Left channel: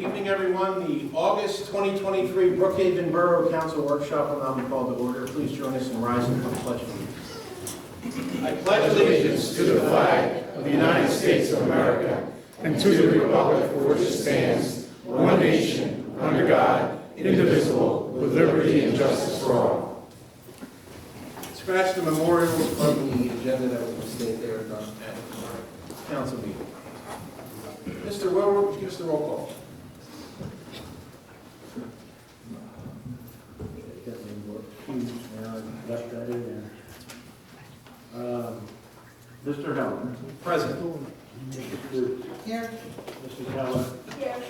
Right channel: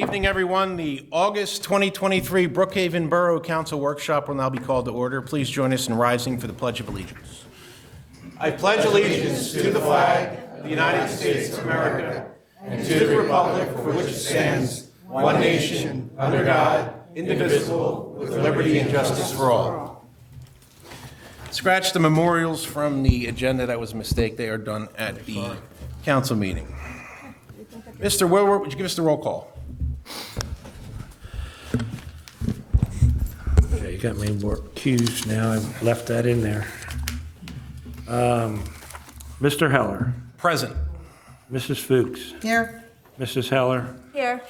Good evening, everyone. The August 2023 Brookhaven Borough Council Workshop will now be called to order. Please join us in rising for the Pledge of Allegiance. I pledge allegiance to the flag of the United States of America and to the republic for which it stands, one nation, under God, indivisible, with liberty and justice for all. Scratch the memorials from the agenda. That was a mistake. They are done at the council meeting. Mr. Wilbur, would you give us the roll call? Okay, you got me more cues now. I've left that in there. Mr. Heller. Present. Mrs. Fuchs. Here. Mrs. Heller. Here.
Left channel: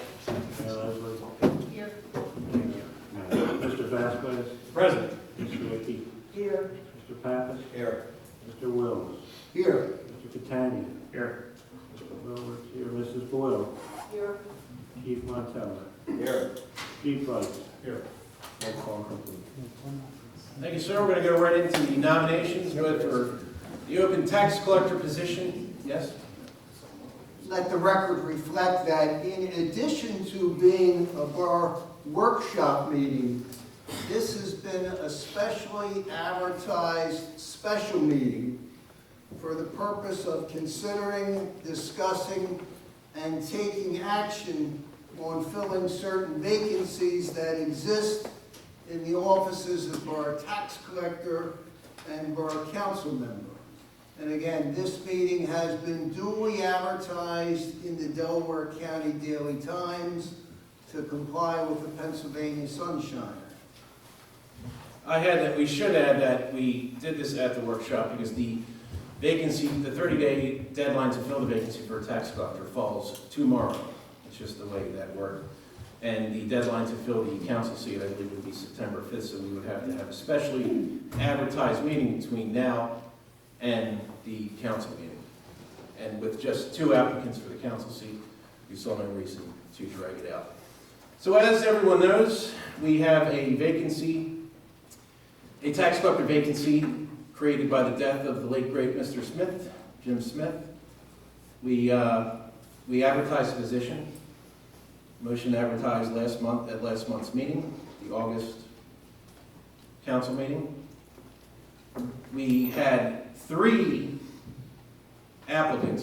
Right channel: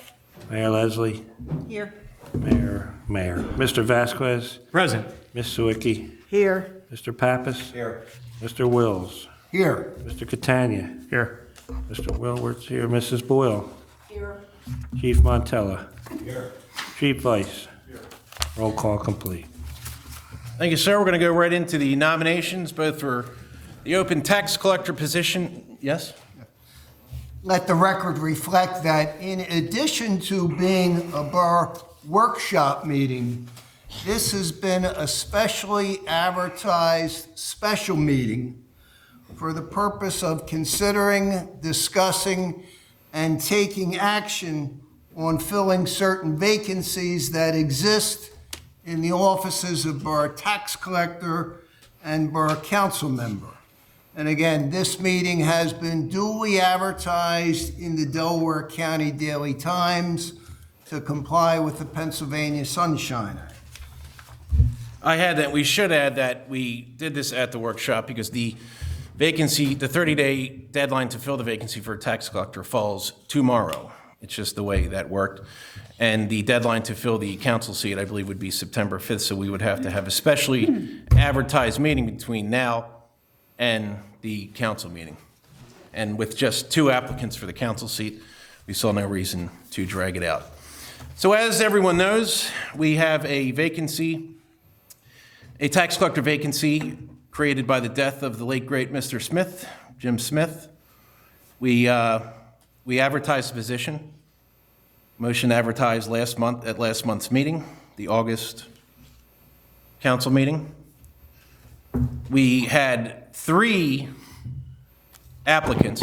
Mayor Leslie. Here. Mayor. Mr. Vasquez. Present. Ms. Sawicki. Here. Mr. Pappas. Here. Mr. Wills. Here. Mr. Catania. Here. Mr. Wilwart's here. Mrs. Boyle. Here. Chief Montella. Here. Chief Vice. Here. Roll call complete. Thank you, sir. We're going to go right into the nominations, both for the open tax collector position. Yes? Let the record reflect that in addition to being a borough workshop meeting, this has been a specially advertised special meeting for the purpose of considering, discussing, and taking action on filling certain vacancies that exist in the offices of borough tax collector and borough council member. And again, this meeting has been duly advertised in the Delaware County Daily Times to comply with the Pennsylvania Sunshine Act. We should add that we did this at the workshop because the vacancy, the 30-day deadline to fill the vacancy for a tax collector falls tomorrow. It's just the way that worked. And the deadline to fill the council seat, I believe, would be September 5th, so we would have to have a specially advertised meeting between now and the council meeting. And with just 2 applicants for the council seat, we saw no reason to drag it out. So as everyone knows, we have a vacancy, a tax collector vacancy created by the death of the late great Mr. Smith, Jim Smith. We advertised the position. Motion advertised last month at last month's meeting, the August council meeting. We had 3 applicants,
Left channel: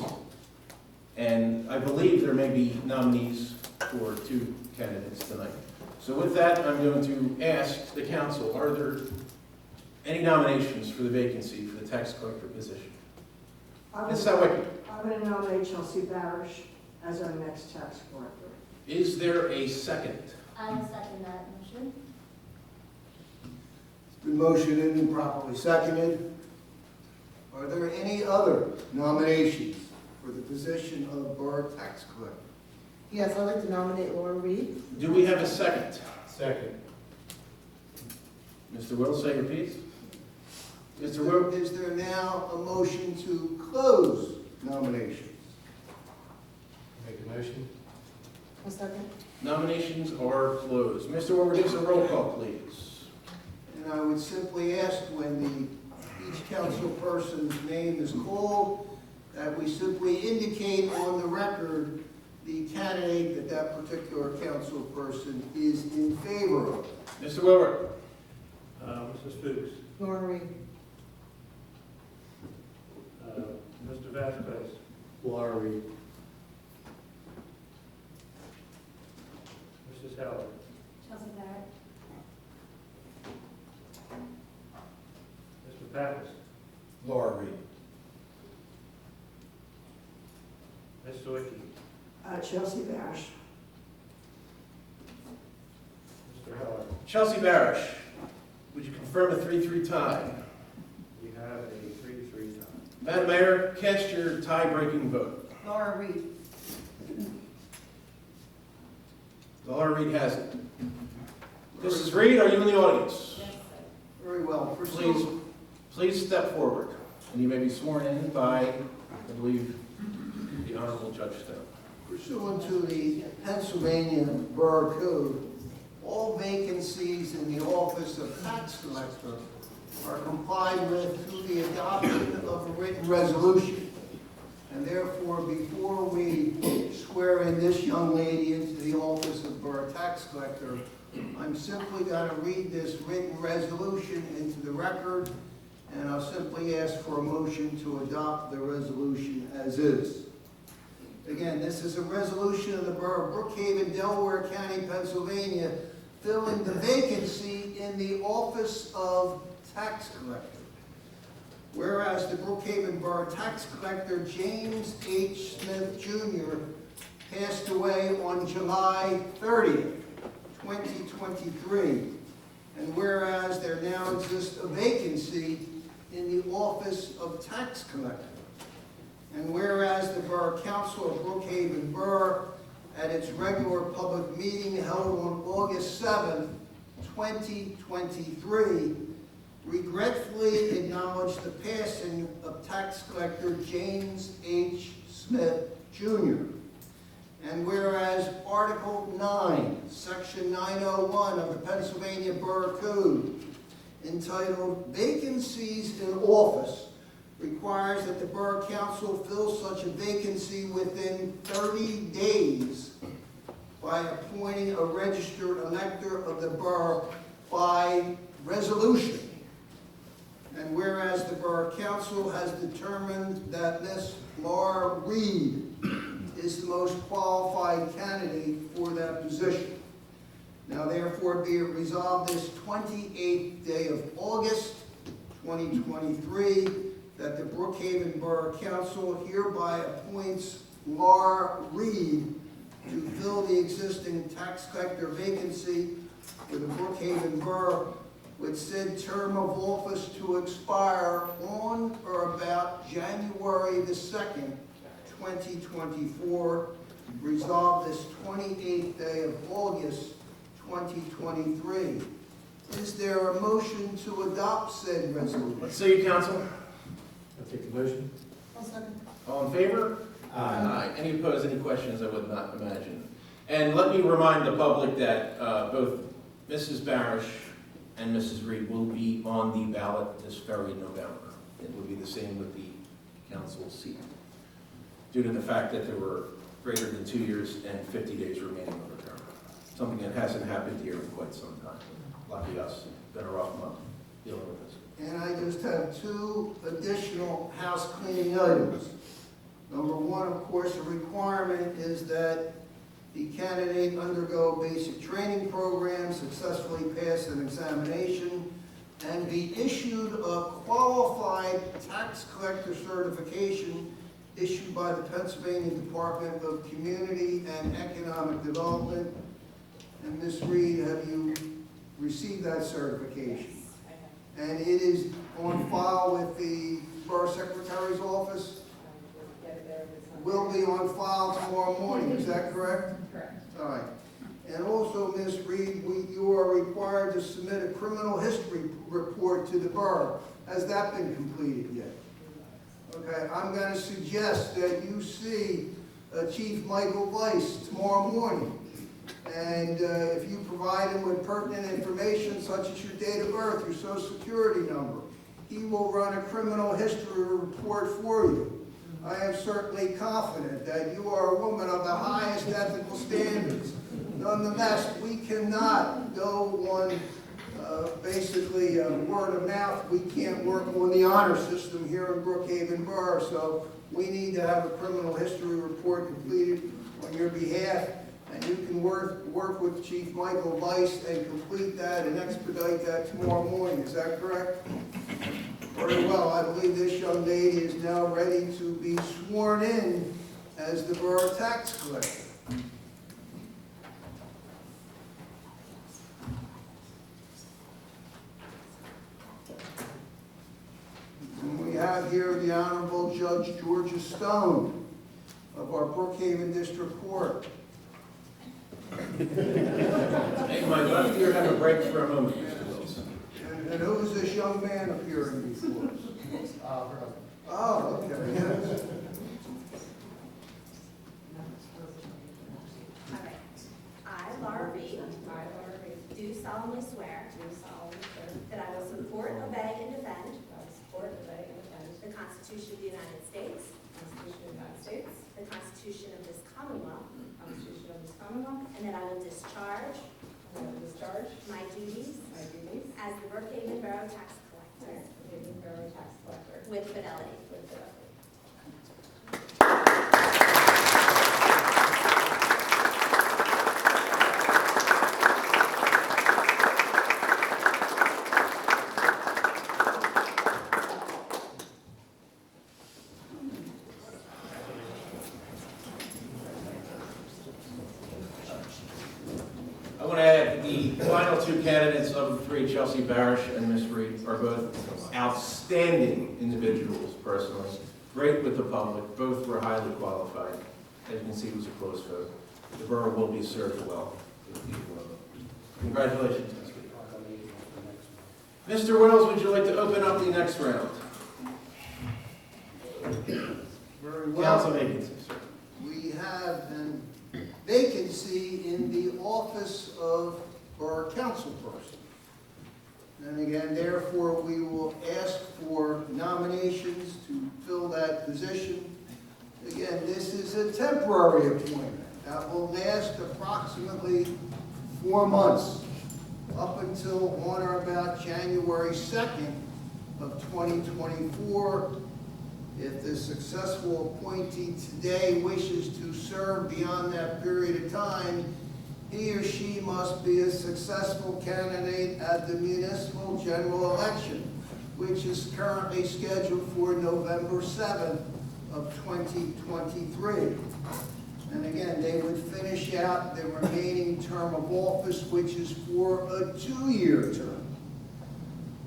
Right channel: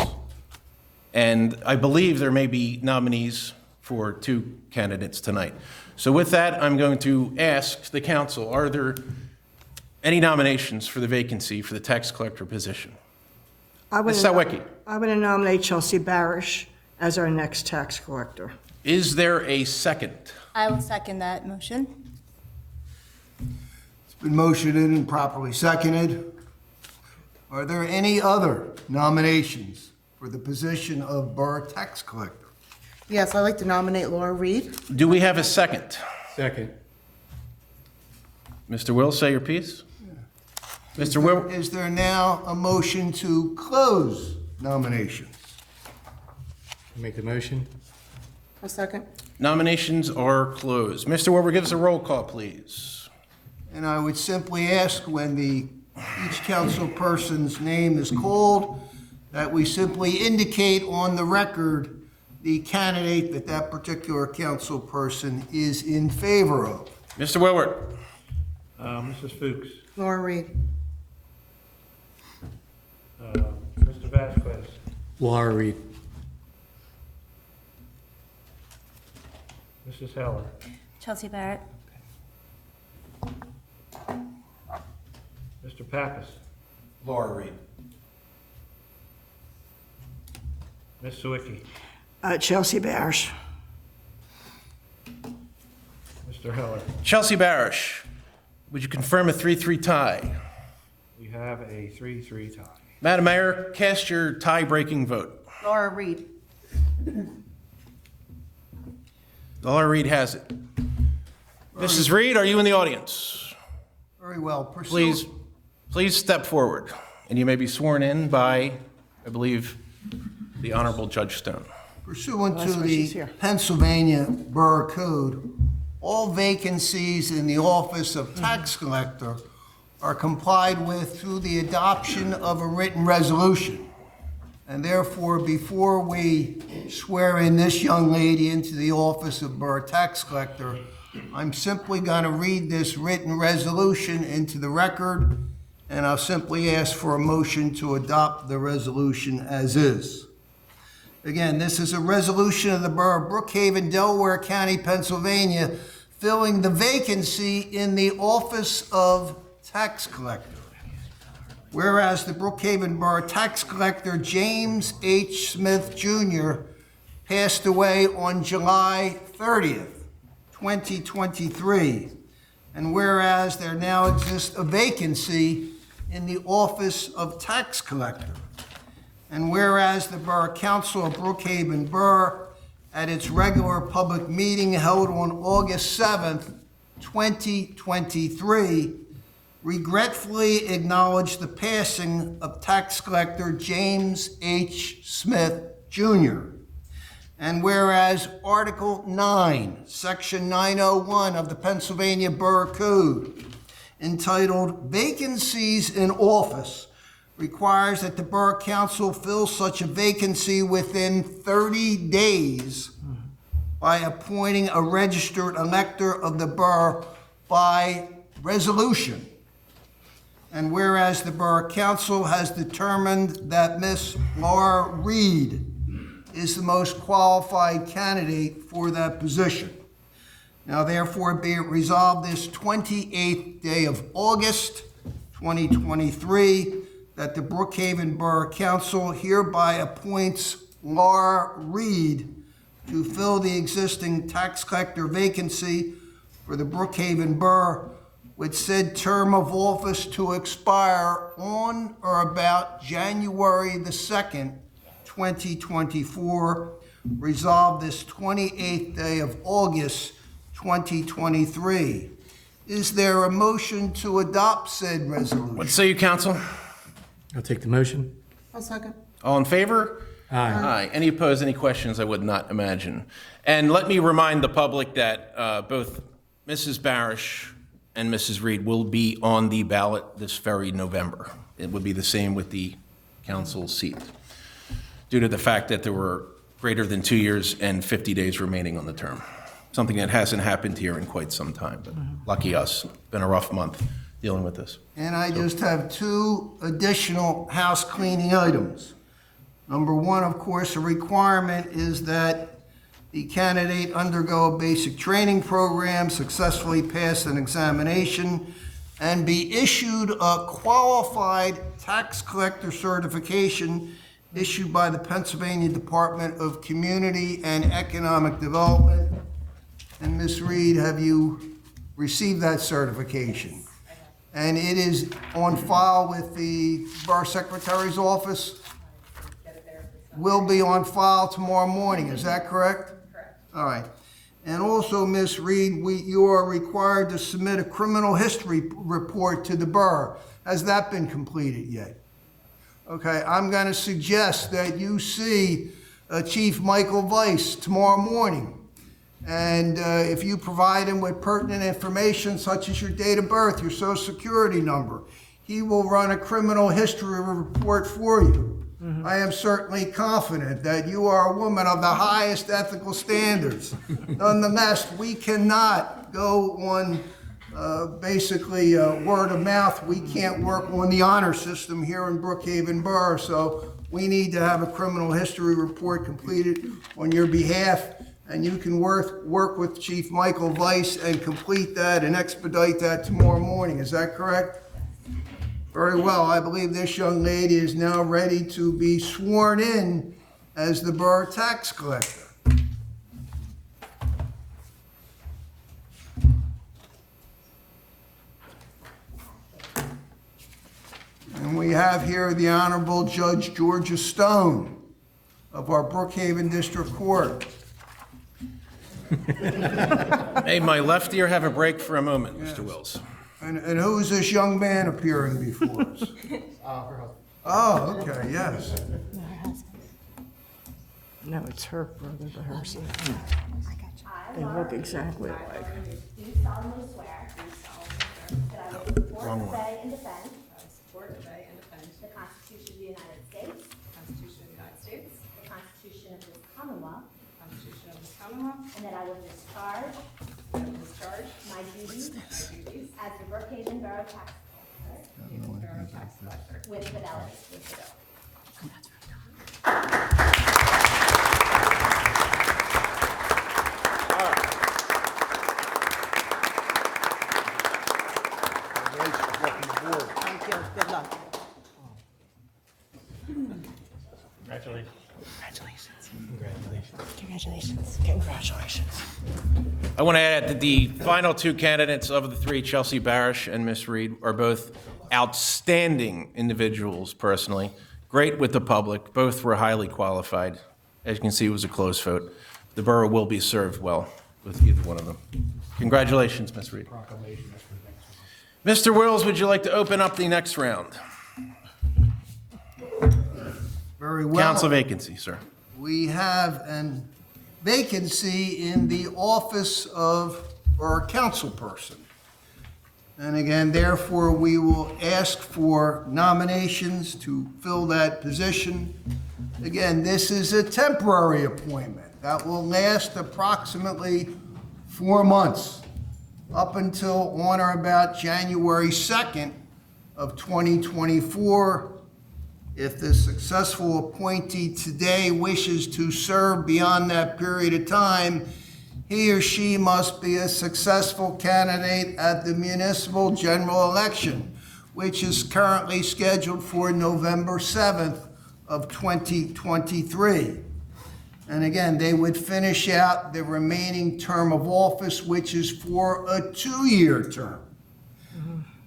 and I believe there may be nominees for 2 candidates tonight. So with that, I'm going to ask the council, are there any nominations for the vacancy for the tax collector position? Ms. Sawicki. I would nominate Chelsea Barish as our next tax collector. Is there a second? I will second that motion. It's been motioned and properly seconded. Are there any other nominations for the position of borough tax collector? Yes, I'd like to nominate Laura Reed. Do we have a second? Second. Mr. Will, say your piece. Mr. Will, Is there now a motion to close nominations? Make the motion. A second. nominations are closed. Mr. Wilbur, give us a roll call, please. And I would simply ask when each council person's name is called, that we simply indicate on the record the candidate that particular council person is in favor of. Mr. Wilbur. Mrs. Fuchs. Laura Reed. Mr. Vasquez. Laura Reed. Mrs. Heller. Chelsea Barrett. Mr. Pappas. Laura Reed. Ms. Sawicki. Chelsea Barish. Mr. Heller. Chelsea Barish, would you confirm a 3-3 tie? We have a 3-3 tie. Madam Mayor, cast your tie-breaking vote. Laura Reed. Laura Reed has it. Mrs. Reed, are you in the audience? Very well. Please step forward, and you may be sworn in by, I believe, the Honorable Judge Stone. Pursuant That's to why she's the here. Pennsylvania Borough Code, all vacancies in the office of tax collector are complied with through the adoption of a written resolution. And therefore, before we swear in this young lady into the office of Borough Tax Collector, I'm simply going to read this written resolution into the record, and I'll simply ask for a motion to adopt the resolution as is. Again, this is a resolution of the Borough of Brookhaven, Delaware County, Pennsylvania, filling the vacancy in the office of tax collector. Whereas the Brookhaven Borough Tax Collector James H. Smith Jr. passed away on July 30th, 2023. And whereas there now exists a vacancy in the office of tax collector. And whereas the Borough Council of Brookhaven Borough, at its regular public meeting held on August 7th, 2023, regretfully acknowledged the passing of tax collector James H. Smith, Jr. And whereas Article 9, Section 901 of the Pennsylvania Borough Code, entitled Vacancies in Office, requires that the Borough Council fill such a vacancy within 30 days by appointing a registered elector of the borough by resolution. And whereas the Borough Council has determined that Miss Laura Reed is the most qualified candidate for that position. Now therefore be it resolved this 28th day of August, 2023, that the Brookhaven Borough Council hereby appoints Laura Reed to fill the existing tax collector vacancy for the Brookhaven Borough, with said term of office to expire on or about January the 2nd, 2024, resolved this 28th day of August, 2023. Is there a motion to adopt said resolution? What say you, council? I'll take the motion. I'll second. All in favor? Aye. Aye. Any opposed, any questions? I would not imagine. And let me remind the public that both Mrs. Barish and Mrs. Reed will be on the ballot this very November. It would be the same with the council seat, due to the fact that there were greater than 2 years and 50 days remaining on the term. Something that hasn't happened here in quite some time. But lucky us. Been a rough month dealing with this. And I just have two additional house cleaning items. Number one, of course, a requirement is that the candidate undergo a basic training program, successfully pass an examination, and be issued a qualified tax collector certification issued by the Pennsylvania Department of Community and Economic Development. And Ms. Reed, have you received that certification? And it is on file with the Borough Secretary's office? Will be on file tomorrow morning, is that correct? Correct. All right. And also, Ms. Reed, you are required to submit a criminal history report to the borough. Has that been completed yet? Okay, I'm going to suggest that you see Chief Michael Weiss tomorrow morning. And if you provide him with pertinent information such as your date of birth, your social security number, he will run a criminal history report for you. I am certainly confident that you are a woman of the highest ethical standards. Nonetheless, we cannot go on basically word of mouth. We can't work on the honor system here in Brookhaven Borough, so we need to have a criminal history report completed on your behalf, and you can work with Chief Michael Weiss and complete that and expedite that tomorrow morning. Is that correct? Very well. I believe this young lady is now ready to be sworn in as the Borough Tax Collector. And we have here the Honorable Judge Georgia Stone of our Brookhaven District Court. Hey, my left ear, have a break for a moment, Mr. Wills. And who is this young man appearing before us? Oh, okay, yes. No, it's her brother, but hers. I, They Laura look Reed, exactly alike. do solemnly swear that I will support, obey, and defend the Constitution of the United States and that I will discharge my duties as the Brookhaven Borough Tax Collector with fidelity. I want to add that the final two candidates of the three, Chelsea Barish and Miss Reed, are both outstanding individuals personally, great with the public, both were highly qualified. As you can see, it was a close vote. The borough will be served well with either one of them. Congratulations, Ms. Reed. Mr. Wills, would you like to open up the next round? Very well. Council vacancy, sir. We have a vacancy in the office of Borough Councilperson. And again, therefore, we will ask for nominations to fill that position. Again, this is a temporary appointment that will last approximately 4 months, up until on or about January 2nd of 2024. If the successful appointee today wishes to serve beyond that period of time, he or she must be a successful candidate at the municipal general election, which is currently scheduled for November 7th of 2023. And again, they would finish out the remaining term of office, which is for a 2-year term.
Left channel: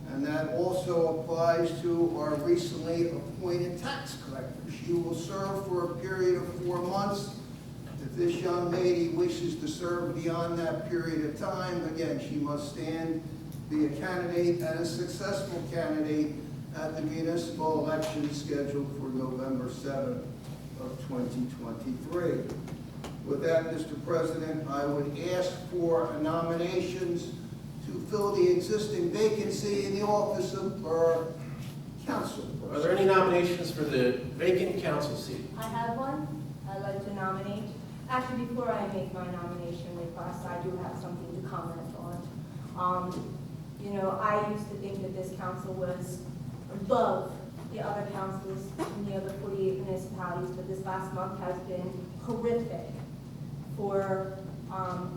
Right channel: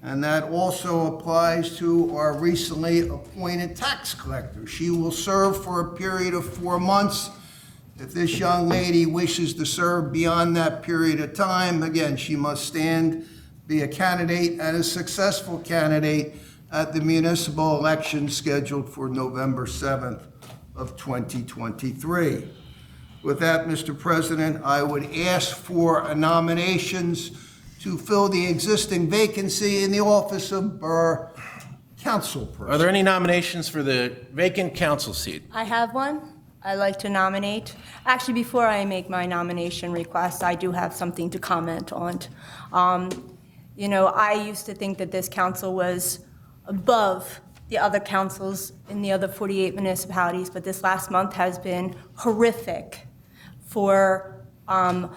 And that also applies to our recently appointed tax collector. She will serve for a period of 4 months. If this young lady wishes to serve beyond that period of time, again, she must stand, be a candidate and a successful candidate at the municipal election scheduled for November 7th of 2023. With that, Mr. President, I would ask for nominations to fill the existing vacancy in the office of Borough Councilperson. Are there any nominations for the vacant council seat? I have one I'd like to nominate. Actually, before I make my nomination request, I do have something to comment on. You know, I used to think that this council was above the other councils in the other 48 municipalities, but this last month has been horrific for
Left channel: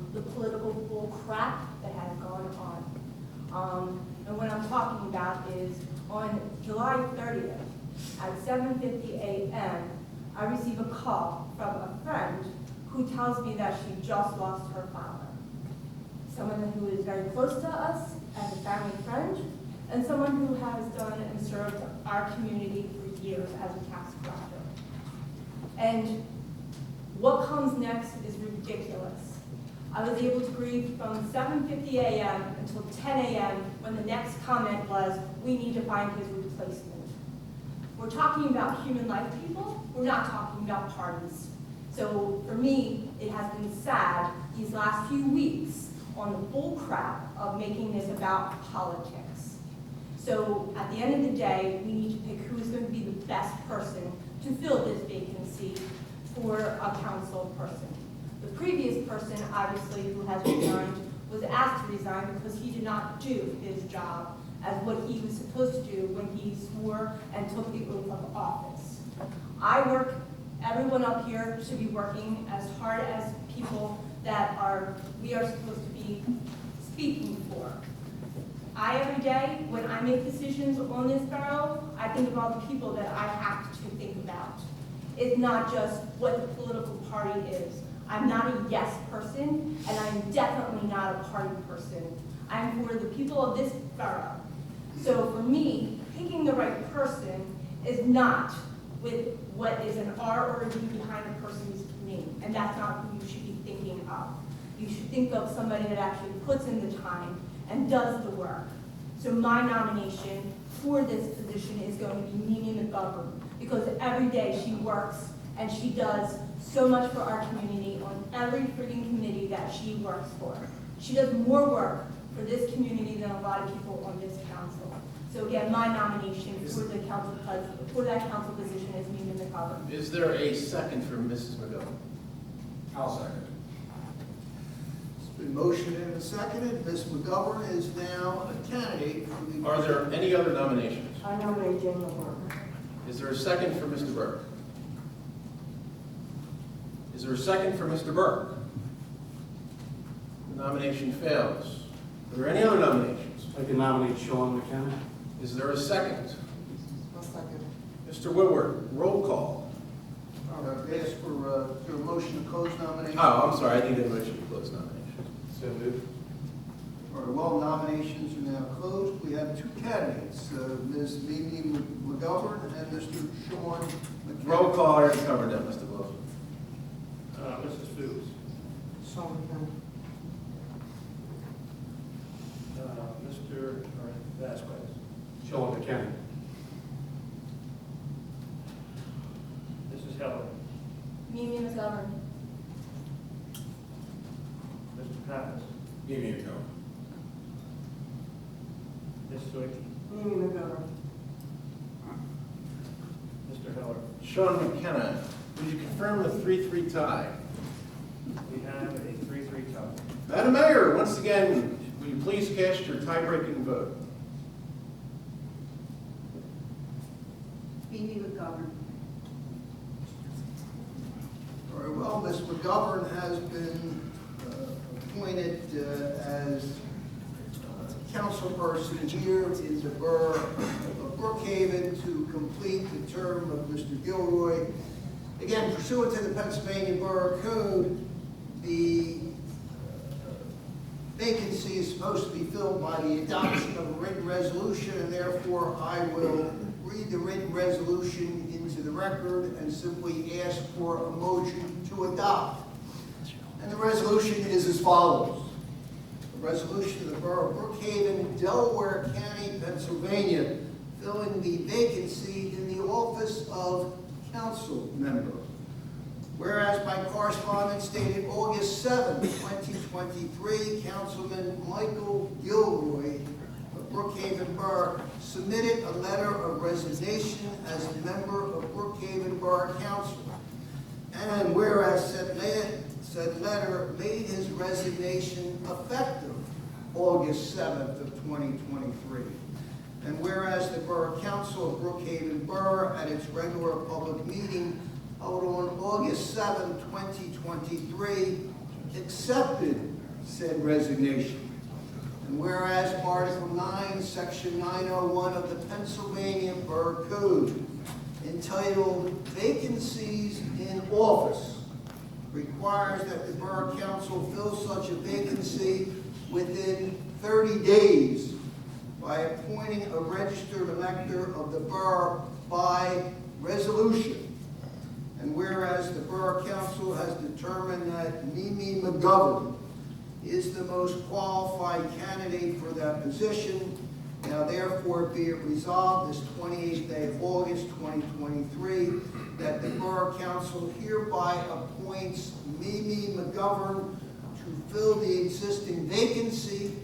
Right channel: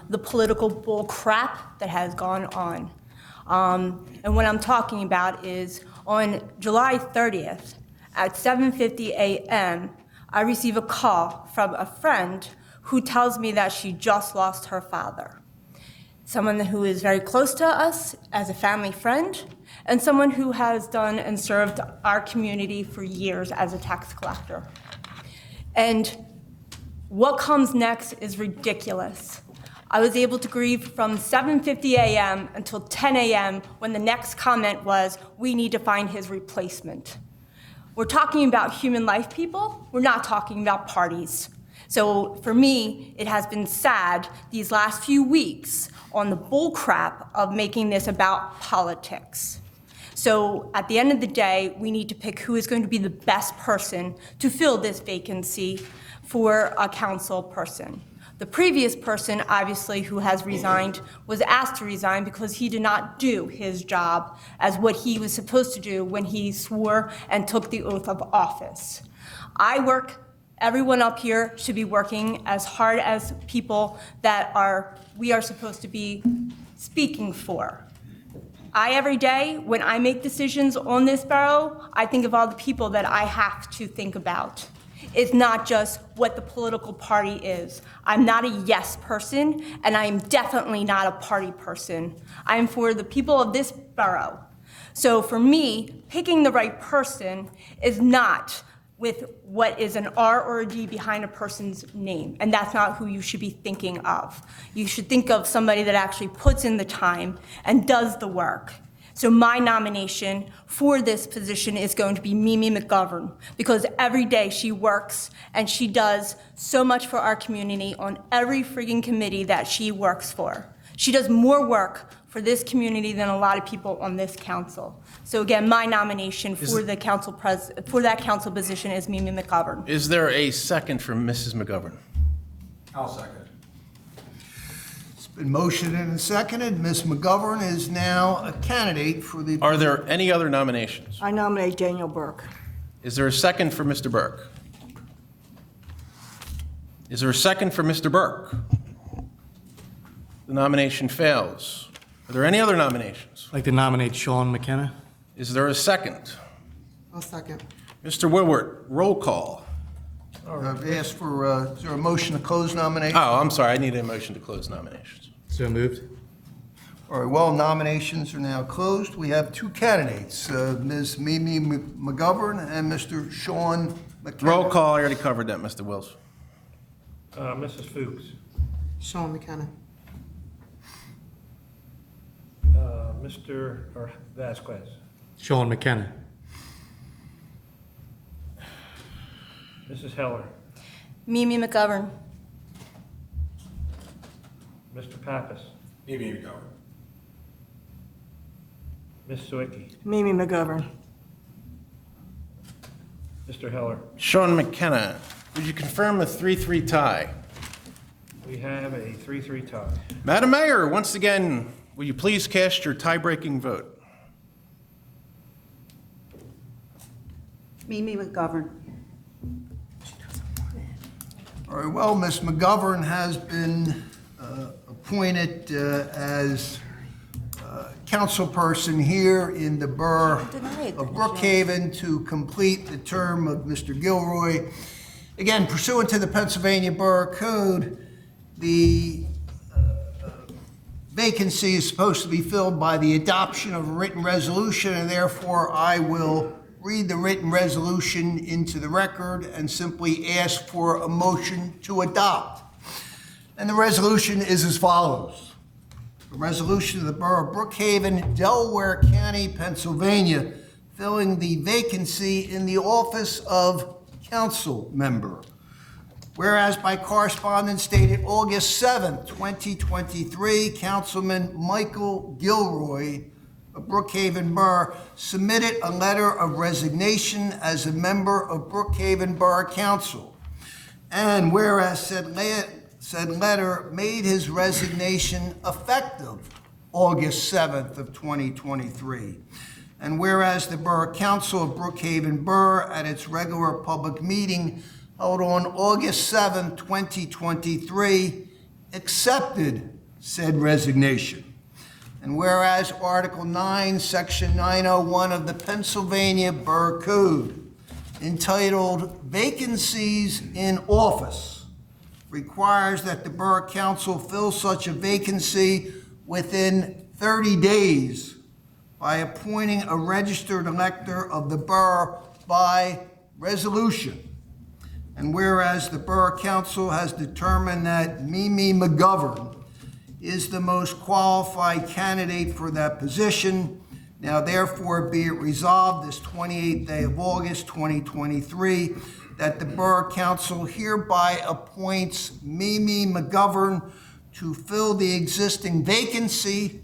the political bull crap that has gone on. And what I'm talking about is on July 30th at 7:50 a.m., I receive a call from a friend who tells me that she just lost her father. Someone who is very close to us as a family friend, and someone who has done and served our community for years as a tax collector. And what comes next is ridiculous. I was able to grieve from 7:50 a.m. until 10 a.m. when the next comment was, we need to find his replacement. We're talking about human life, people. We're not talking about parties. So for me, it has been sad these last few weeks on the bull crap of making this about politics. So at the end of the day, we need to pick who is going to be the best person to fill this vacancy for a council person. The previous person, obviously, who has resigned, was asked to resign because he did not do his job as what he was supposed to do when he swore and took the oath of office. Everyone up here should be working as hard as people that we are supposed to be speaking for. Every day, when I make decisions on this borough, I think of all the people that I have to think about. It's not just what the political party is. I'm not a yes person, and I am definitely not a party person. I'm for the people of this borough. So for me, picking the right person is not with what is an R or a D behind a person's name, and that's not who you should be thinking of. You should think of somebody that actually puts in the time and does the work. So my nomination for this position is going to be Mimi McGovern, because every day she works and she does so much for our community on every freaking committee that she works for. She does more work for this community than a lot of people on this council. So again, my nomination for the council for that council position is Mimi McGovern. Is there a second for Mrs. McGovern? I'll second. Been motioned and seconded. Ms. McGovern is now a candidate for the... Are there any other nominations? I nominate Daniel Burke. Is there a second for Mr. Burke? Is there a second for Mr. Burke? The nomination fails. Are there any other nominations? I'd like to nominate Sean McKenna. Is there a second? I'll second. Mr. Woodward, roll call. I've asked for, is there a motion to close nomination? Oh, I'm sorry, I need a motion to close nominations. So moved. All right, well, nominations are now closed. We have two candidates, Ms. Mimi McGovern and Mr. Sean McKenna. Roll call, I already covered that, Mr. Wills. Mrs. Fuchs. Sean McKenna. Mr. Vasquez. Sean McKenna. Mrs. Heller. Mimi McGovern. Mr. Pappas. Ms. Sawicki. Mimi McGovern. Mr. Heller. Sean McKenna, would you confirm a 3-3 tie? We have a 3-3 tie. Madam Mayor, once again, will you please cast your tie-breaking vote? Mimi McGovern. All right, well, Ms. McGovern has been appointed as councilperson here in the Borough of Brookhaven to complete the term of Mr. Gilroy. Again, pursuant to the Pennsylvania Borough Code, the vacancy is supposed to be filled by the adoption of a written resolution, and therefore I will read the written resolution into the record and simply ask for a motion to adopt. And the resolution is as follows. A resolution of the Borough of Brookhaven, Delaware County, Pennsylvania, filling the vacancy in the office of council member. Whereas by correspondence dated August 7, 2023, Councilman Michael Gilroy of Brookhaven Borough submitted a letter of resignation as a member of Brookhaven Borough Council. And whereas said letter made his resignation effective August 7th of 2023. And whereas the Borough Council of Brookhaven Borough at its regular public meeting held on August 7, 2023, accepted said resignation. And whereas Article 9, Section 901 of the Pennsylvania Borough Code, entitled Vacancies in Office, requires that the Borough Council fill such a vacancy within 30 days by appointing a registered elector of the borough by resolution. And whereas the Borough Council has determined that Mimi McGovern is the most qualified candidate for that position, now therefore be it resolved this 28th day of August 2023 that the Borough Council hereby appoints Mimi McGovern to fill the existing vacancy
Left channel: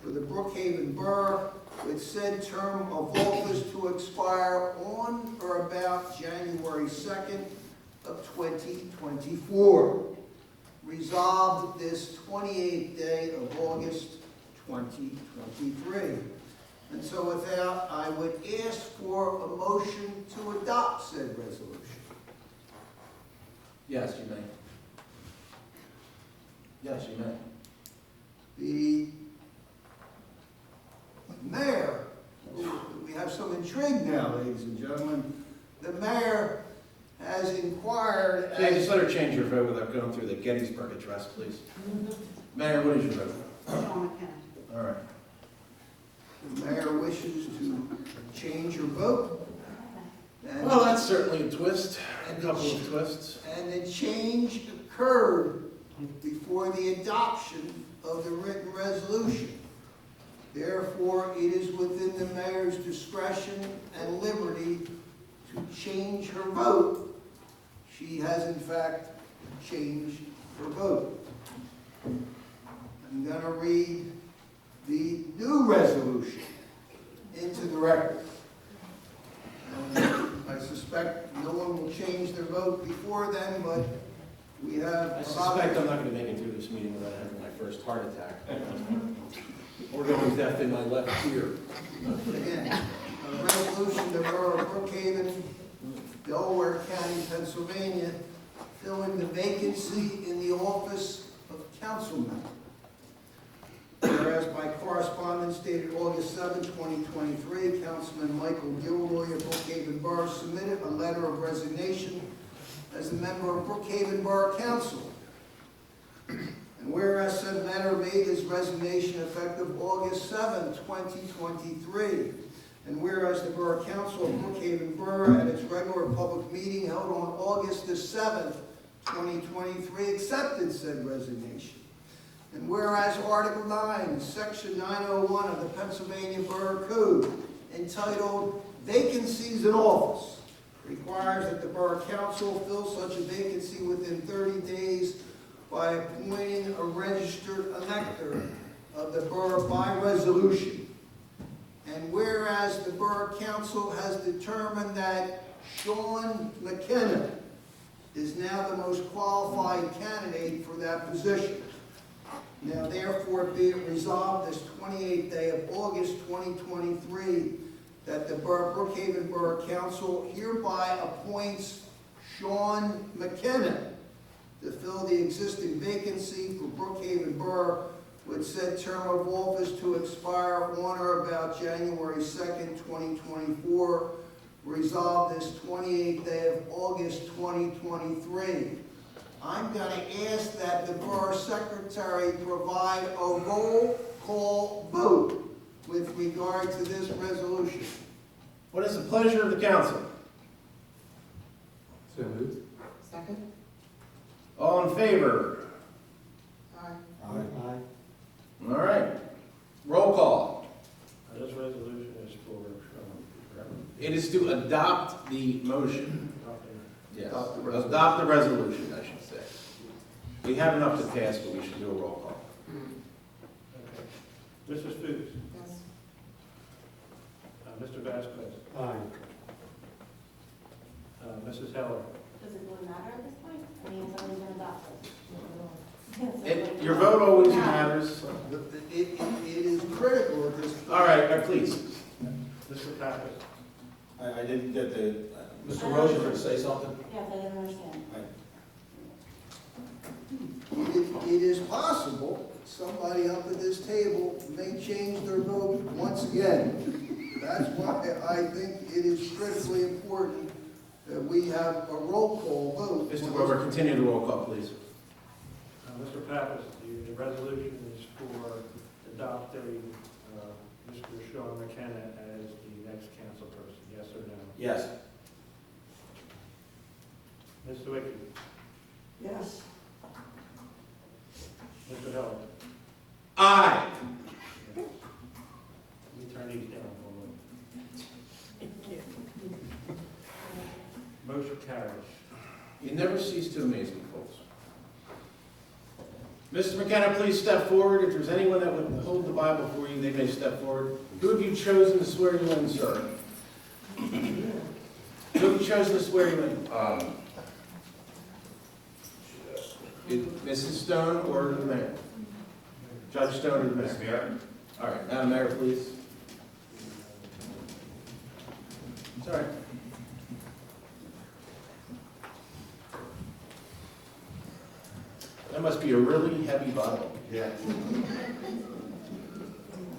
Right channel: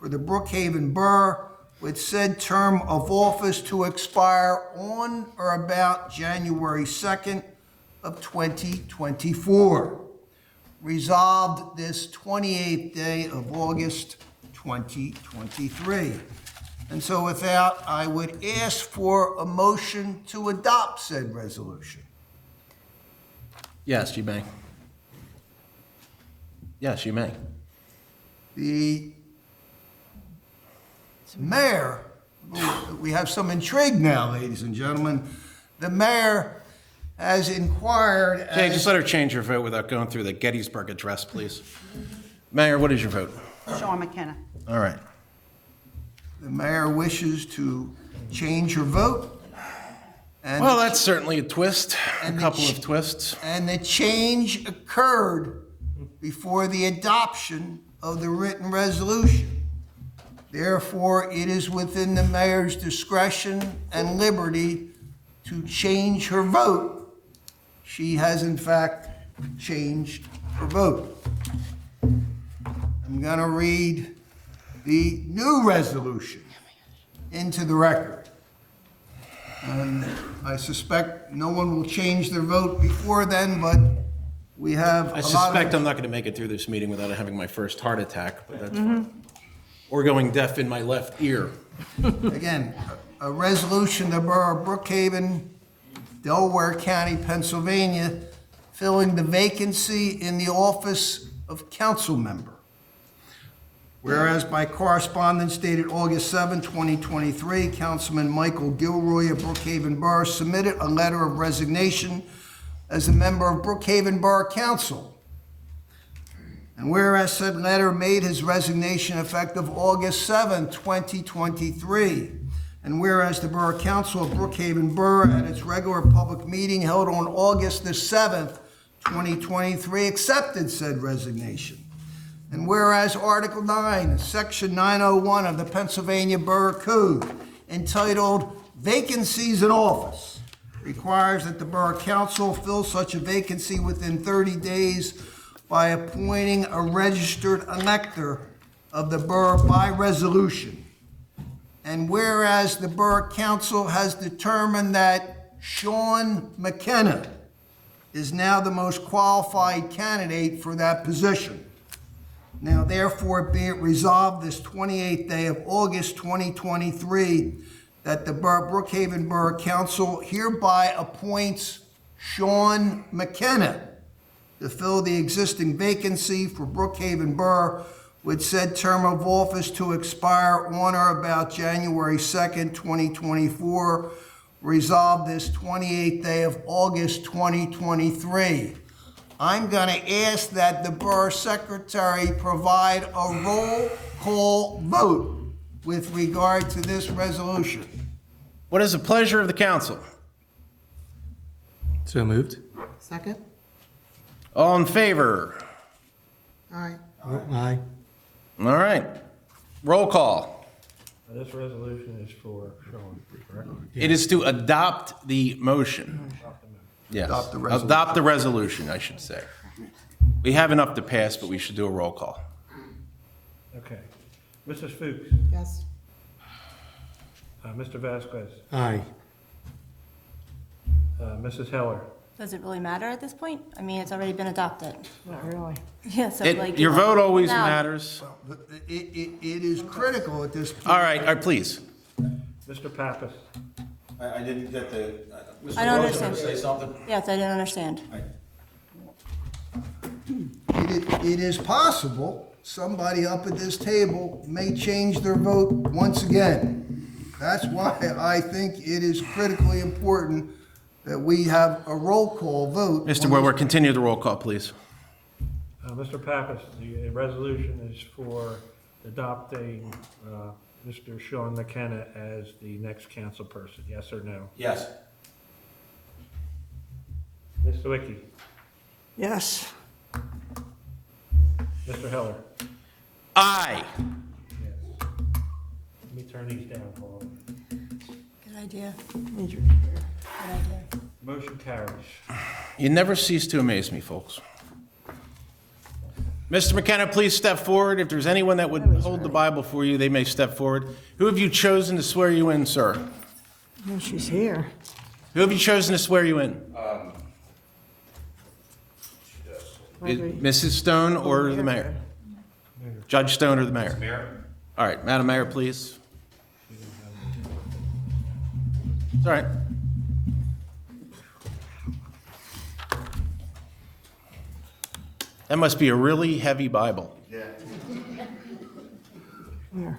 for the Brookhaven Borough with said term of office to expire on or about January 2nd of 2024. Resolved this 28th day of August 2023. And so with that, I would ask for a motion to adopt said resolution. Yes, you may. Yes, you may. The mayor, we have some intrigue now, ladies and gentlemen. The mayor has inquired Jay, as... just let her change her vote without going through the Gettysburg Address, please. Mayor, what is your vote? Sean McKenna. All right. The mayor wishes to change her vote. And Well, that's certainly a twist, a And the couple ch- of twists. And the change occurred before the adoption of the written resolution. Therefore, it is within the mayor's discretion and liberty to change her vote. She has in fact changed her vote. I'm gonna read the new resolution into the record. And I suspect no one will change their vote before then, but We have a I lot suspect of... I'm not going to make it through this meeting without having my first heart attack. Or going deaf in my left ear. Again, a resolution, the Borough of Brookhaven, Delaware County, Pennsylvania, filling the vacancy in the office of council member. Whereas by correspondence dated August 7, 2023, Councilman Michael Gilroy of Brookhaven Borough submitted a letter of resignation as a member of Brookhaven Borough Council. And whereas said letter made his resignation effective August 7, 2023, and whereas the Borough Council of Brookhaven Borough at its regular public meeting held on August the 7th, 2023, accepted said resignation. And whereas Article 9, Section 901 of the Pennsylvania Borough Code, entitled Vacancies in Office, requires that the Borough Council fill such a vacancy within 30 days by appointing a registered elector of the borough by resolution. And whereas the Borough Council has determined that Sean McKenna is now the most qualified candidate for that position. Now therefore be it resolved this 28th day of August 2023 that the Brookhaven Borough Council hereby appoints Sean McKenna to fill the existing vacancy for Brookhaven Borough with said term of office to expire on or about January 2nd, 2024, resolved this 28th day of August 2023. I'm going to ask that the Borough Secretary provide a roll call vote with regard to this resolution. What is the pleasure of the council? So moved. Second. All in favor? Aye. Aye. All right. Roll call. This resolution is for Sean, correct? It is to adopt the motion. Yes. Adopt the resolution. Adopt the resolution, I should say. We have enough to pass, but we should do a roll call. Okay. Mrs. Fuchs, Yes. Mr. Vasquez, Aye. Mrs. Heller, Does it really matter at this point? I mean, it's already been adopted. Not really. Yeah, so like. Your vote always No. matters. It is critical at this point. All right, please. Mr. Pappas, I didn't get the, I don't understand. say something? Yes, I didn't understand. It is possible somebody up at this table may change their vote once again. That's why I think it is critically important that we have a roll call vote. Mr. Wilwer, continue the roll call, please. Mr. Pappas, the resolution is for adopting Mr. Sean McKenna as the next council person, yes or no? Yes. Ms. Sawicki, Yes. Mr. Heller, Aye. yes. Let me turn these down, Paul. Good idea. Major. Motion carries. You never cease to amaze me, folks. Mr. McKenna, please step forward. If there's anyone that would hold the Bible for you, they may step forward. Who have you chosen to swear you in, sir? Oh, she's here. Who have you chosen to swear you in? Mrs. Stone or the mayor? Judge Stone or the mayor? Mayor? All right, Madam Mayor, please. It's all right. That must be a really heavy Bible. Yeah. Here.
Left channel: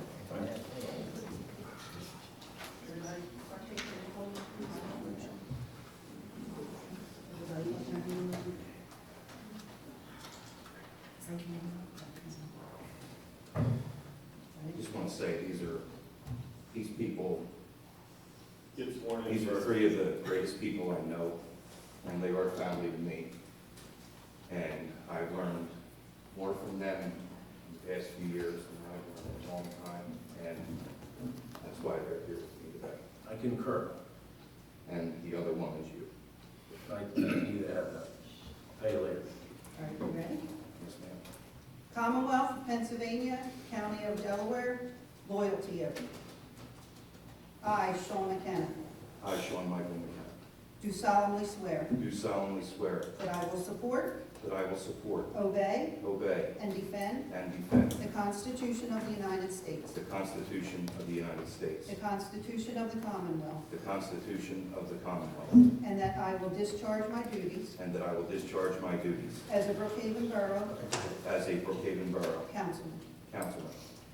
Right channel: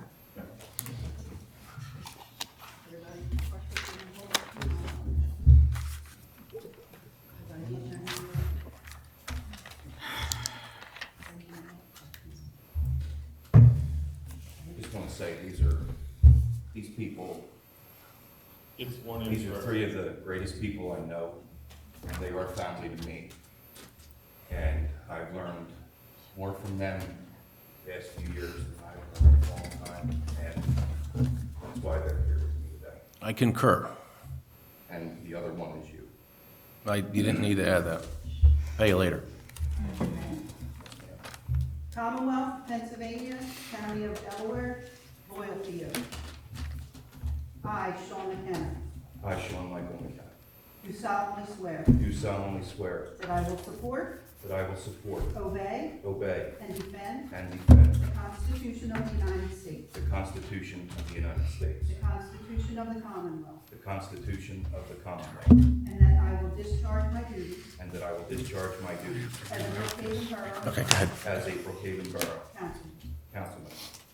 Just want to say, these people, these are three of the greatest people I know, and they are family to me. And I've learned more from them in the past few years than I've learned in a long time, and that's why they're here with me today. I concur. And the other one is you. You didn't need to add that. Pay you later. Yes, ma'am. Commonwealth of Pennsylvania, County of Delaware, loyalty oath. I, Sean McKenna, I, Sean Michael McKenna, do solemnly swear do solemnly swear that I will support that I will support, obey, obey, and defend and defend the Constitution of the United States, the Constitution of the United States, the Constitution of the Commonwealth, the Constitution of the Commonwealth, and that I will discharge my duties and that I will discharge my duties as a Brookhaven Borough Okay, go ahead. as a Brookhaven Borough Councilman. Councilman.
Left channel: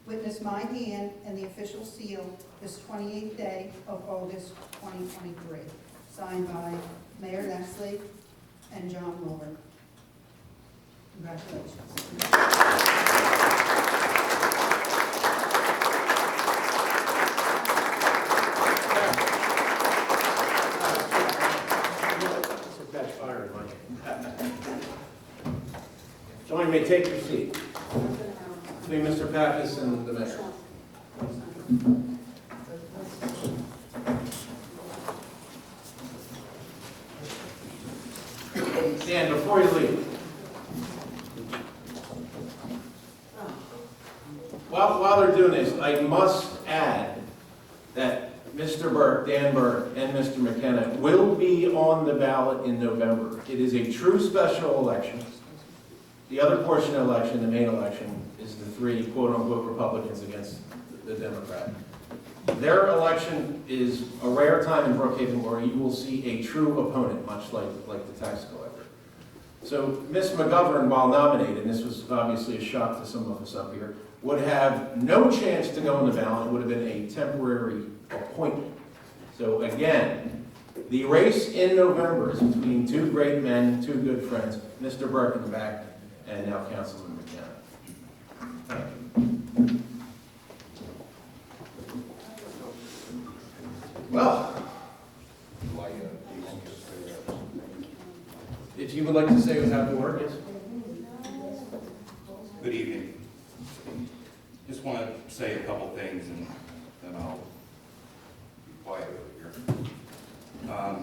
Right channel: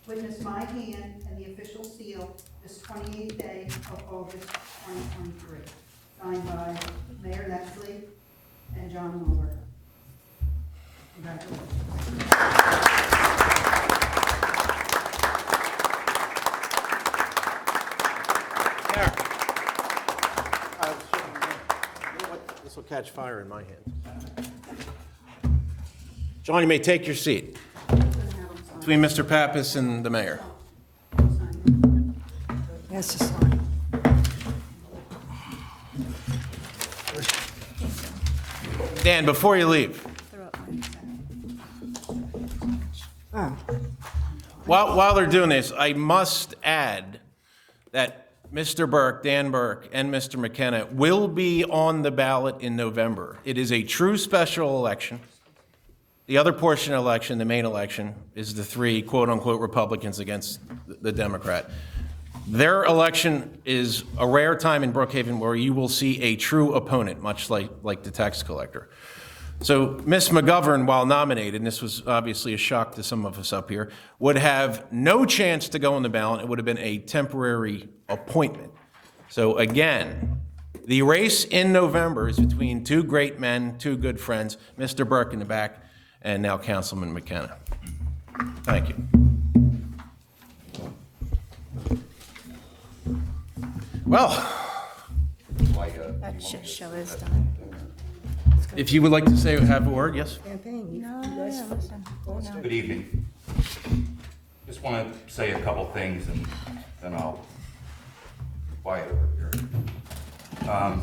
Witness my hand and the official seal this 28th day of August 2023. Signed by Mayor Leslie and John Woolard. Congratulations. This will catch fire in my hand. John, you may take your seat between Mr. Pappas and the mayor. Yes, it's fine. Dan, before you leave, Oh, while they're doing this, I must add that Mr. Burke, Dan Burke, and Mr. McKenna will be on the ballot in November. It is a true special election. The other portion of the election, the main election, is the three quote-unquote Republicans against the Democrat. Their election is a rare time in Brookhaven where you will see a true opponent, much like the tax collector. So Ms. McGovern, while nominated, and this was obviously a shock to some of us up here, would have no chance to go on the ballot. It would have been a temporary appointment. So again, the race in November is between two great men, two good friends, Mr. Burke in the back, and now Councilman McKenna. Thank you. Well, That should show his time. if you would like to say, have a word, yes? Good evening. Just want to say a couple things and then I'll be quiet over here.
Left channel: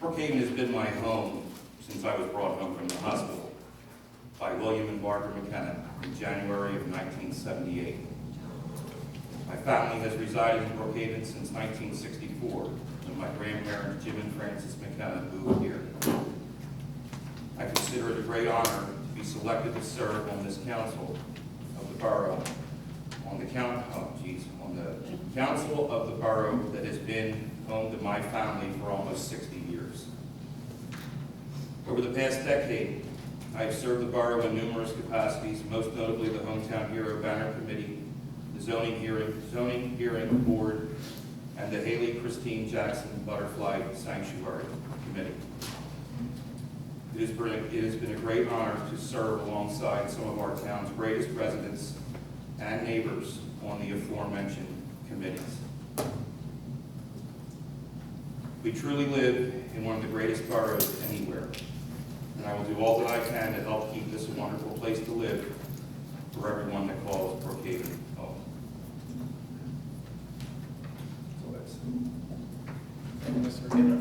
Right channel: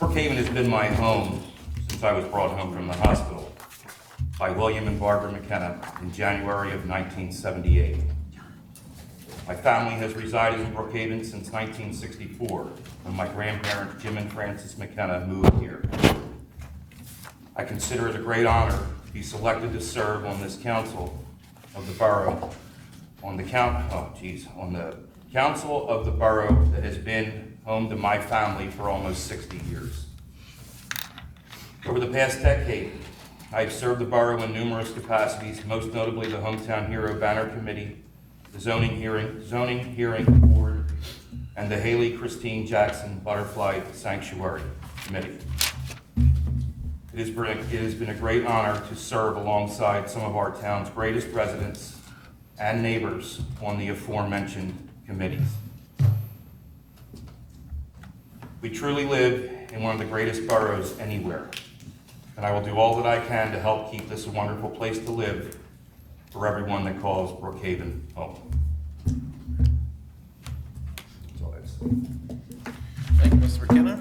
Brookhaven has been my home since I was brought home from the hospital by William and Barbara McKenna in January of 1978. My family has resided in Brookhaven since 1964, when my grandparents, Jim and Frances McKenna, moved here. I consider it a great honor to be selected to serve on this council of the borough, on the council of the borough that has been home to my family for almost 60 years. Over the past decade, I've served the borough in numerous capacities, most notably the Hometown Hero Banner Committee, the Zoning Hearing Board, and the Haley Christine Jackson Butterfly Sanctuary Committee. It has been a great honor to serve alongside some of our town's greatest residents and neighbors on the aforementioned committees. We truly live in one of the greatest boroughs anywhere, and I will do all that I can to help keep this a wonderful place to live for everyone that calls Brookhaven home. That's all I have. Thank you, Mr. McKenna.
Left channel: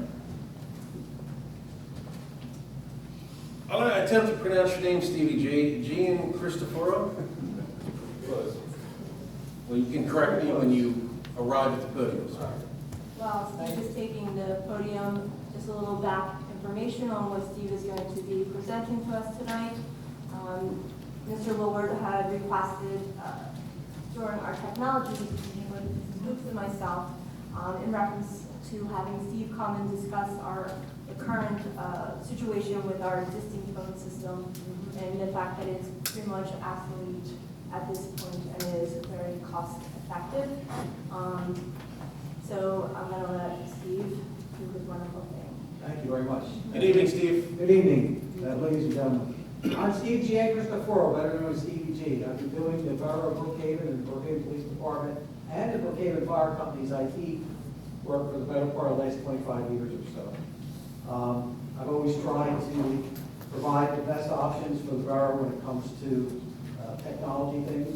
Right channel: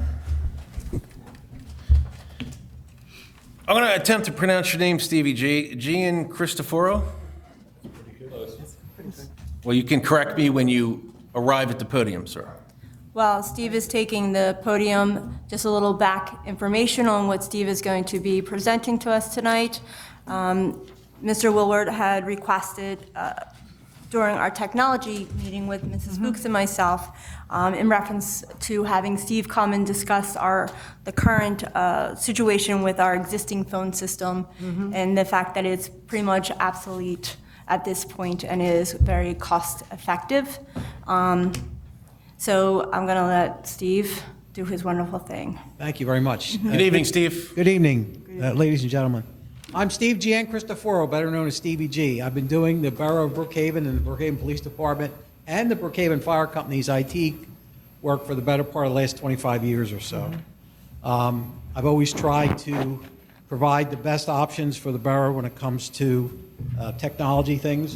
I'm going to attempt to pronounce your name, Stevie. Gian Cristoforo? Well, you can correct me when you arrive at the podium, sir. While Steve is taking the podium, just a little back information on what Steve is going to be presenting to us tonight. Mr. Willard had requested during our technology meeting with Mrs. Books and myself in reference to having Steve come and discuss the current situation with our existing phone system and the fact that it's pretty much obsolete at this point and is very cost effective. So I'm going to let Steve do his wonderful thing. Thank you very much. Good evening, Steve. Good evening, ladies and gentlemen. I'm Steve Gian Cristoforo, better known as Stevie G. I've been doing the Borough of Brookhaven and the Brookhaven Police Department and the Brookhaven Fire Company's IT work for the better part of the last 25 years or so. I've always tried to provide the best options for the borough when it comes to technology things.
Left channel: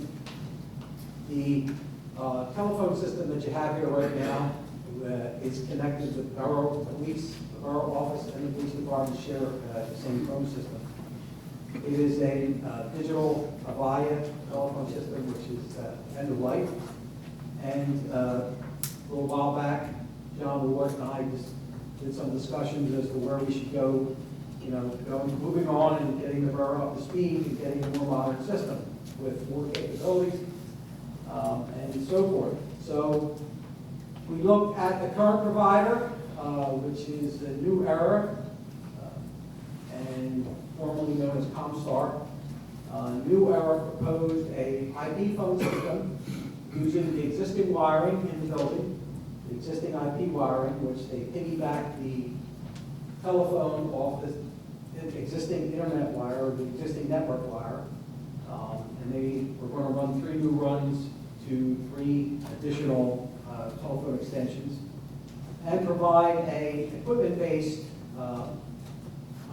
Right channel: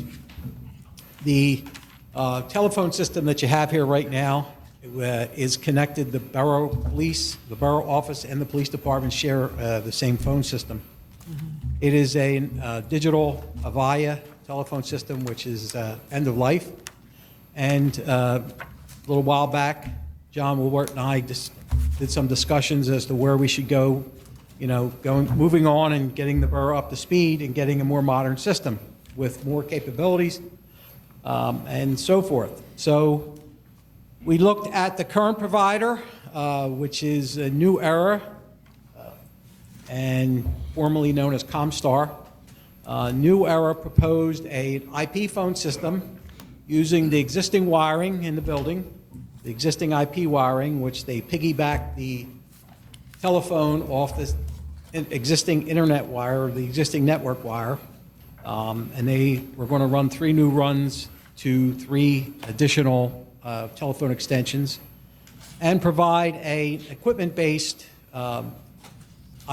The telephone system that you have here right now is connected. The borough police, the borough office, and the police department share the same phone system. It is a digital Avaya telephone system, which is end of life. And a little while back, John Woolwart and I did some discussions as to where we should go moving on and getting the borough up to speed and getting a more modern system with more capabilities and so forth. So we looked at the current provider, which is a New Era, and formerly known as Comstar. New Era proposed an IP phone system using the existing wiring in the building, the existing IP wiring, which they piggybacked the telephone off the existing internet wire, or the existing network wire, and they were going to run 3 new runs to 3 additional telephone extensions, and provide a equipment-based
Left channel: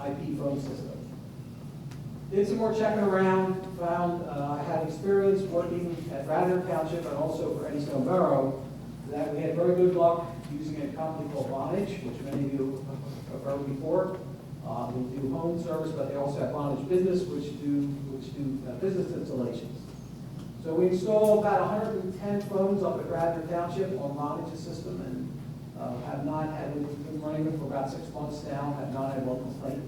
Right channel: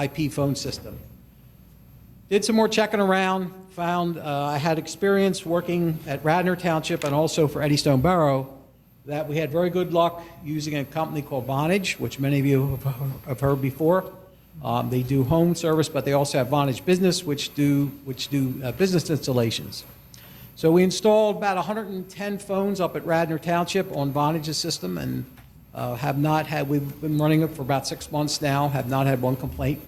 IP phone system. Did some more checking around, found I had experience working at Radnor Township and also for Eddystone Borough, that we had very good luck using a company called Vonage, which many of you have heard before. They do home service, but they also have Vonage Business, which do business installations. So we installed about 110 phones up at Radnor Township on Vonage's system, and we've been running it for about 6 months now, have not had one complaint.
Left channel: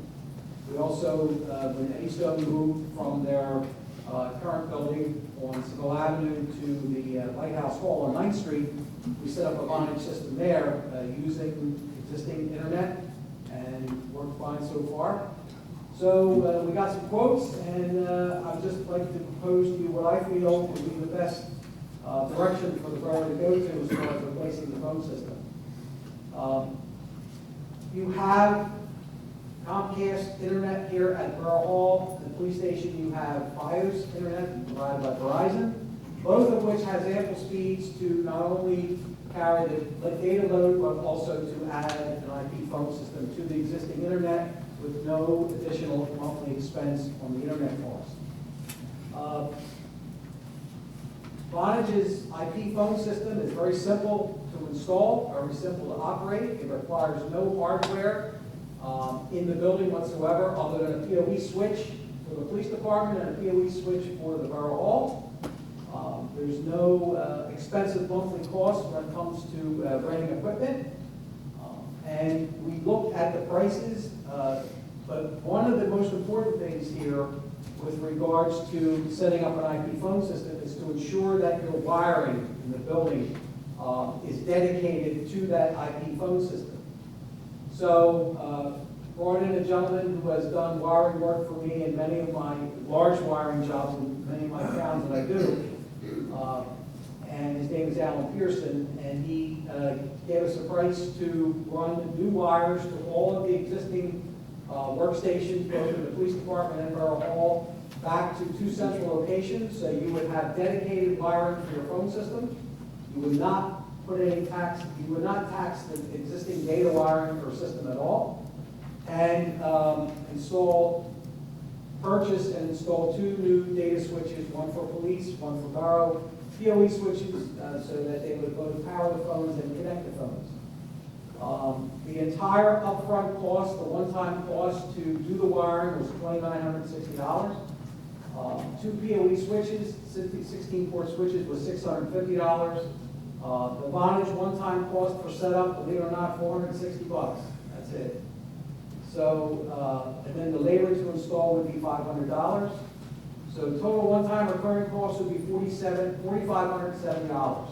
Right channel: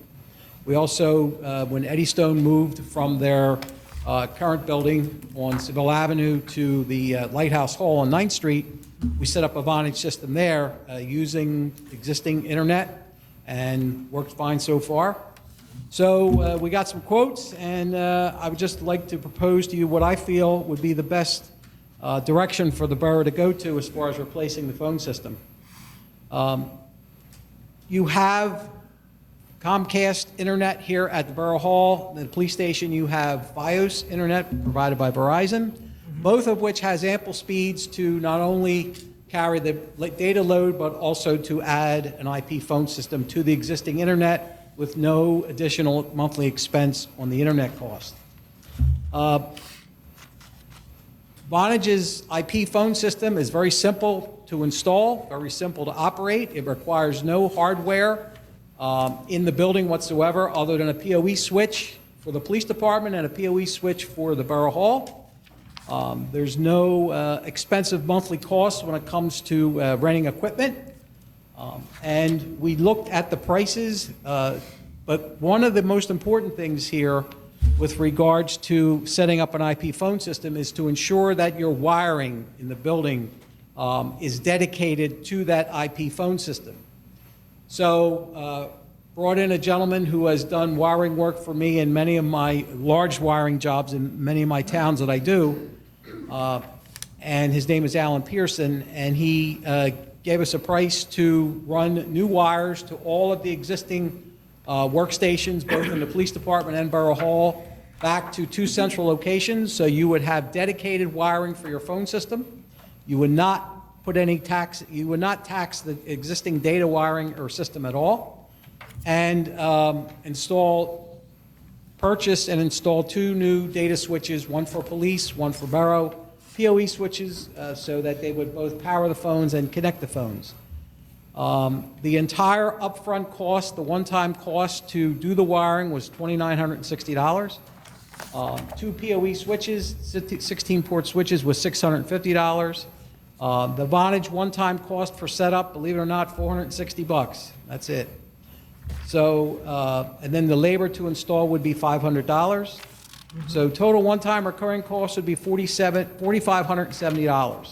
We also, when Eddystone moved from their current building on Seville Avenue to the Lighthouse Hall on 9th Street, we set up a Vonage system there using existing internet, and worked fine so far. So we got some quotes, and I would just like to propose to you what I feel would be the best direction for the borough to go to as far as replacing the phone system. You have Comcast internet here at the Borough Hall. At the police station, you have Fios internet provided by Verizon, both of which has ample speeds to not only carry the data load, but also to add an IP phone system to the existing internet with no additional monthly expense on the internet cost. Vonage's IP phone system is very simple to install, very simple to operate. It requires no hardware in the building whatsoever, other than a PoE switch for the police department and a PoE switch for the Borough Hall. There's no expensive monthly costs when it comes to renting equipment. And we looked at the prices, but one of the most important things here with regards to setting up an IP phone system is to ensure that your wiring in the building is dedicated to that IP phone system. So brought in a gentleman who has done wiring work for me in many of my large wiring jobs in many of my towns that I do, and his name is Alan Pearson, and he gave us a price to run new wires to all of the existing workstations, both in the police department and Borough Hall, back to 2 central locations, so you would have dedicated wiring for your phone system. You would not put any tax, you would not tax the existing data wiring or system at all, and purchase and install 2 new data switches, one for police, one for Borough, PoE switches, so that they would both power the phones and connect the phones. The entire upfront cost, the one-time cost to do the wiring was $2,960. 2 PoE switches, 16-port switches was $650. The Vonage one-time cost for setup, believe it or not, $460. That's it. So, and then the labor to install would be $500. So total one-time recurring cost would be $4,570.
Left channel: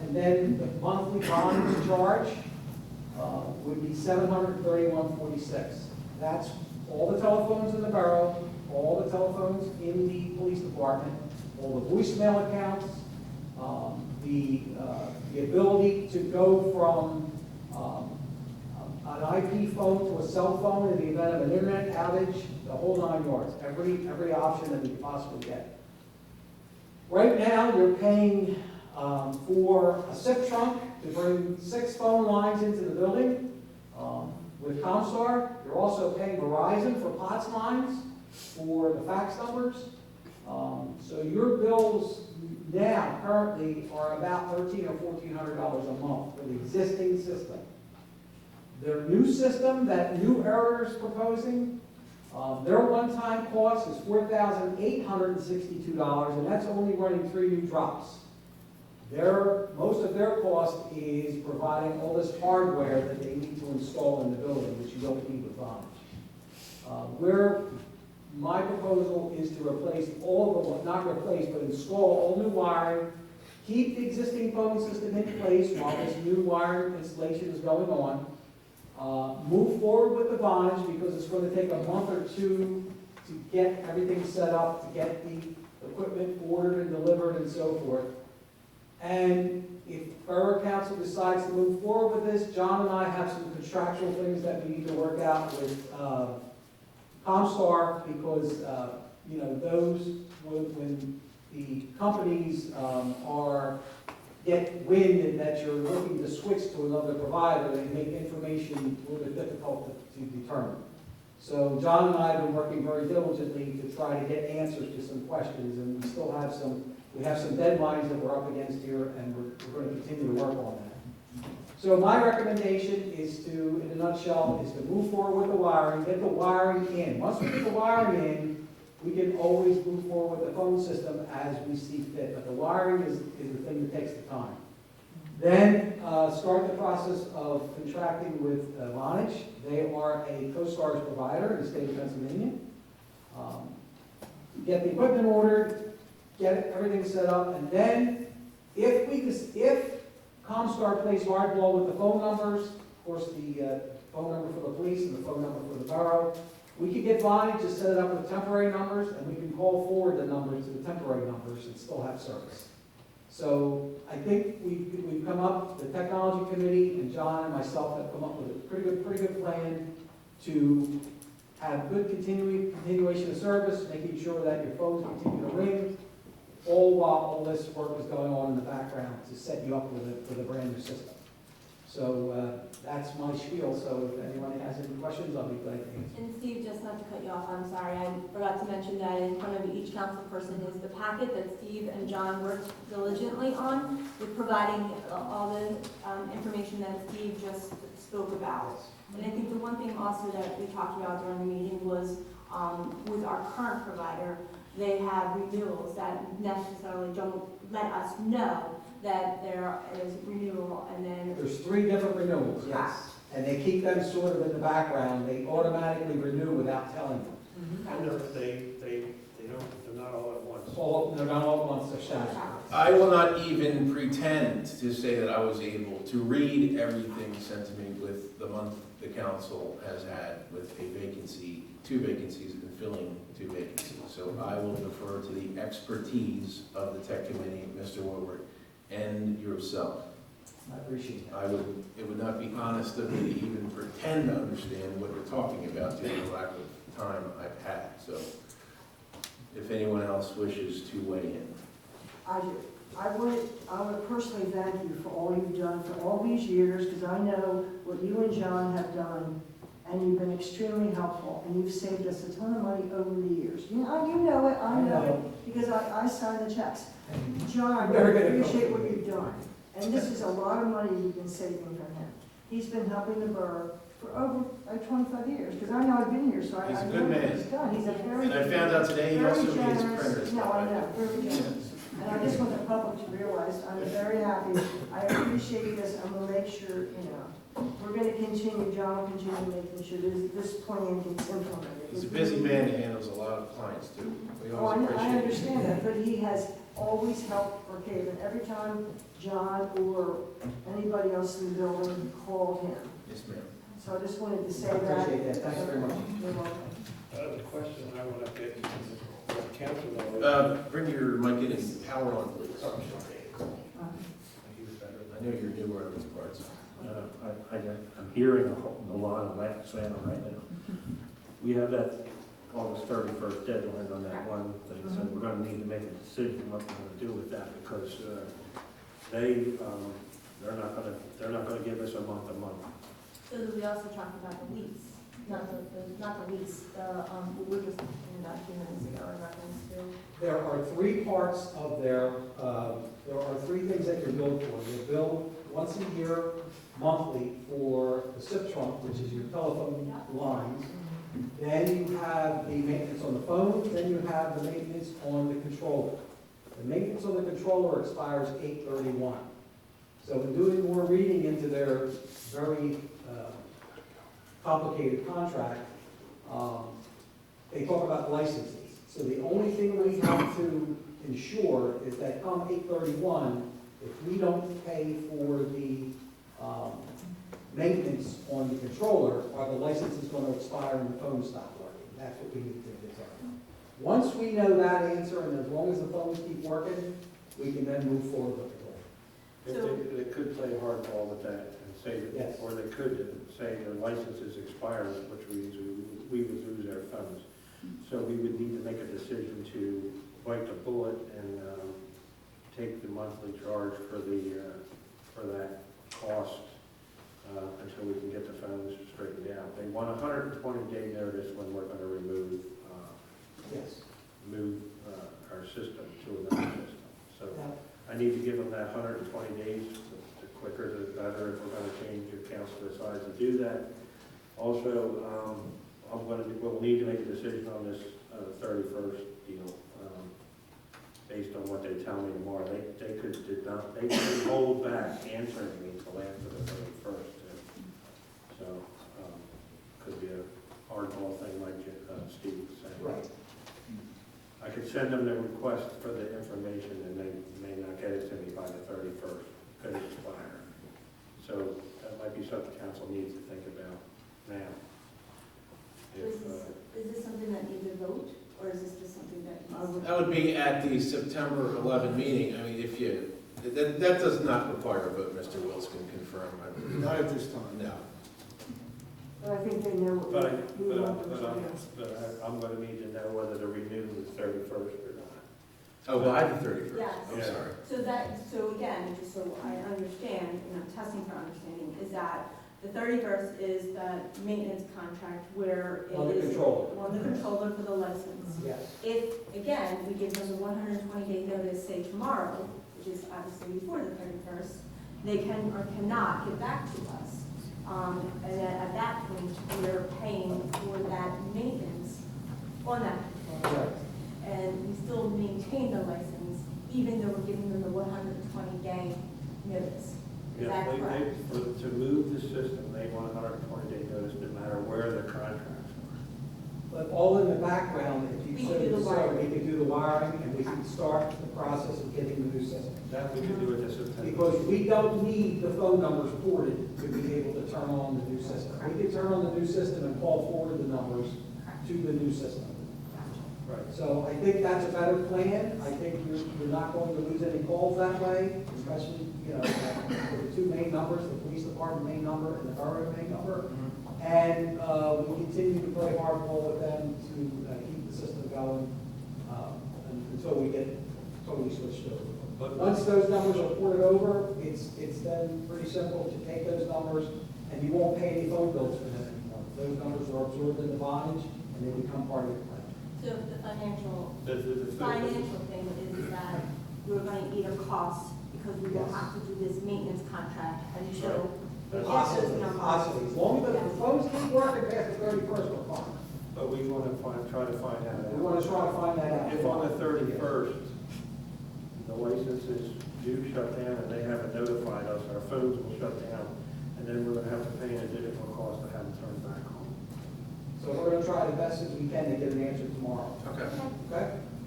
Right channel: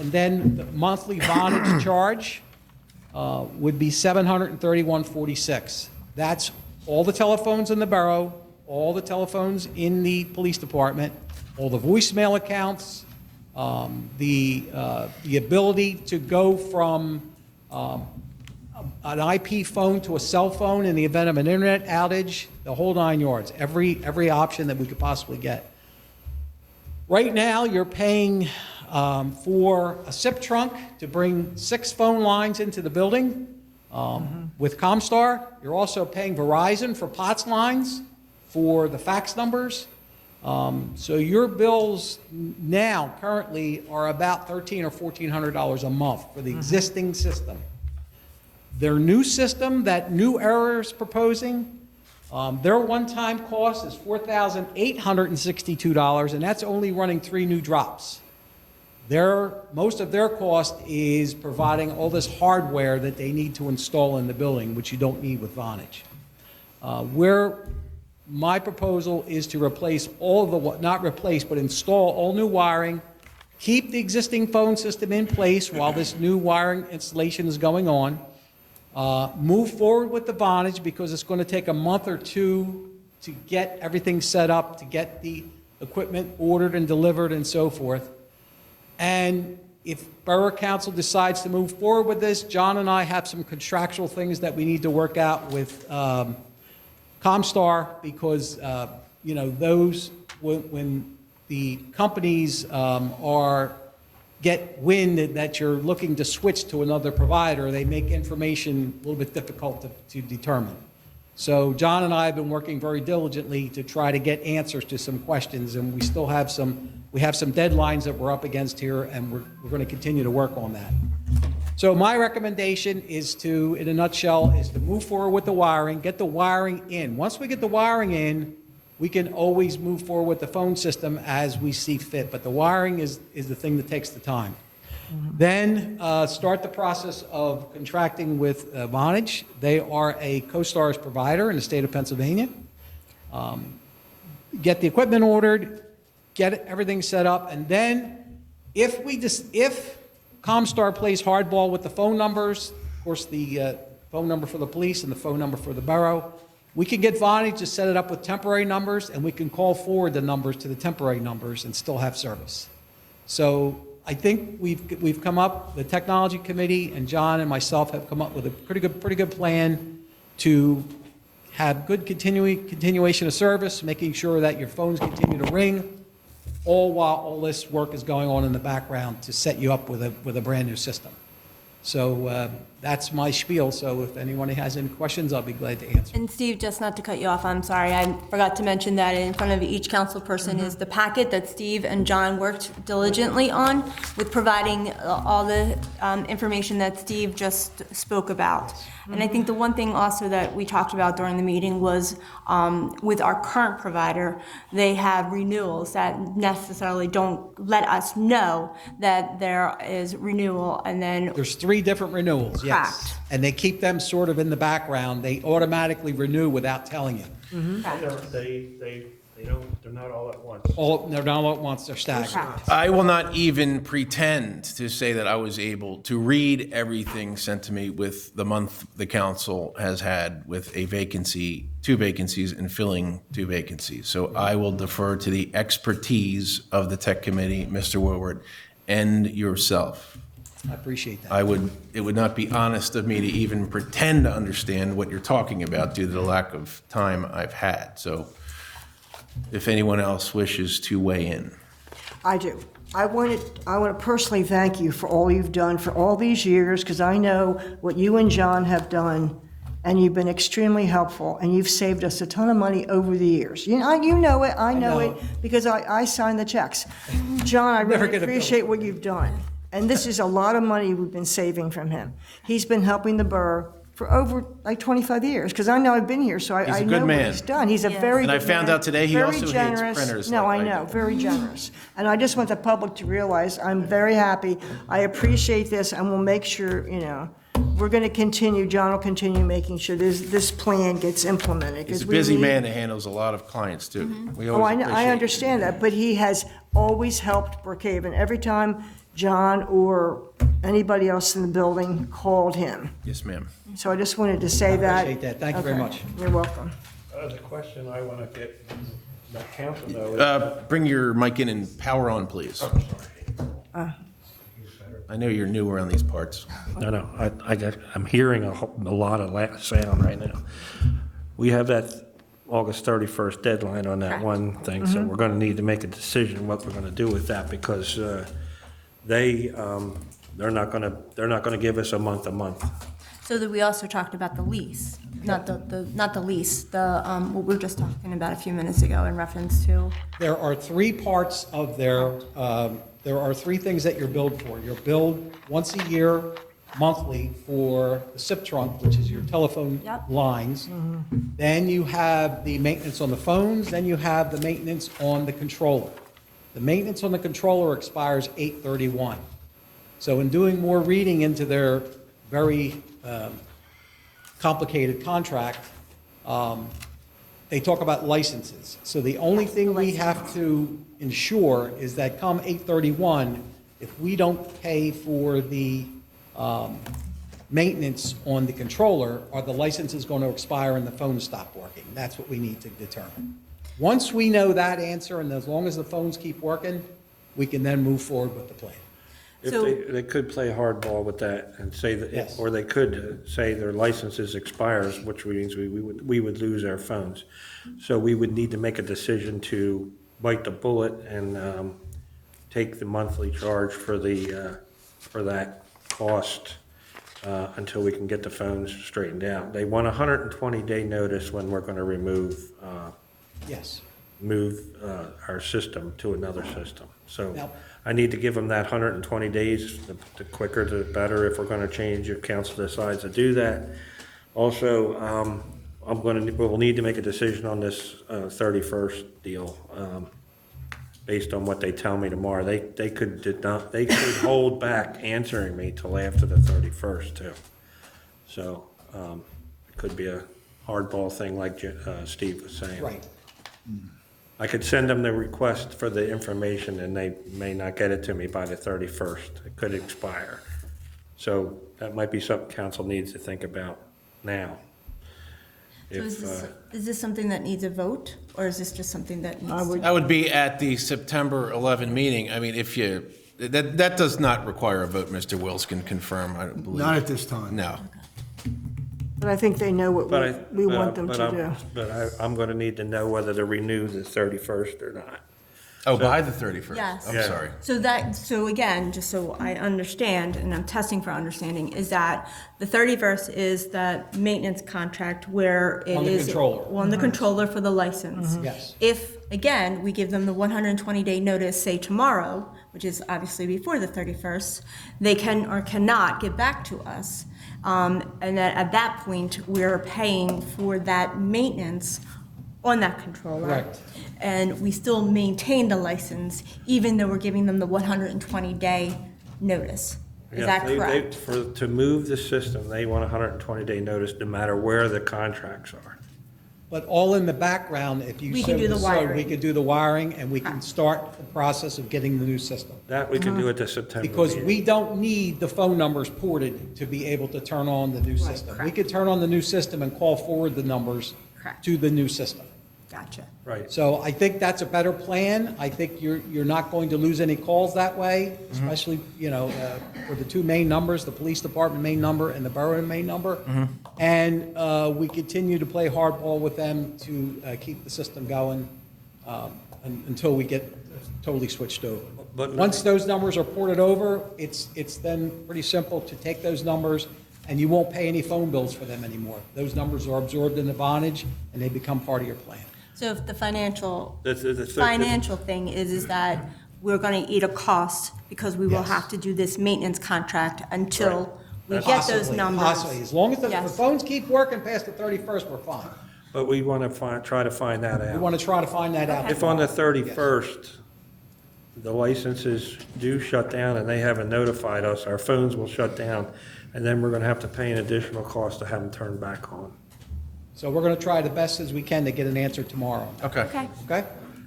And then the monthly Vonage charge would be $731.46. That's all the telephones in the borough, all the telephones in the police department, all the voicemail accounts, the ability to go from an IP phone to a cell phone in the event of an internet outage, the whole 9 yards, every option that we could possibly get. Right now, you're paying for a SIP trunk to bring 6 phone lines into the building with Comstar. You're also paying Verizon for POTS lines for the fax numbers. So your bills now currently are about $1,300 or $1,400 a month for the existing system. Their new system that New Era is proposing, their one-time cost is $4,862, and that's only running 3 new drops. most of their cost is providing all this hardware that they need to install in the building, which you don't need with Vonage. My proposal is to replace not replace, but install all new wiring, keep the existing phone system in place while this new wiring installation is going on, move forward with the Vonage because it's going to take a month or two to get everything set up, to get the equipment ordered and delivered and so forth. And if Borough Council decides to move forward with this, John and I have some contractual things that we need to work out with Comstar because, those, when the companies get wind that you're looking to switch to another provider, they make information a little bit difficult to determine. So John and I have been working very diligently to try to get answers to some questions, and we still have some deadlines that we're up against here, and we're going to continue to work on that. So my recommendation is to, in a nutshell, is to move forward with the wiring, get the wiring in. Once we get the wiring in, we can always move forward with the phone system as we see fit, but the wiring is the thing that takes the time. Then start the process of contracting with Vonage. They are a CoStar's provider in the state of Pennsylvania. Get the equipment ordered, get everything set up, and then if Comstar plays hardball with the phone numbers, of course the phone number for the police and the phone number for the borough, we can get Vonage to set it up with temporary numbers, and we can call forward the numbers to the temporary numbers and still have service. So I think we've come up, the technology committee and John and myself have come up with a pretty good plan to have good continuation of service, making sure that your phones continue to ring, all while all this work is going on in the background to set you up with a brand new system. So that's my spiel, so if anyone has any questions, I'll be glad to answer. And Steve, just not to cut you off, I'm sorry, I forgot to mention that in front of each council person is the packet that Steve and John worked diligently on with providing all the information that Steve just spoke about. And I think the one thing also that we talked about during the meeting was with our current provider, they have renewals that necessarily don't let us know that there is renewal, and then There's 3 different renewals, yes. Correct. And they keep them sort of in the background. They automatically renew without telling you. They're not all at once. They're not all at once, they're staggered. Correct. I will not even pretend to say that I was able to read everything sent to me with the month the council has had with a vacancy, 2 vacancies, and filling 2 vacancies. So I will defer to the expertise of the tech committee, Mr. Woodward, and yourself. I appreciate that. It would not be honest of me to even pretend to understand what you're talking about due to the lack of time I've had. So if anyone else wishes to weigh in. I do. I want to personally thank you for all you've done for all these years, because I know what you and John have done, and you've been extremely helpful, and you've saved us a ton of money over the years. You know it, I know it, because I signed the checks. John, I Never really gonna appreciate what you've done, and this is a lot of money we've been saving from him. He's been helping the borough for over like 25 years, because I know I've been here, so He's a I good know what man. he's done. He's a Yes. very And I good found man, out today he very also hates generous. printers No, like I I know, do. very generous. And I just want the public to realize I'm very happy. I appreciate this, and we'll make sure, we're going to continue, John will continue making sure this plan gets implemented. He's 'cause a we busy need- man that handles a lot of clients, too. We Oh, always I appreciate it. understand that, but he has always helped Brookhaven. Every time John or anybody else in the building called him. Yes, ma'am. So I just wanted to say that. appreciate that. Thank you very Okay. much. You're welcome. The question I want to get the council though. Bring your mic in and power on, please. I know you're new around these parts. No, I'm hearing a lot of sound right now. We have that August 31st deadline on that Correct. one thing, so we're gonna need to make a decision what we're gonna do with that, because they're not gonna give us a month. So that we also talked about the lease, not the lease, what we were just talking about a few minutes ago in reference to. There are 3 parts of there are 3 things that you're billed for. You're billed once a year, monthly, for the SIP trunk, which is your telephone Yep. lines. Then you have the maintenance on the phones, then you have the maintenance on the controller. The maintenance on the controller expires 8/31. So in doing more reading into their very complicated contract, they talk about licenses. So the only thing we have to ensure is that come 8/31, if we don't pay for the maintenance on the controller, are the licenses going to expire and the phones stop working? That's what we need to determine. Once we know that answer, and as long as the phones keep working, we can then move forward with the plan. If So- they could play hardball with that and say that, Yes. or they could say their licenses expires, which means we would lose our phones. So we would need to make a decision to bite the bullet and take the monthly charge for for that cost until we can get the phones straightened out. They want a 120-day notice when we're going to Yes. move our system to another system. So Now- I need to give them that 120 days, the quicker the better if we're gonna change, if council decides to do that. Also, we'll need to make a decision on this 31st deal, based on what they tell me tomorrow. They could hold back answering me till after the 31st too. So, could be a hardball thing like Steve was saying. Right. I could send them the request for the information and they may not get it to me by the 31st. It could expire. So that might be something council needs to think about now. So If, is this something that needs a vote, or is this just something that needs? I would- That would be at the September 11 meeting. I mean, if you, that does not require a vote, Mr. Wills can confirm. I believe. Not at this time. No. But I think they know what but I, we want them to do. but I'm gonna need to know whether to renew the 31st or not. Oh, by the 31st? Yes. I'm Yeah. sorry. So again, just so I understand, and I'm testing for understanding, is that the 31st is that maintenance contract where it is. On the controller. On the controller for the license. Yes. If, again, we give them the 120-day notice, say tomorrow, which is obviously before the 31st, they can or cannot get back to us. And that at that point, we're paying for that maintenance on that controller. Correct. And we still maintain the license, even though we're giving them the 120-day notice. Is Yeah, that they- correct? To move the system, they want a 120-day notice no matter where the contracts are. But all in the background, if you We so can do the decide, we wiring. can do the wiring and we can start the process of getting the new system. That we can do at the September Because meeting. we don't need the phone numbers ported to be able to turn on the new system. We correct. could turn on the new system and call forward the numbers Correct. to the new system. Gotcha. Right. So I think that's a better plan. I think you're not going to lose any calls that way, especially, for the two main numbers, the police department main number and the borough main number. And we continue to play hardball with them to keep the system going until we get totally switched over. But- Once those numbers are ported over, it's then pretty simple to take those numbers and you won't pay any phone bills for them anymore. Those numbers are absorbed in the bondage and they become part of your plan. So if the financial The thing is that we're going to eat a cost because we will Yes. have to do this maintenance contract until we Right. get those Possibly, numbers. possibly. As long as the Yes. phones keep working past the 31st, we're fine. But we want to try to find that We out. want to try to find that out. If on the 31st, the licenses do shut down and they haven't notified us, our phones will shut down, and then we're going to have to pay an additional cost to have them turned back on. So we're going to try the best as we can to get an answer tomorrow, Okay. Okay, okay?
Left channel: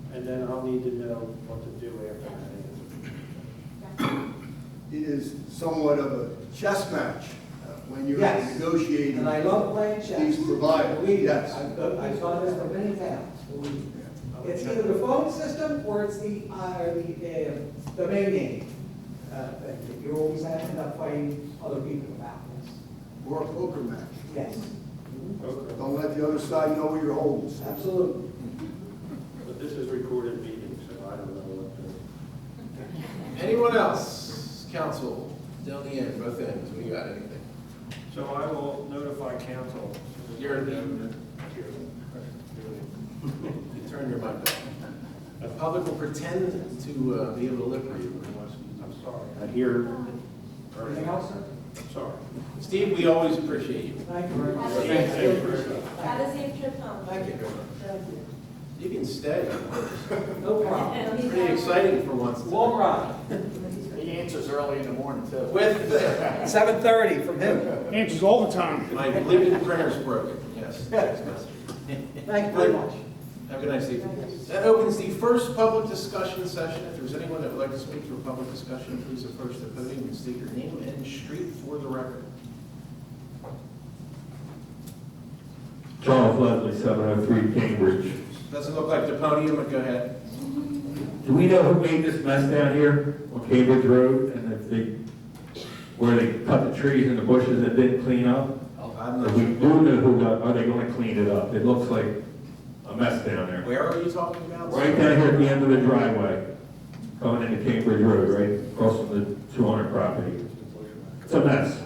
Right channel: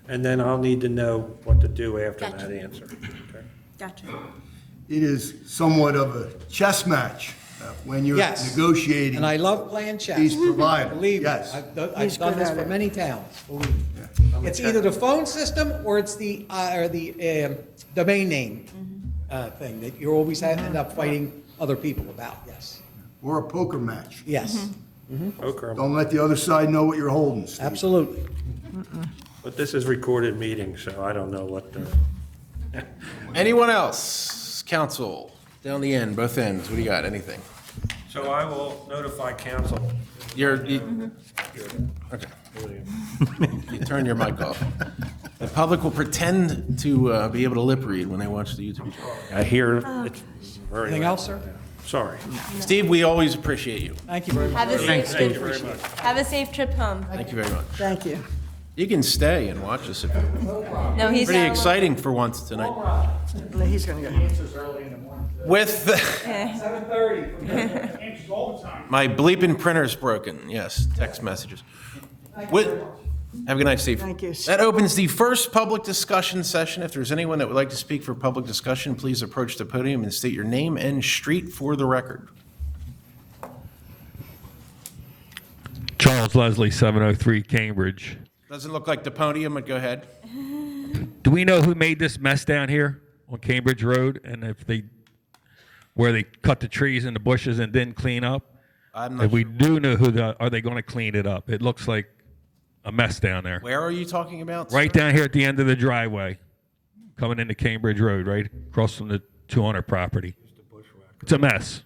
And then I'll need to know what to do after Gotcha. that answer. gotcha. It is somewhat of a chess match when you're Yes. negotiating. And I love playing chess. These providers, Believe me, yes. I've done this for many towns. Believe me. It's either the phone system or it's the domain name thing that you always end up fighting other people about, yes. Or a poker match. Yes, Okay, Don't let the other side know what you're holding, Steve. absolutely. but this is recorded meeting, so I don't know what the, Anyone else? Council, down the end, both ends. What do you got? Anything? so I will notify council. Okay. You turn your mic off. The public will pretend to be able to lip read when they watch the YouTube. I hear it's very. Anything else, sir? Sorry. Steve, we always appreciate you. Thank you very much. Have a Thanks, safe Steve. Have a safe trip home. Thank you very much. Thank you. You can stay and watch us. No, he's Pretty not. exciting for once tonight. He's gonna go. With the, 7:30 from here. Answers all the time. my bleeping printer's broken. Yes, text messages. Thank you With- very much. Have a good night, Steve. Thank you. That opens the first public discussion session. If there's anyone that would like to speak for public discussion, please approach the podium and state your name and street for the record. Charles Leslie, 703 Cambridge. Doesn't look like the podium, but go ahead. Do we know who made this mess down here on Cambridge Road? And where they cut the trees and the bushes and didn't clean up? If we do know who, are they going to clean it up? It looks like a mess down there. Where are you talking about? Right down here at the end of the driveway, coming into Cambridge Road, right across from the 200 property. It's a mess.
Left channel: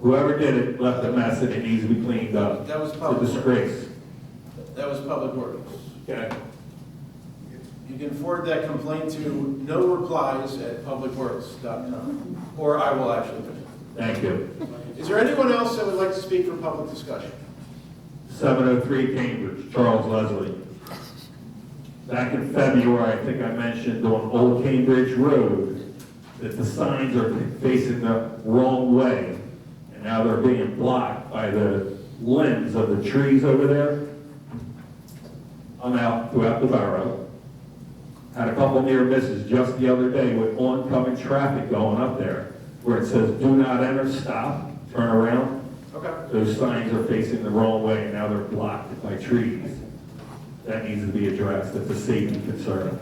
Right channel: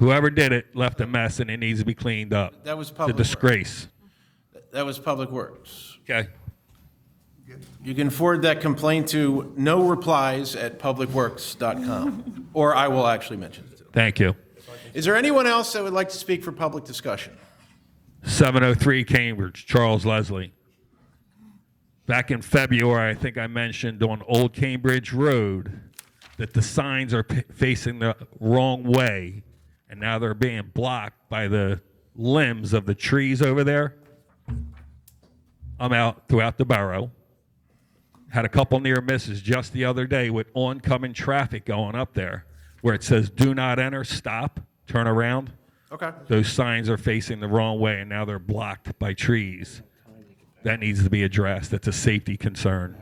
Whoever did it left a mess and it needs to be cleaned up. That was It's a public. disgrace. That was Public Works. Okay. You can forward that complaint to noreplies@publicworks.com, or I will actually mention it. Thank you. Is there anyone else that would like to speak for public discussion? 703 Cambridge, Charles Leslie. Back in February, I think I mentioned on Old Cambridge Road that the signs are facing the wrong way, and now they're being blocked by the limbs of the trees over there. I'm out throughout the borough. Had a couple near misses just the other day with oncoming traffic going up there, where it says, "Do not enter, stop, turn around." Okay. Those signs are facing the wrong way, and now they're blocked by trees. That needs to be addressed. It's a safety concern.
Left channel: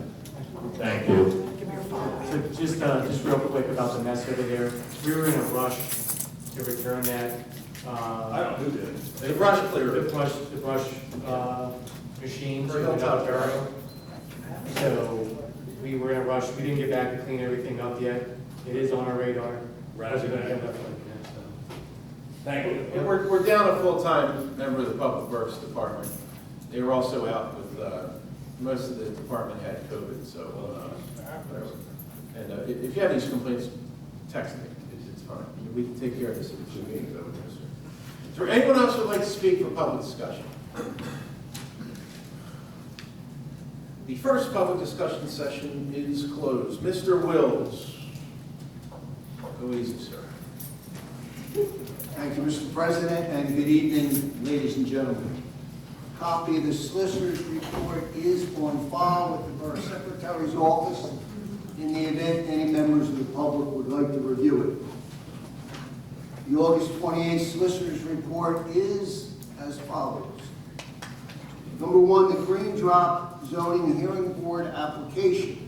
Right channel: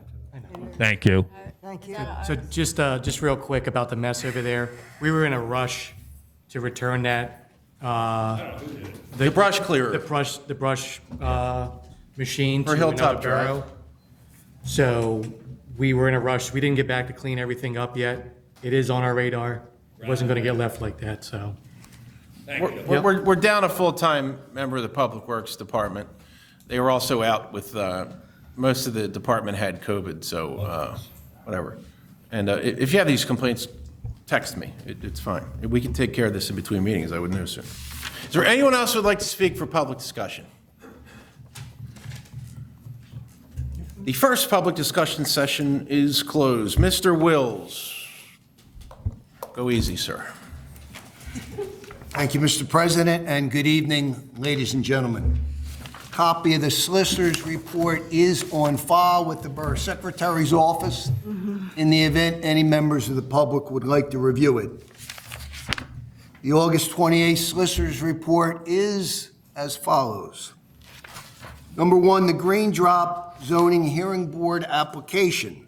Thank you. So just real quick about the mess over there. We were in a rush to return that. The brush clearer. The brush machine For to Hilltop another borough. So we were in a rush. We didn't get back to clean everything up yet. It is on our radar. It wasn't gonna get left like that, so. We're down a full-time member of the Public Works Department. They were also out with, most of the department had COVID, so, whatever. And if you have these complaints, text me. It's fine. We can take care of this in between meetings, I would know soon. Is there anyone else who would like to speak for public discussion? The first public discussion session is closed. Mr. Wills, go easy, sir. Thank you, Mr. President, and good evening, ladies and gentlemen. Copy of the solicitor's report is on file with the Borough Secretary's office in the event any members of the public would like to review it. The August 28th solicitor's report is as follows. Number one, the Green Drop Zoning Hearing Board application.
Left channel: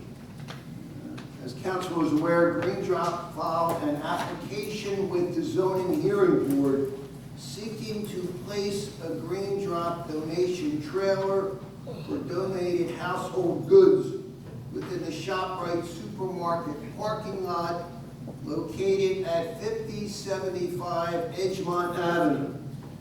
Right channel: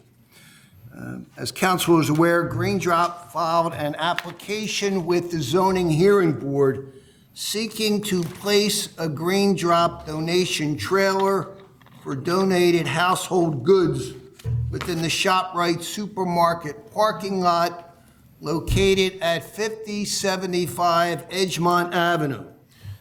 As council is aware, Green Drop filed an application with the Zoning Hearing Board seeking to place a Green Drop donation trailer for donated household goods within the ShopRite supermarket parking lot located at 5075 Edgemont Avenue.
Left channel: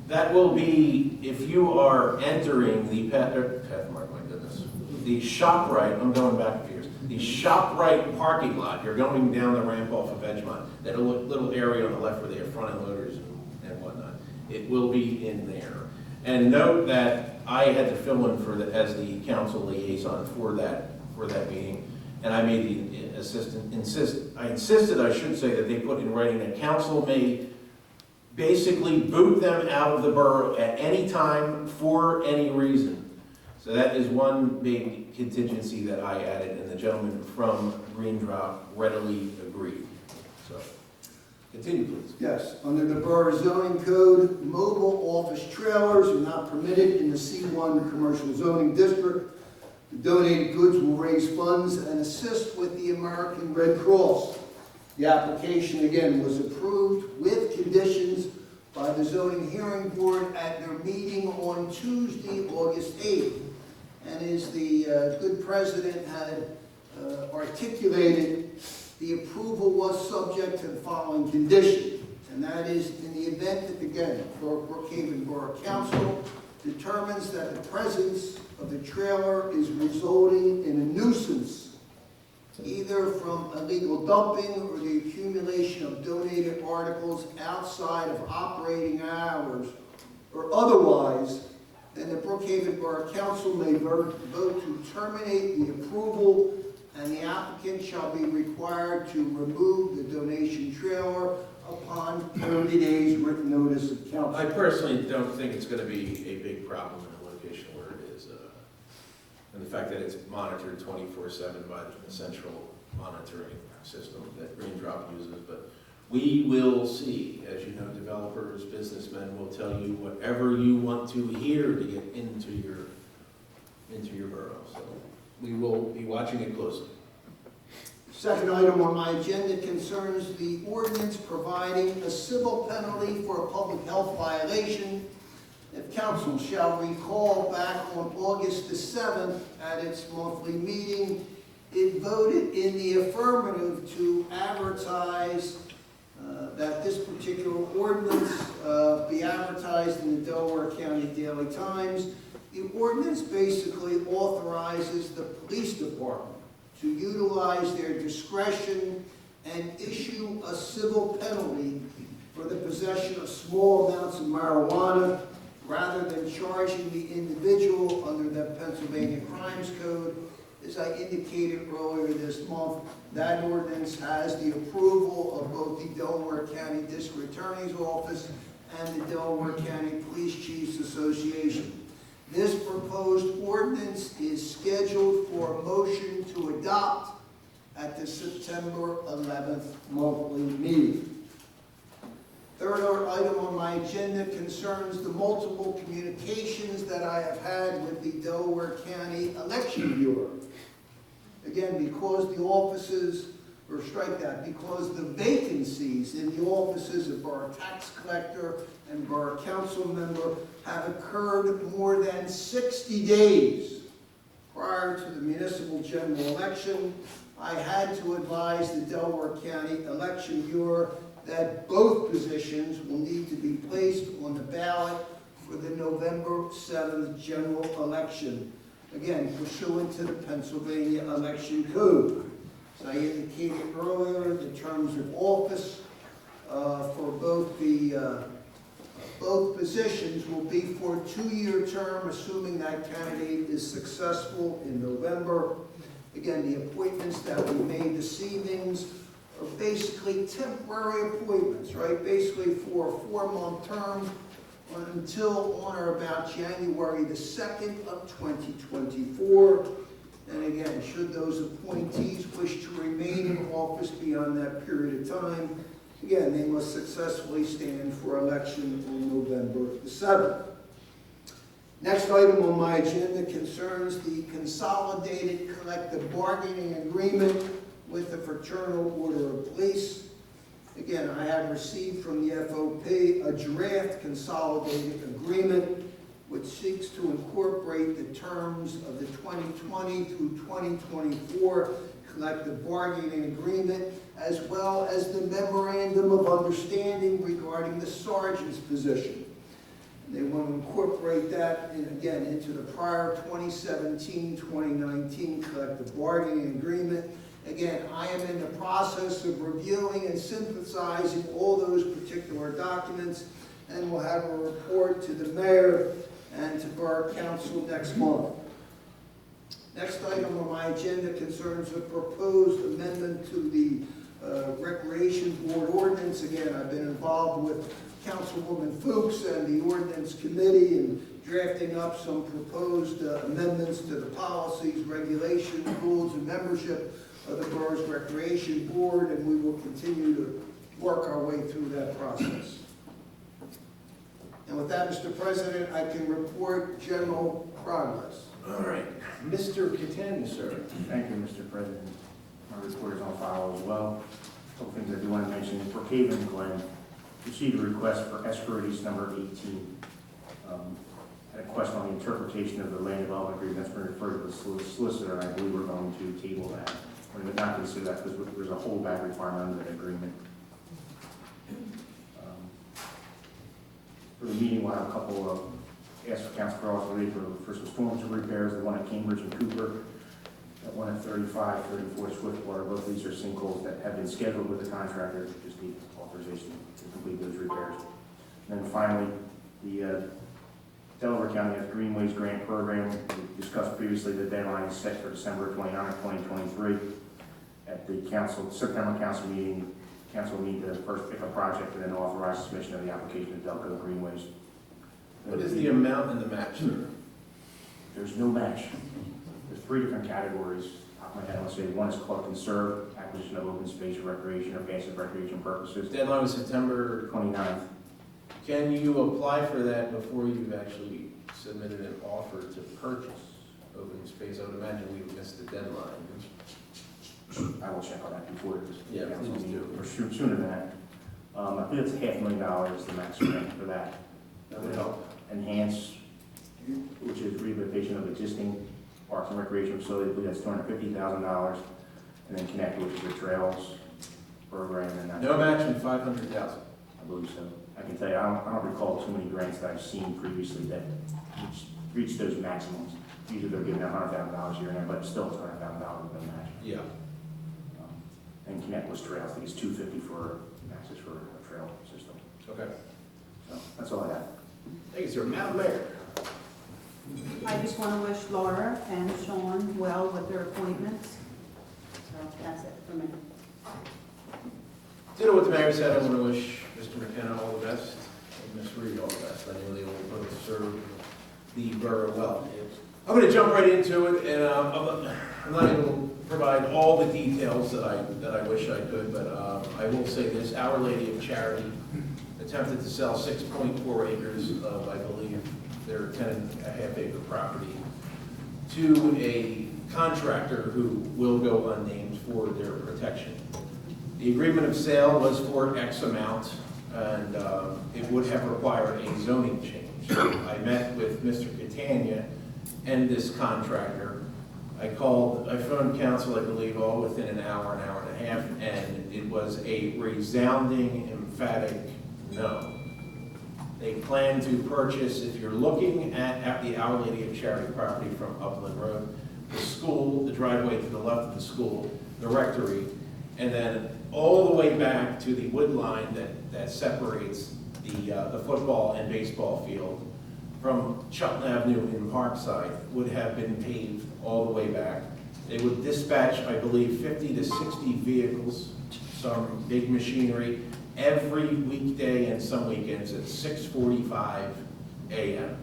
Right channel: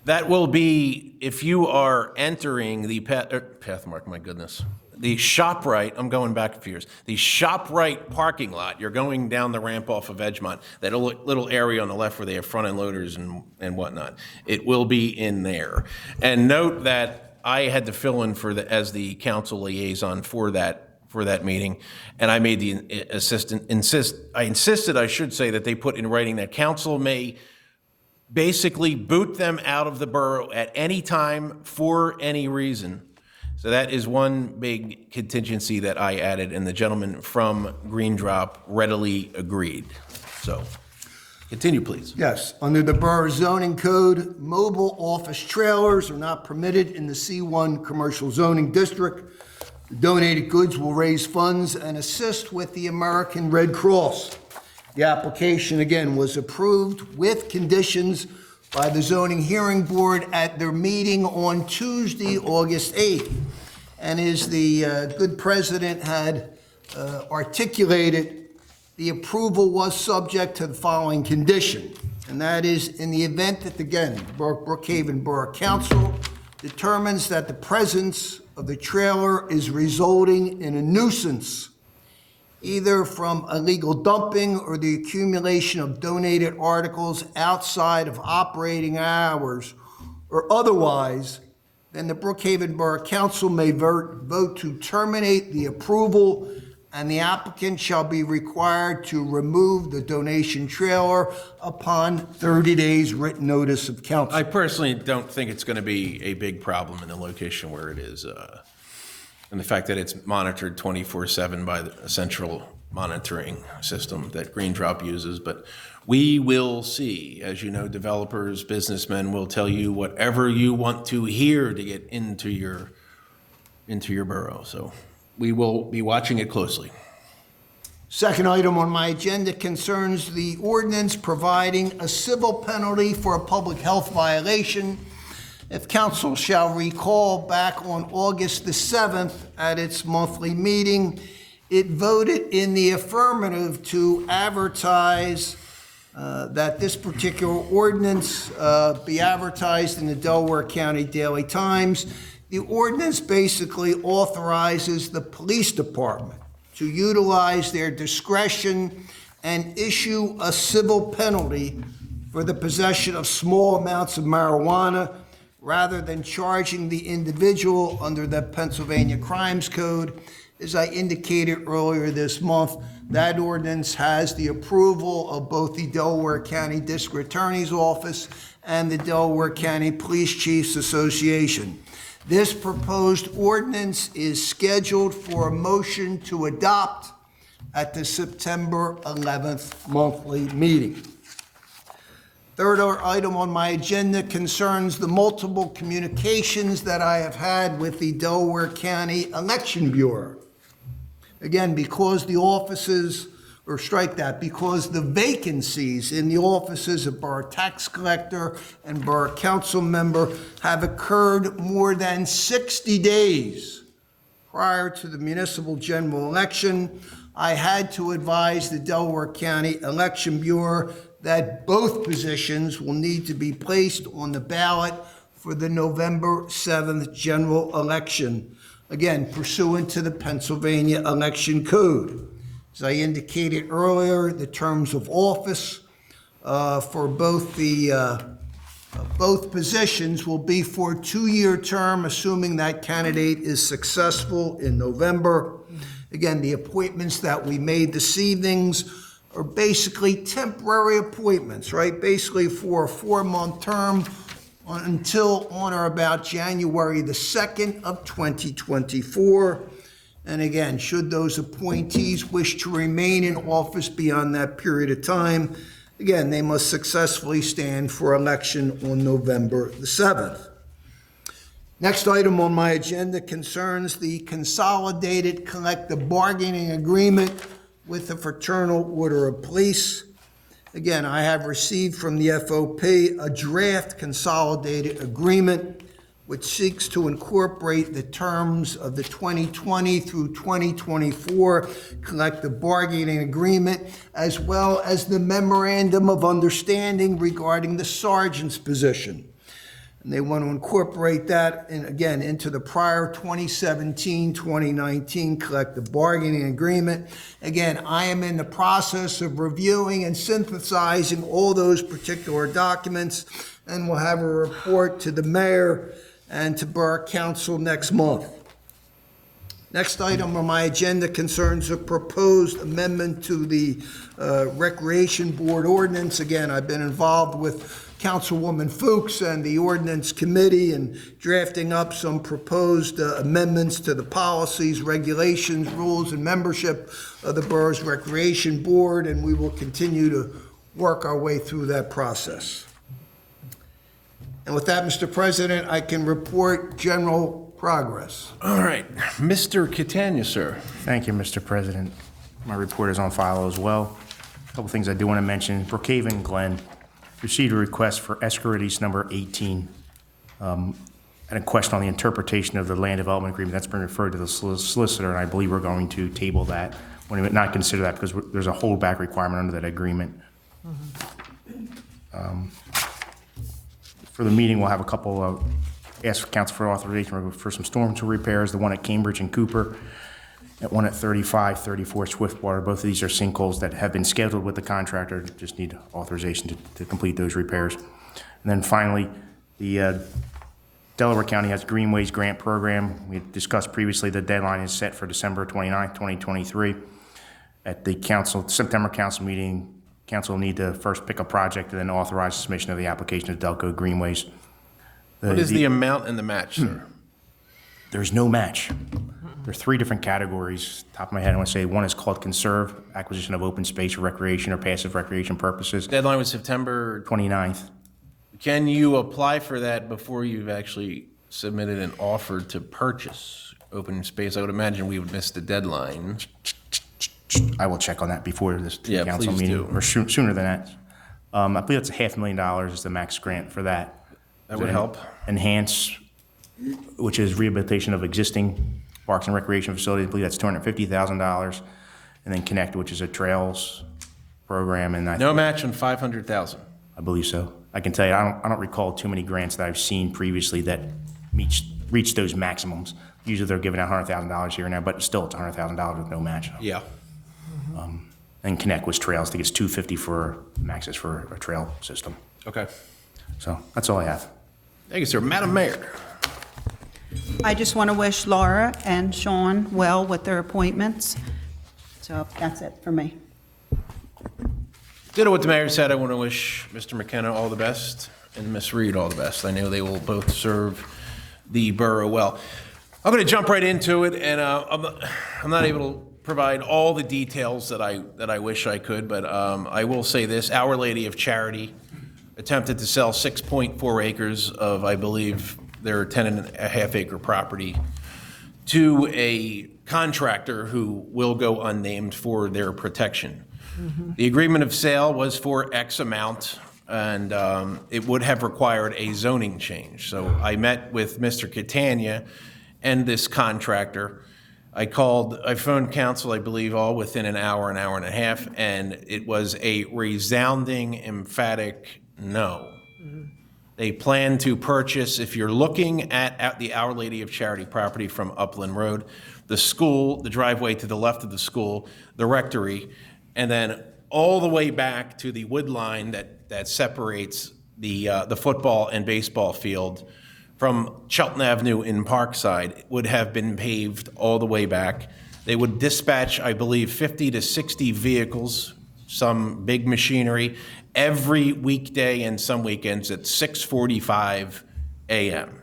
That will be, if you are entering the Pathmark, my goodness, the ShopRite, I'm going back a few years, the ShopRite parking lot, you're going down the ramp off of Edgemont, that little area on the left where they have front-end loaders and whatnot, it will be in there. And note that I had to fill in as the council liaison for that meeting, and I made the I insisted, I should say, that they put in writing that council may basically boot them out of the borough at any time for any reason. So that is one big contingency that I added, and the gentleman from Green Drop readily agreed. So, continue, please. Yes, under the Borough Zoning Code, mobile office trailers are not permitted in the C1 Commercial Zoning District. The donated goods will raise funds and assist with the American Red Cross. The application, again, was approved with conditions by the Zoning Hearing Board at their meeting on Tuesday, August 8th. And as the good president had articulated, the approval was subject to the following condition, and that is in the event that, again, Brookhaven Borough Council determines that the presence of the trailer is resulting in a nuisance, either from illegal dumping or the accumulation of donated articles outside of operating hours, or otherwise, then the Brookhaven Borough Council may vote to terminate the approval, and the applicant shall be required to remove the donation trailer upon 30 days written notice of council. I personally don't think it's going to be a big problem in the location where it is, and the fact that it's monitored 24/7 by the central monitoring system that Green Drop uses, but we will see. As you know, developers, businessmen will tell you whatever you want to hear to get into your borough. So we will be watching it closely. Second item on my agenda concerns the ordinance providing a civil penalty for a public health violation. If council shall recall, back on August the 7th at its monthly meeting, it voted in the affirmative to advertise that this particular ordinance be advertised in the Delaware County Daily Times. The ordinance basically authorizes the police department to utilize their discretion and issue a civil penalty for the possession of small amounts of marijuana rather than charging the individual under the Pennsylvania Crimes Code. As I indicated earlier this month, that ordinance has the approval of both the Delaware County District Attorney's Office and the Delaware County Police Chiefs Association. This proposed ordinance is scheduled for a motion to adopt at the September 11th monthly meeting. Third item on my agenda concerns the multiple communications that I have had with the Delaware County Election Bureau. Again, because the offices, or strike that, because the vacancies in the offices of Borough Tax Collector and Borough Council Member have occurred more than 60 days prior to the municipal general election, I had to advise the Delaware County Election Bureau that both positions will need to be placed on the ballot for the November 7th general election. Again, pursuant to the Pennsylvania Election Code. As I indicated earlier, the terms of office for both positions will be for a 2-year term, assuming that candidate is successful in November. Again, the appointments that we made this evening are basically temporary appointments, right? Basically for a 4-month term until on or about January the 2nd of 2024. And again, should those appointees wish to remain in office beyond that period of time, again, they must successfully stand for election on November the 7th. Next item on my agenda concerns the consolidated collective bargaining agreement with the Fraternal Order of Police. Again, I have received from the FOP a draft consolidated agreement which seeks to incorporate the terms of the 2020 through 2024 collective bargaining agreement, as well as the memorandum of understanding regarding the sergeant's position. And they want to incorporate that, again, into the prior 2017-2019 collective bargaining agreement. Again, I am in the process of reviewing and synthesizing all those particular documents, and we'll have a report to the mayor and to Borough Council next month. Next item on my agenda concerns a proposed amendment to the Recreation Board ordinance. Again, I've been involved with Councilwoman Fuchs and the Ordinance Committee in drafting up some proposed amendments to the policies, regulations, rules, and membership of the borough's Recreation Board, and we will continue to work our way through that process. And with that, Mr. President, I can report general progress. All right, Mr. Catania, sir. Thank you, Mr. President. My report is on file as well. A couple things I do want to mention. Brookhaven Glen received a request for escrow release number 18, and a question on the interpretation of the land development agreement. That's been referred to the solicitor, and I believe we're going to table that. We would not consider that because there's a holdback requirement under that agreement. For the meeting, we'll have a couple of ask for council for authorization for some storm sewer repairs, the one at Cambridge and Cooper, and one at 34 Swiftwater. Both of these are sinkholes that have been scheduled with the contractor, just need authorization to complete those repairs. And then finally, the Delaware County has Greenways Grant Program. We discussed previously, the deadline is set for December 29th, 2023. At the September council meeting, council will need to first pick a project and then authorize submission of the application of Delco Greenways. What is the amount and the match, sir? There's no match. There are 3 different categories. Top of my head, I want to say one is called conserve, acquisition of open space for recreation or passive recreation purposes. Deadline was September. 29th. Can you apply for that before you've actually submitted an offer to purchase open space? I would imagine we would miss the deadline. I will check on that before this Yeah, council please meeting, do. or sooner than that. I believe it's $500,000 is the max grant for that. That would help. Enhance, which is rehabilitation of existing parks and recreation facilities, I believe that's $250,000. And then Connect, which is a trails program, and No match on 500,000. I believe so. I can tell you, I don't recall too many grants that I've seen previously that reach those maximums. Usually they're giving out $100,000 here and there, but still it's $100,000 with no match. Yeah. And Connect was trails. I think it's $250 for maxes for a trail system. Okay. So that's all I have. Thank you, sir. Madam Mayor. I just want to wish Laura and Sean well with their appointments. So that's it for me. Ditto what the mayor said. I want to wish Mr. McKenna all the best and Ms. Reed all the best. I know they will both serve the borough well. I'm going to jump right into it, and I'm not able to provide all the details that I wish I could, but I will say this. Our Lady of Charity attempted to sell 6.4 acres of, I believe, their 10.5 acre property to a contractor who will go unnamed for their protection. The agreement of sale was for X amount, and it would have required a zoning change. So I met with Mr. Catania and this contractor. I phoned council, I believe, all within an hour and a half, and it was a resounding, emphatic no. They plan to purchase, if you're looking at the Our Lady of Charity property from Upland Road, the school, the driveway to the left of the school, the rectory, and then all the way back to the wood line that separates the football and baseball field from Chilton Avenue in Parkside would have been paved all the way back. They would dispatch, I believe, 50 to 60 vehicles, some big machinery, every weekday and some weekends at 6:45 a.m.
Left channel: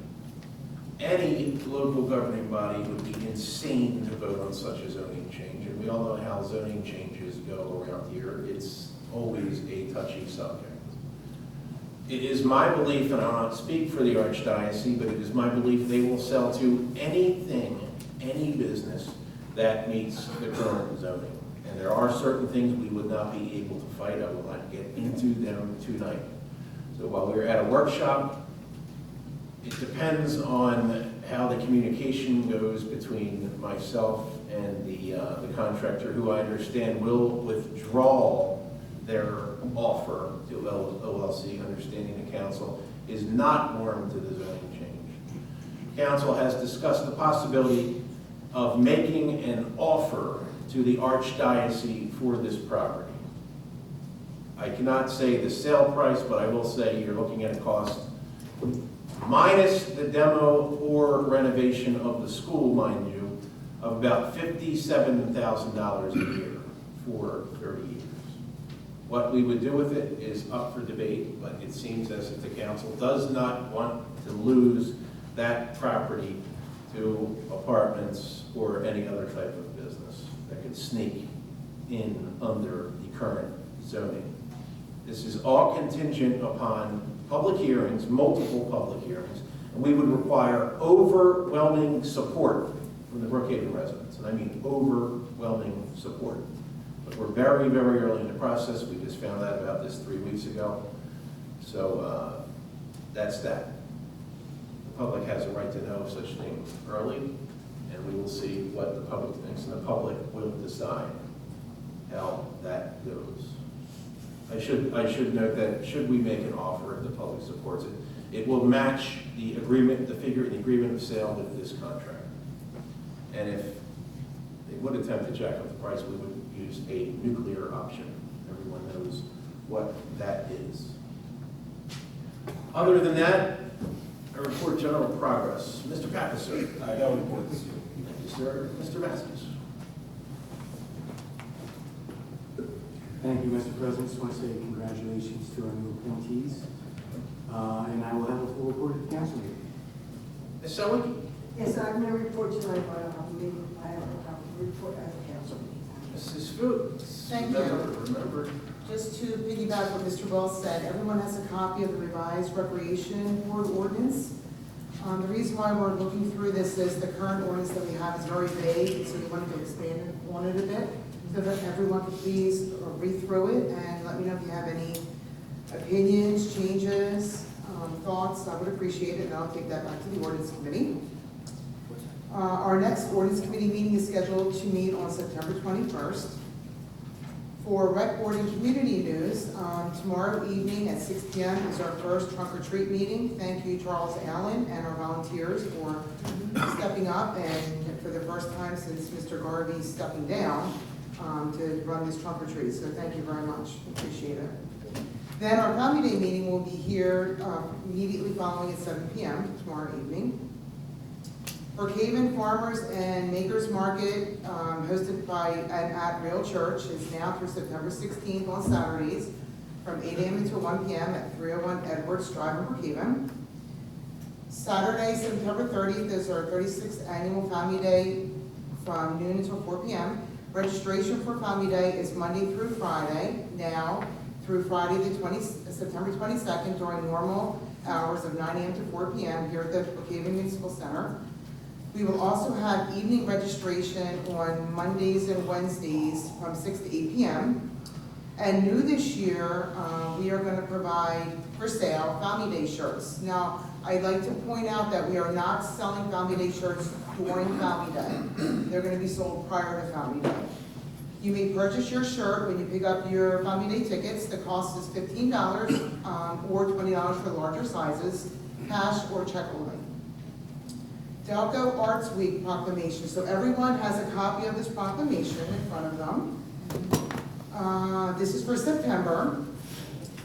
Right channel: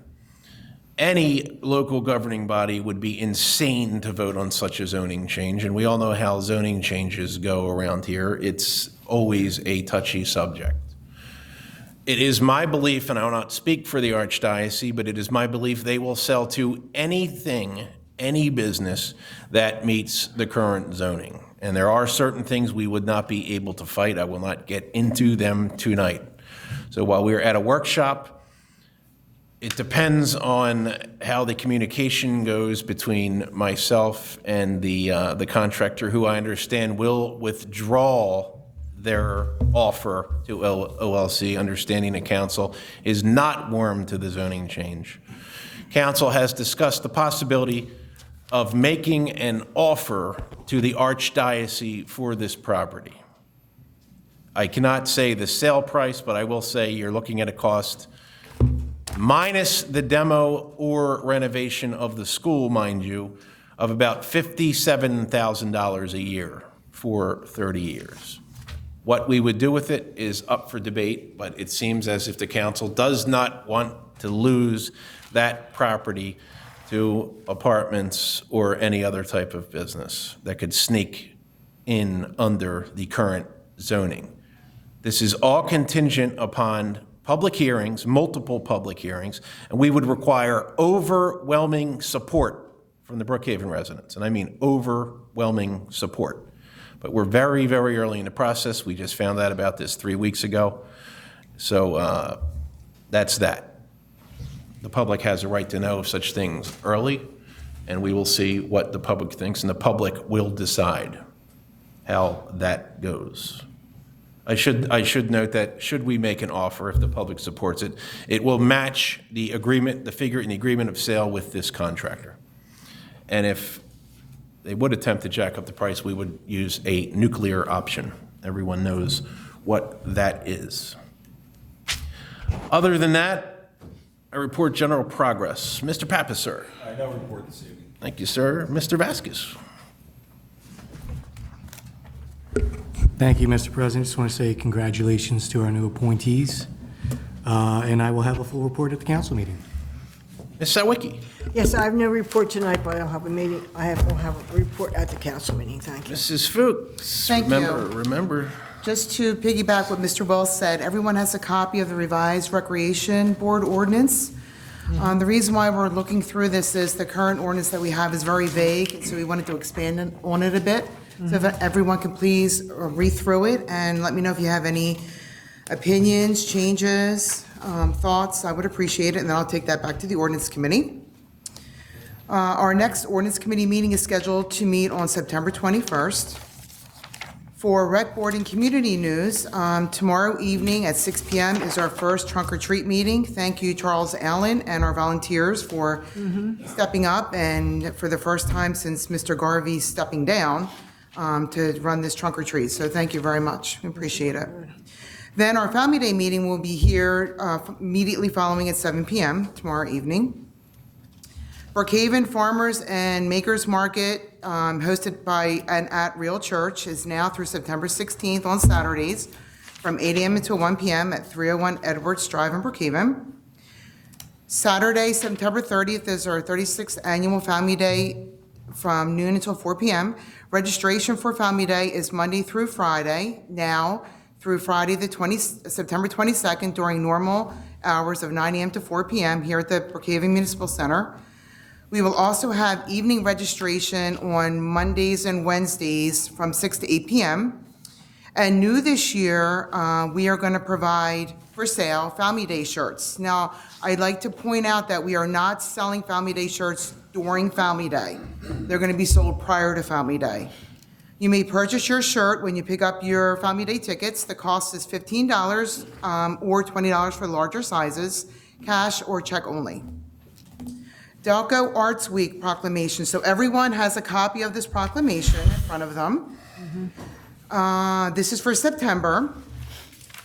Any local governing body would be insane to vote on such a zoning change, and we all know how zoning changes go around here. It's always a touchy subject. It is my belief, and I will not speak for the Archdiocese, but it is my belief they will sell to anything, any business that meets the current zoning. And there are certain things we would not be able to fight. I will not get into them tonight. So while we're at a workshop, it depends on how the communication goes between myself and the contractor, who I understand will withdraw their offer to OLC, understanding the council is not warm to the zoning change. Council has discussed the possibility of making an offer to the Archdiocese for this property. I cannot say the sale price, but I will say you're looking at a cost minus the demo or renovation of the school, mind you, of about $57,000 a year for 30 years. What we would do with it is up for debate, but it seems as if the council does not want to lose that property to apartments or any other type of business that could sneak in under the current zoning. This is all contingent upon public hearings, multiple public hearings, and we would require overwhelming support from the Brookhaven residents, and I mean overwhelming support. But we're very, very early in the process. We just found out about this 3 weeks ago. So that's that. The public has a right to know such things early, and we will see what the public thinks, and the public will decide how that goes. I should note that should we make an offer, if the public supports it, it will match the agreement, the figure in the agreement of sale with this contractor. And if they would attempt to jack up the price, we would use a nuclear option. Everyone knows what that is. Other than that, I report general progress. Mr. Pappas, sir. I don't report this evening. Thank you, sir. Mr. Vasquez. Thank you, Mr. President. Just want to say congratulations to our new appointees, and I will have a full report at the council meeting. Ms. Sawicki. Yes, I have no report tonight, but I'll have a meeting, will have a report at the council meeting, thank you. Mrs. Fuchs. Thank you. Remember. Just to piggyback what Mr. Wells said, everyone has a copy of the revised Recreation Board ordinance. The reason why we're looking through this is the current ordinance that we have is very vague, so we wanted to expand on it a bit. So if everyone could please read through it and let me know if you have any opinions, changes, thoughts, I would appreciate it, and then I'll take that back to the ordinance committee. Our next ordinance committee meeting is scheduled to meet on September 21st. For Rec Board and Community News, tomorrow evening at 6 p.m. is our first trunk or treat meeting. Thank you, Charles Allen, and our volunteers for stepping up and for the first time since Mr. Garvey stepping down to run this trunk or treat. So thank you very much. We appreciate it. Then our Family Day meeting will be here immediately following at 7 p.m. tomorrow evening. Brookhaven Farmers and Makers Market, hosted by and at Real Church, is now through September 16th on Saturdays from 8 a.m. until 1 p.m. at 301 Edwards Drive in Brookhaven. Saturday, September 30th is our 36th annual Family Day from noon until 4 p.m. Registration for Family Day is Monday through Friday, now through Friday September 22nd during normal hours of 9 a.m. to 4 p.m. here at the Brookhaven Municipal Center. We will also have evening registration on Mondays and Wednesdays from 6 to 8 p.m. And new this year, we are going to provide for sale Family Day shirts. Now, I'd like to point out that we are not selling Family Day shirts during Family Day. They're going to be sold prior to Family Day. You may purchase your shirt when you pick up your Family Day tickets. The cost is $15 or $20 for larger sizes, cash or check only. Delco Arts Week proclamation. So everyone has a copy of this proclamation in front of them. This is for September.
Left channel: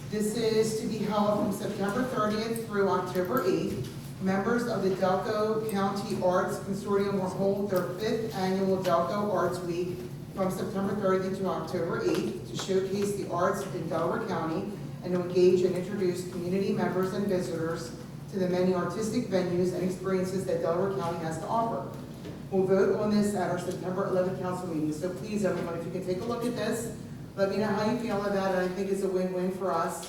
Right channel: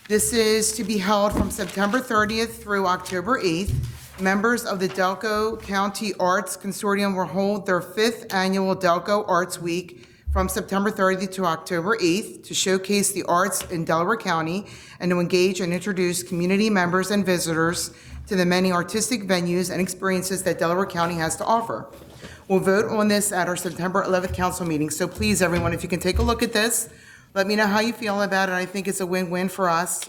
This is to be held from September 30th through October 8th. Members of the Delco County Arts Consortium will hold their 5th annual Delco Arts Week from September 30th to October 8th to showcase the arts in Delaware County and to engage and introduce community members and visitors to the many artistic venues and experiences that Delaware County has to offer. We'll vote on this at our September 11th council meeting. So please, everyone, if you can take a look at this, let me know how you feel about it. I think it's a win-win for us.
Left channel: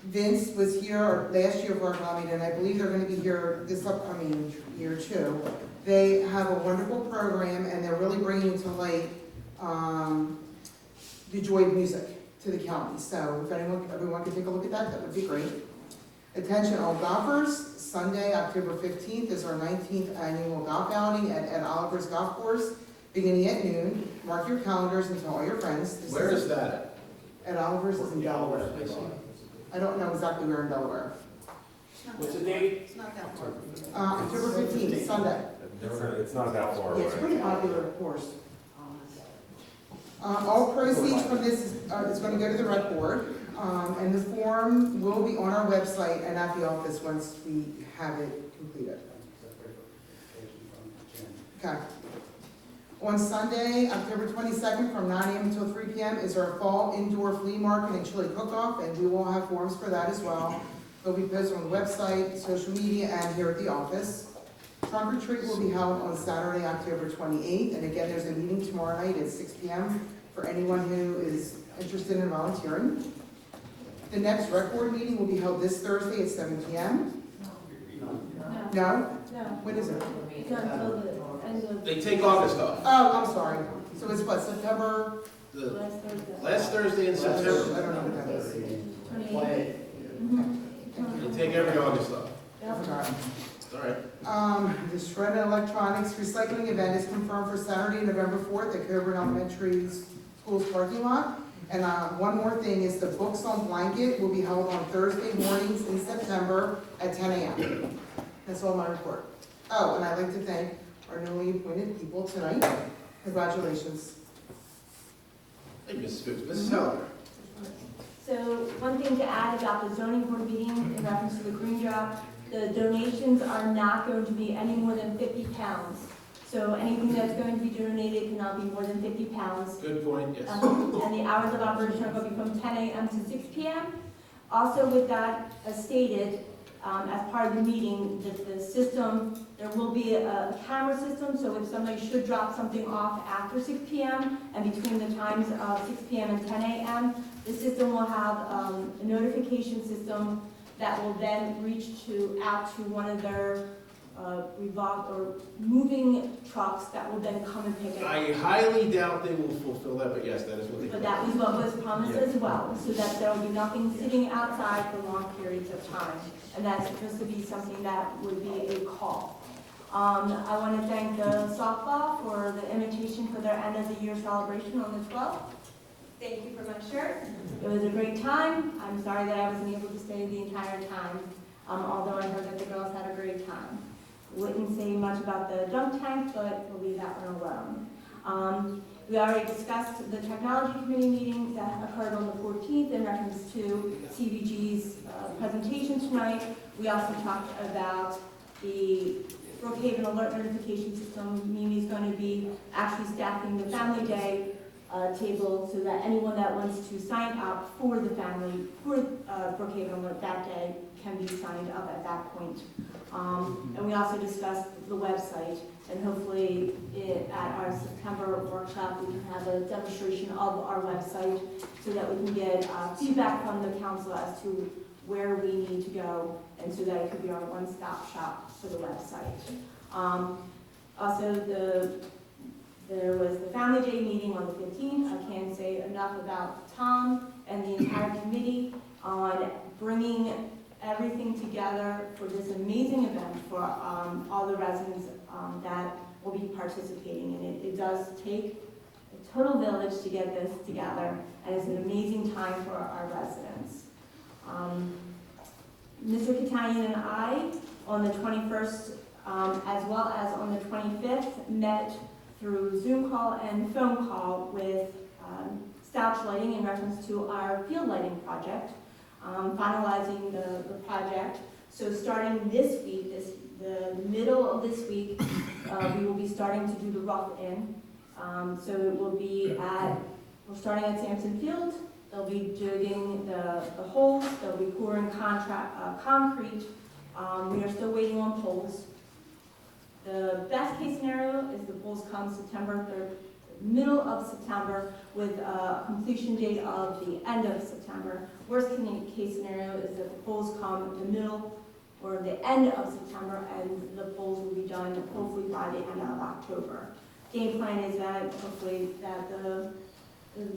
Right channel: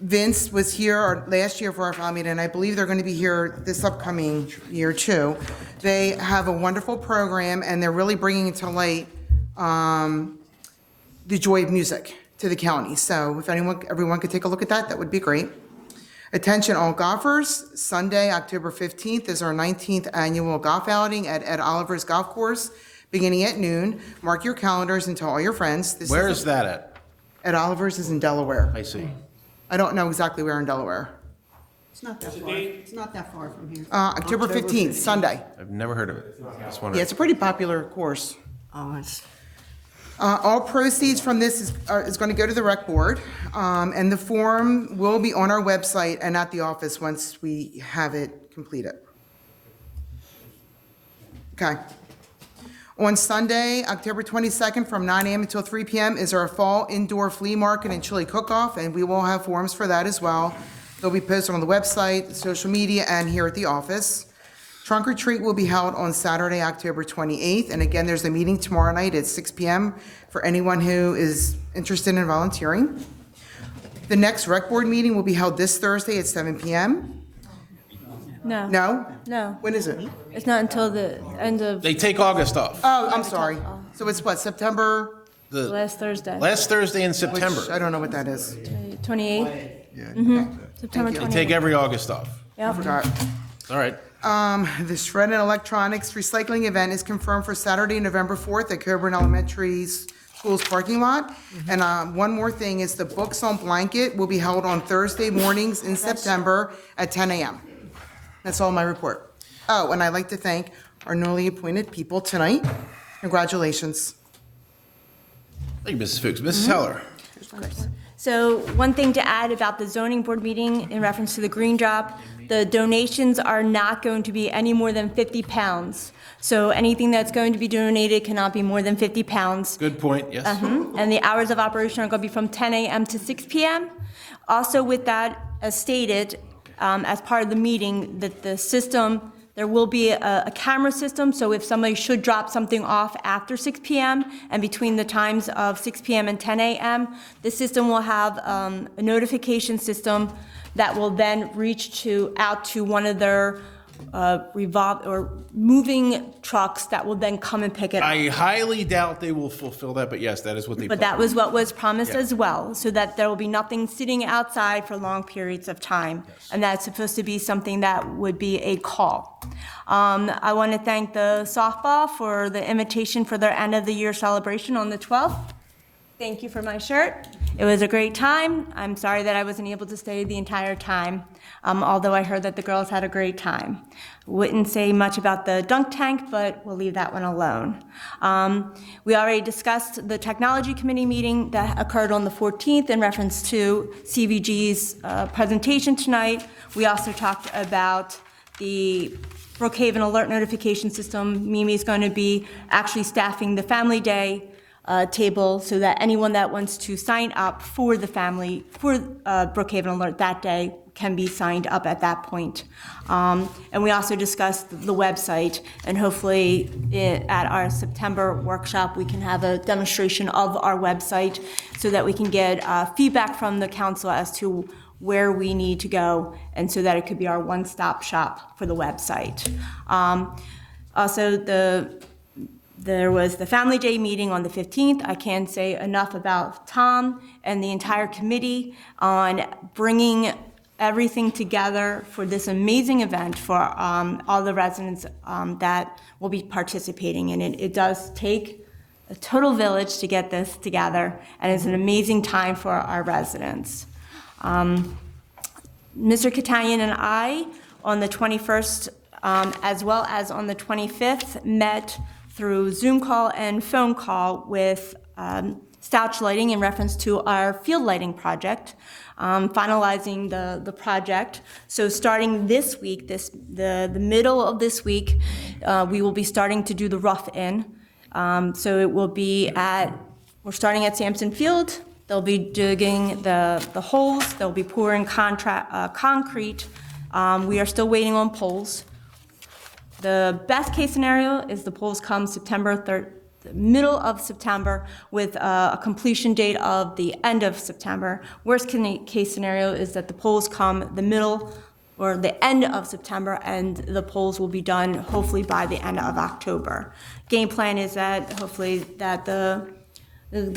Vince was here last year for our family, and I believe they're going to be here this upcoming year too. They have a wonderful program, and they're really bringing to light the joy of music to the county. So if everyone could take a look at that, that would be great. Attention all golfers, Sunday, October 15th is our 19th annual golf outing at Ed Oliver's Golf Course, beginning at noon. Mark your calendars and tell all your friends. Where is that at? Ed Oliver's is in Delaware. I see. I don't know exactly where in Delaware. It's not that far, it's not that far from here. October 15th, Sunday. I've never heard of it. Yeah, it's a pretty popular course. Oh, it's, All proceeds from this is going to go to the rec board, and the form will be on our website and at the office once we have it completed. Okay. On Sunday, October 22nd, from 9 a.m. until 3 p.m. is our fall indoor flea market and chili cook-off, and we will have forms for that as well. They'll be posted on the website, social media, and here at the office. Trunk or treat will be held on Saturday, October 28th, and again, there's a meeting tomorrow night at 6 p.m. for anyone who is interested in volunteering. The next rec board meeting will be held this Thursday at 7 p.m. No. No? No, When is it? it's not until the end of They take August off. Oh, I'm sorry. So it's what, September? The last Thursday, last Thursday in Which, September. I don't know what that is. 28th, Okay. September Thank you. 28th. Take every August off. I Yep. forgot. All right. The Shred and Electronics Recycling Event is confirmed for Saturday, November 4th at Coburn Elementary School's parking lot. And one more thing is the Books on Blanket will be held on Thursday mornings in September at 10 a.m. That's all my report. Oh, and I'd like to thank our newly appointed people tonight. Congratulations. Thank you, Mrs. Fuchs. Mrs. Heller. So one thing to add about the zoning board meeting in reference to the green drop, the donations are not going to be any more than 50 pounds. So anything that's going to be donated cannot be more than 50 pounds. Good point, yes. And the hours of operation are going to be from 10 a.m. to 6 p.m. Also with that, as stated, as part of the meeting, that the system, there will be a camera system, so if somebody should drop something off after 6 p.m. and between the times of 6 p.m. and 10 a.m., the system will have a notification system that will then reach out to one of their moving trucks that will then come and pick it up. I highly doubt they will fulfill that, but yes, that is what they. But that was what was promised Yeah. as well, so that there will be nothing sitting outside for long periods of time. And that's supposed to be something that would be a call. I want to thank the softball for the invitation for their end of the year celebration on the 12th. Thank you for my shirt. It was a great time. I'm sorry that I wasn't able to stay the entire time, although I heard that the girls had a great time. Wouldn't say much about the dunk tank, but we'll leave that one alone. We already discussed the technology committee meeting that occurred on the 14th in reference to CVG's presentation tonight. We also talked about the Brookhaven alert notification system. Mimi's going to be actually staffing the Family Day table so that anyone that wants to sign up for Brookhaven alert that day can be signed up at that point. And we also discussed the website, and hopefully at our September workshop, we can have a demonstration of our website so that we can get feedback from the council as to where we need to go, and so that it could be our one-stop shop for the website. Also, there was the Family Day meeting on the 15th. I can't say enough about Tom and the entire committee on bringing everything together for this amazing event for all the residents that will be participating in it. It does take a total village to get this together, and it's an amazing time for our residents. Mr. Catanian and I, on the 21st, as well as on the 25th, met through Zoom call and phone call with Stouch Lighting in reference to our field lighting project, finalizing the project. So starting this week, the middle of this week, we will be starting to do the rough-in. So it will be we're starting at Sampson Field. They'll be digging the holes. They'll be pouring concrete. We are still waiting on poles. The best case scenario is the poles come September 3rd, the middle of September, with a completion date of the end of September. Worst case scenario is that the poles come the middle or the end of September, and the poles will be done hopefully by the end of October. Game plan is that hopefully that the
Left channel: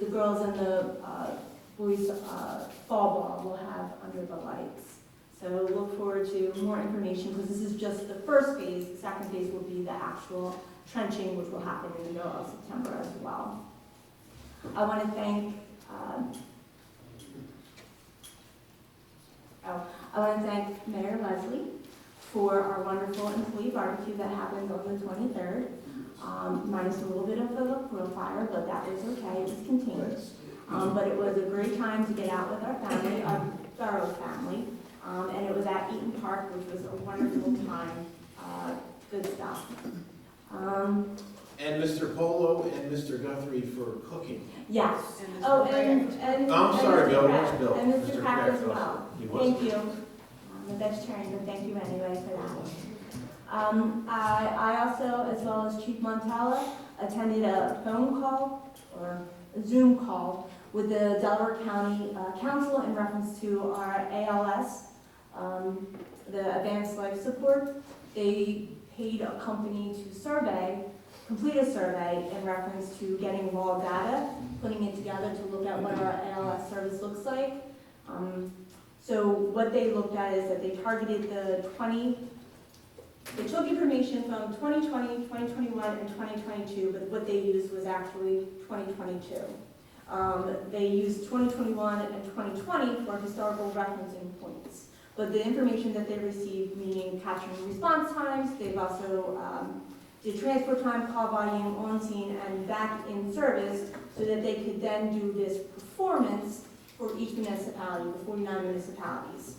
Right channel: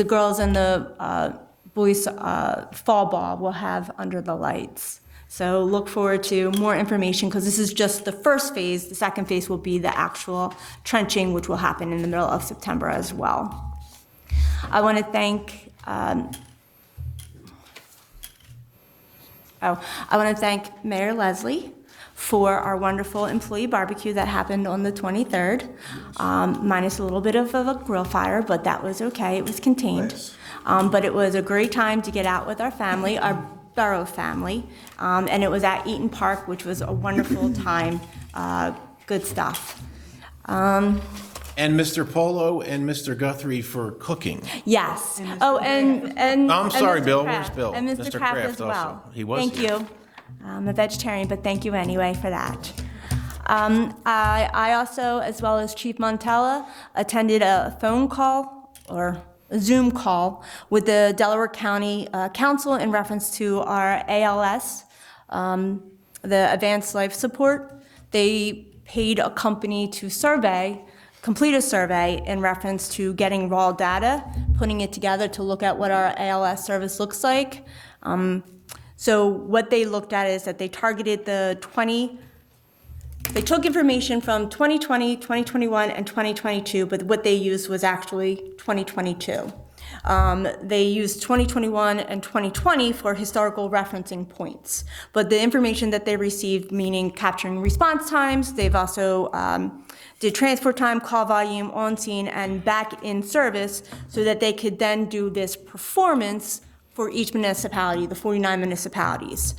girls and the boys fall ball will have under the lights. So look forward to more information, because this is just the first phase. The second phase will be the actual trenching, which will happen in the middle of September as well. I want to thank Mayor Leslie for our wonderful employee barbecue that happened on the 23rd, minus a little bit of a grill fire, but that was okay. It was contained. Nice. But it was a great time to get out with our family, our Borough family, and it was at Eaton Park, which was a wonderful time. Good stuff. And Mr. Polo and Mr. Guthrie for cooking. Yes. Oh, and I'm sorry, Mr. Bill. Kraft. Where's Bill? And Mr. Kraft as also. well. He was. Thank you. I'm a vegetarian, but thank you anyway for that. I also, as well as Chief Montella, attended a phone call or a Zoom call with the Delaware County Council in reference to our ALS, the Advanced Life Support. They paid a company to complete a survey in reference to getting raw data, putting it together to look at what our ALS service looks like. So what they looked at is that they targeted they took information from 2020, 2021, and 2022, but what they used was actually 2022. They used 2021 and 2020 for historical referencing points. But the information that they received, meaning capturing response times, they've also did transport time, call volume, on scene, and back in service, so that they could then do this performance for each municipality, the 49 municipalities,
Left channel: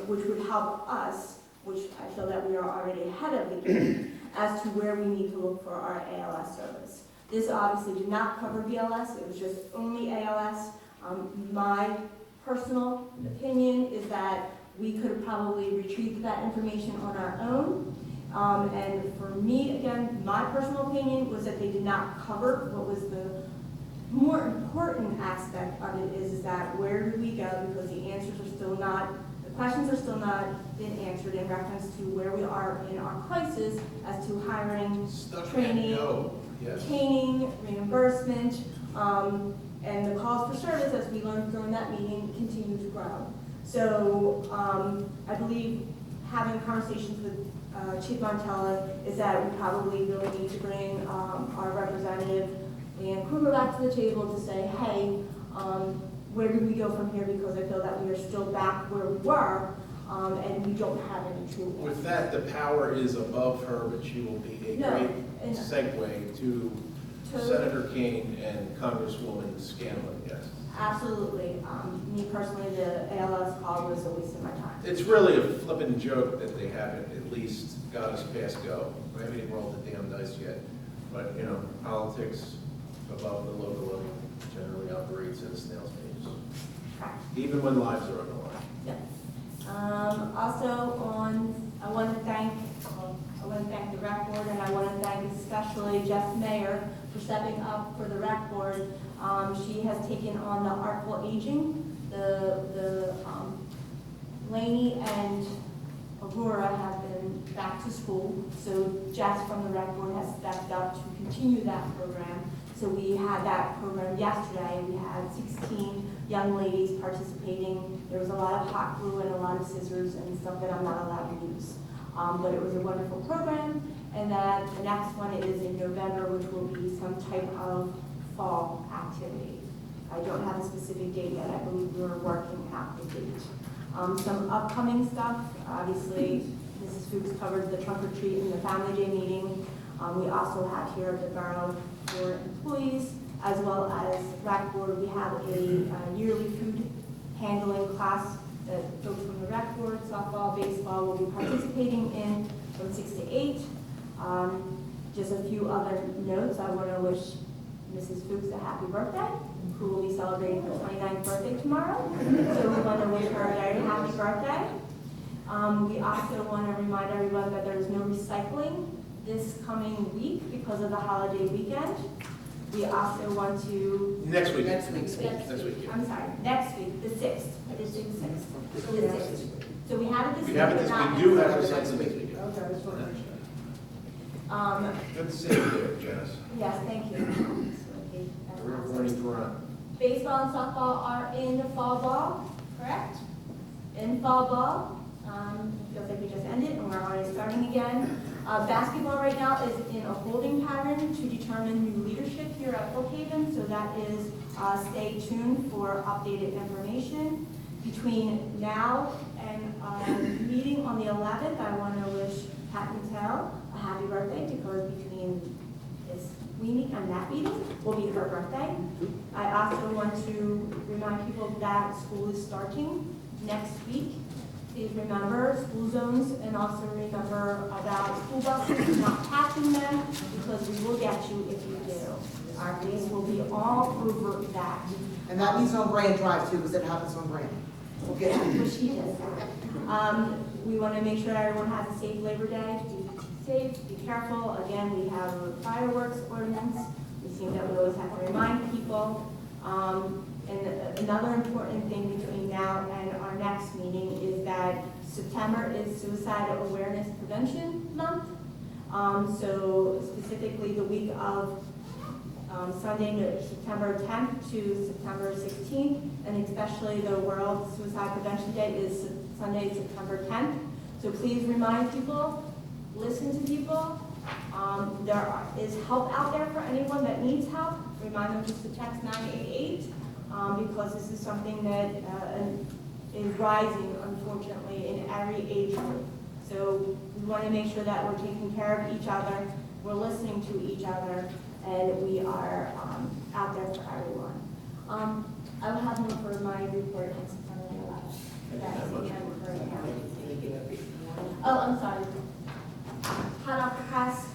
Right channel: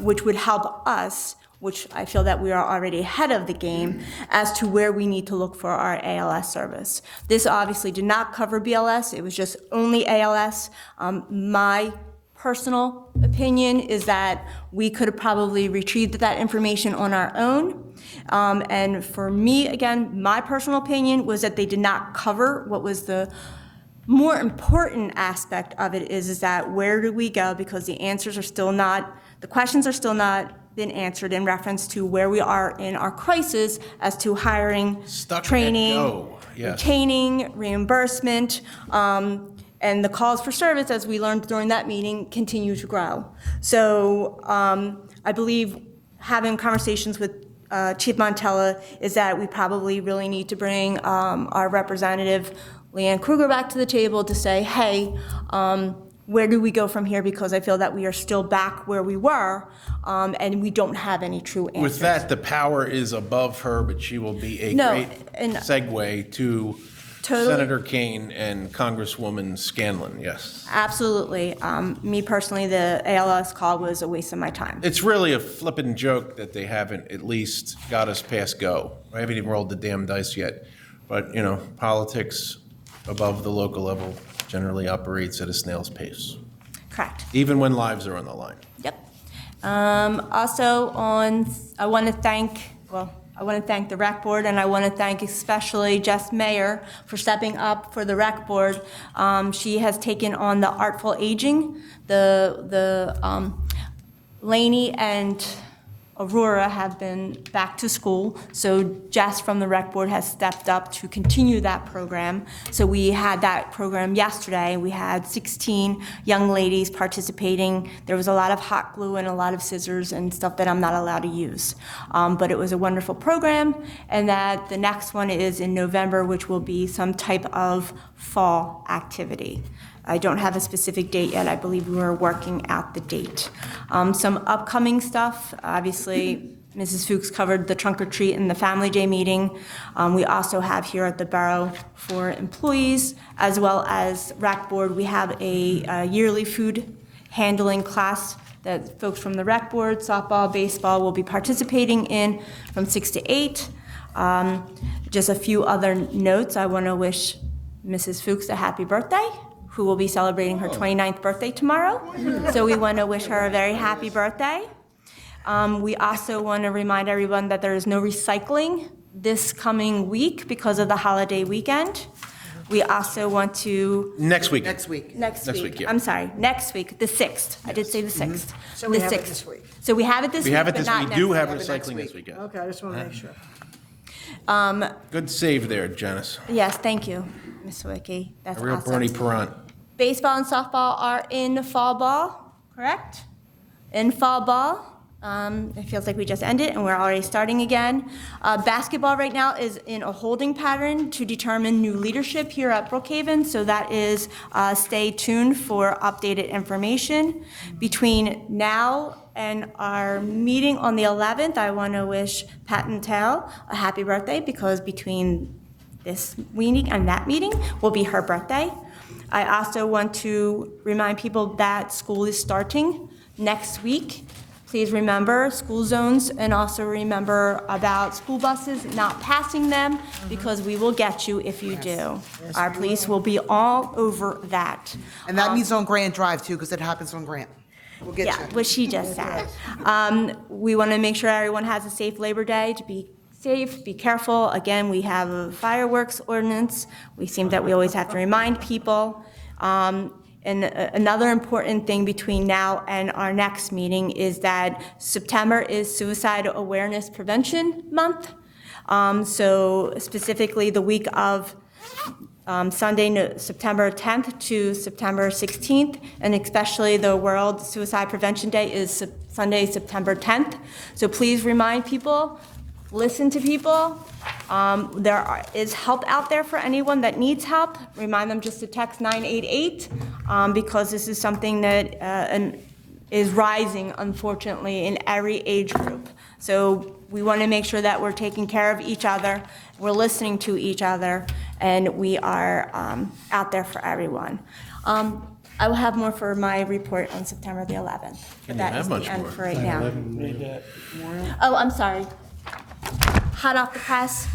which would help us, which I feel that we are already ahead of the game, as to where we need to look for our ALS service. This obviously did not cover BLS, it was just only ALS. My personal opinion is that we could have probably retrieved that information on our own. And for me, again, my personal opinion was that they did not cover what was the more important aspect of it is that where do we go, because the answers are still not, the questions are still not been answered in reference to where we are in our crisis as to hiring, training, retaining, reimbursement, and the calls for service, as we learned during that meeting, continue to grow. So I believe having conversations with Chief Montella is that we probably really need to bring our representative, Leanne Kruger, back to the table to say, hey, where do we go from here? Because I feel that we are still back where we were, and we don't have any true answers. With that, the power is above her, but she will be a great segue to Senator Kane and Congresswoman Scanlon, yes. Absolutely. Me personally, the ALS call was a waste of my time. It's really a flippin' joke that they haven't at least got us past go. I haven't even rolled the damn dice yet. But, you know, politics above the local level generally operates at a snail's pace. Correct. Even when lives are on the line. Yep. Also I want to thank the rec board, and I want to thank especially Jess Mayer for stepping up for the rec board. She has taken on the artful aging. Laney and Aurora have been back to school, so Jess from the rec board has stepped up to continue that program. So we had that program yesterday. We had 16 young ladies participating. There was a lot of hot glue and a lot of scissors and stuff that I'm not allowed to use. But it was a wonderful program, and that the next one is in November, which will be some type of fall activity. I don't have a specific date yet. I believe we were working out the date. Some upcoming stuff, obviously, Mrs. Fuchs covered the trunk or treat and the Family Day meeting. We also have here at the Borough for employees, as well as rec board, we have a yearly food handling class that folks from the rec board, softball, baseball will be participating in from 6 to 8. Just a few other notes. I want to wish Mrs. Fuchs a happy birthday, who will be celebrating her 29th birthday tomorrow. So we want to wish her a very happy birthday. We also want to remind everyone that there is no recycling this coming week because of the holiday weekend. We also want to... Next week. Next week, yeah. I'm sorry, next week, the 6th. I did say the 6th. So we have it this week. So we have it this week, We have it but this, not we do have next week. recycling this weekend. Okay, I just want to make sure. Good save there, Janice. Yes, thank you, Ms. Wicki. That's A real awesome. Bernie Perrant. Baseball and softball are in fall ball, correct? In fall ball. It feels like we just ended and we're already starting again. Basketball right now is in a holding pattern to determine new leadership here at Brookhaven, so that is, stay tuned for updated information. Between now and our meeting on the 11th, I want to wish Pat and Tal a happy birthday, because between this meeting and that meeting will be her birthday. I also want to remind people that school is starting next week. Please remember school zones, and also remember about school buses not passing them, because we will get you if you do. Our police will be all over that. And that means on Grand Drive too, because it happens on Grand. We'll get Yeah, you. what she just said. We want to make sure everyone has a safe Labor Day, to be safe, be careful. Again, we have a fireworks ordinance. We seem that we always have to remind people. And another important thing between now and our next meeting is that September is Suicide Awareness Prevention Month. So specifically the week of Sunday, September 10th to September 16th, and especially the World Suicide Prevention Day is Sunday, September 10th. So please remind people, listen to people. There is help out there for anyone that needs help. Remind them just to text 988, because this is something that is rising, unfortunately, in every age group. So we want to make sure that we're taking care of each other, we're listening to each other, and we are out there for everyone. I will have more for my report on September the 11th. Can you That have is much the end more? for right now. Oh, I'm sorry. Hot off the press,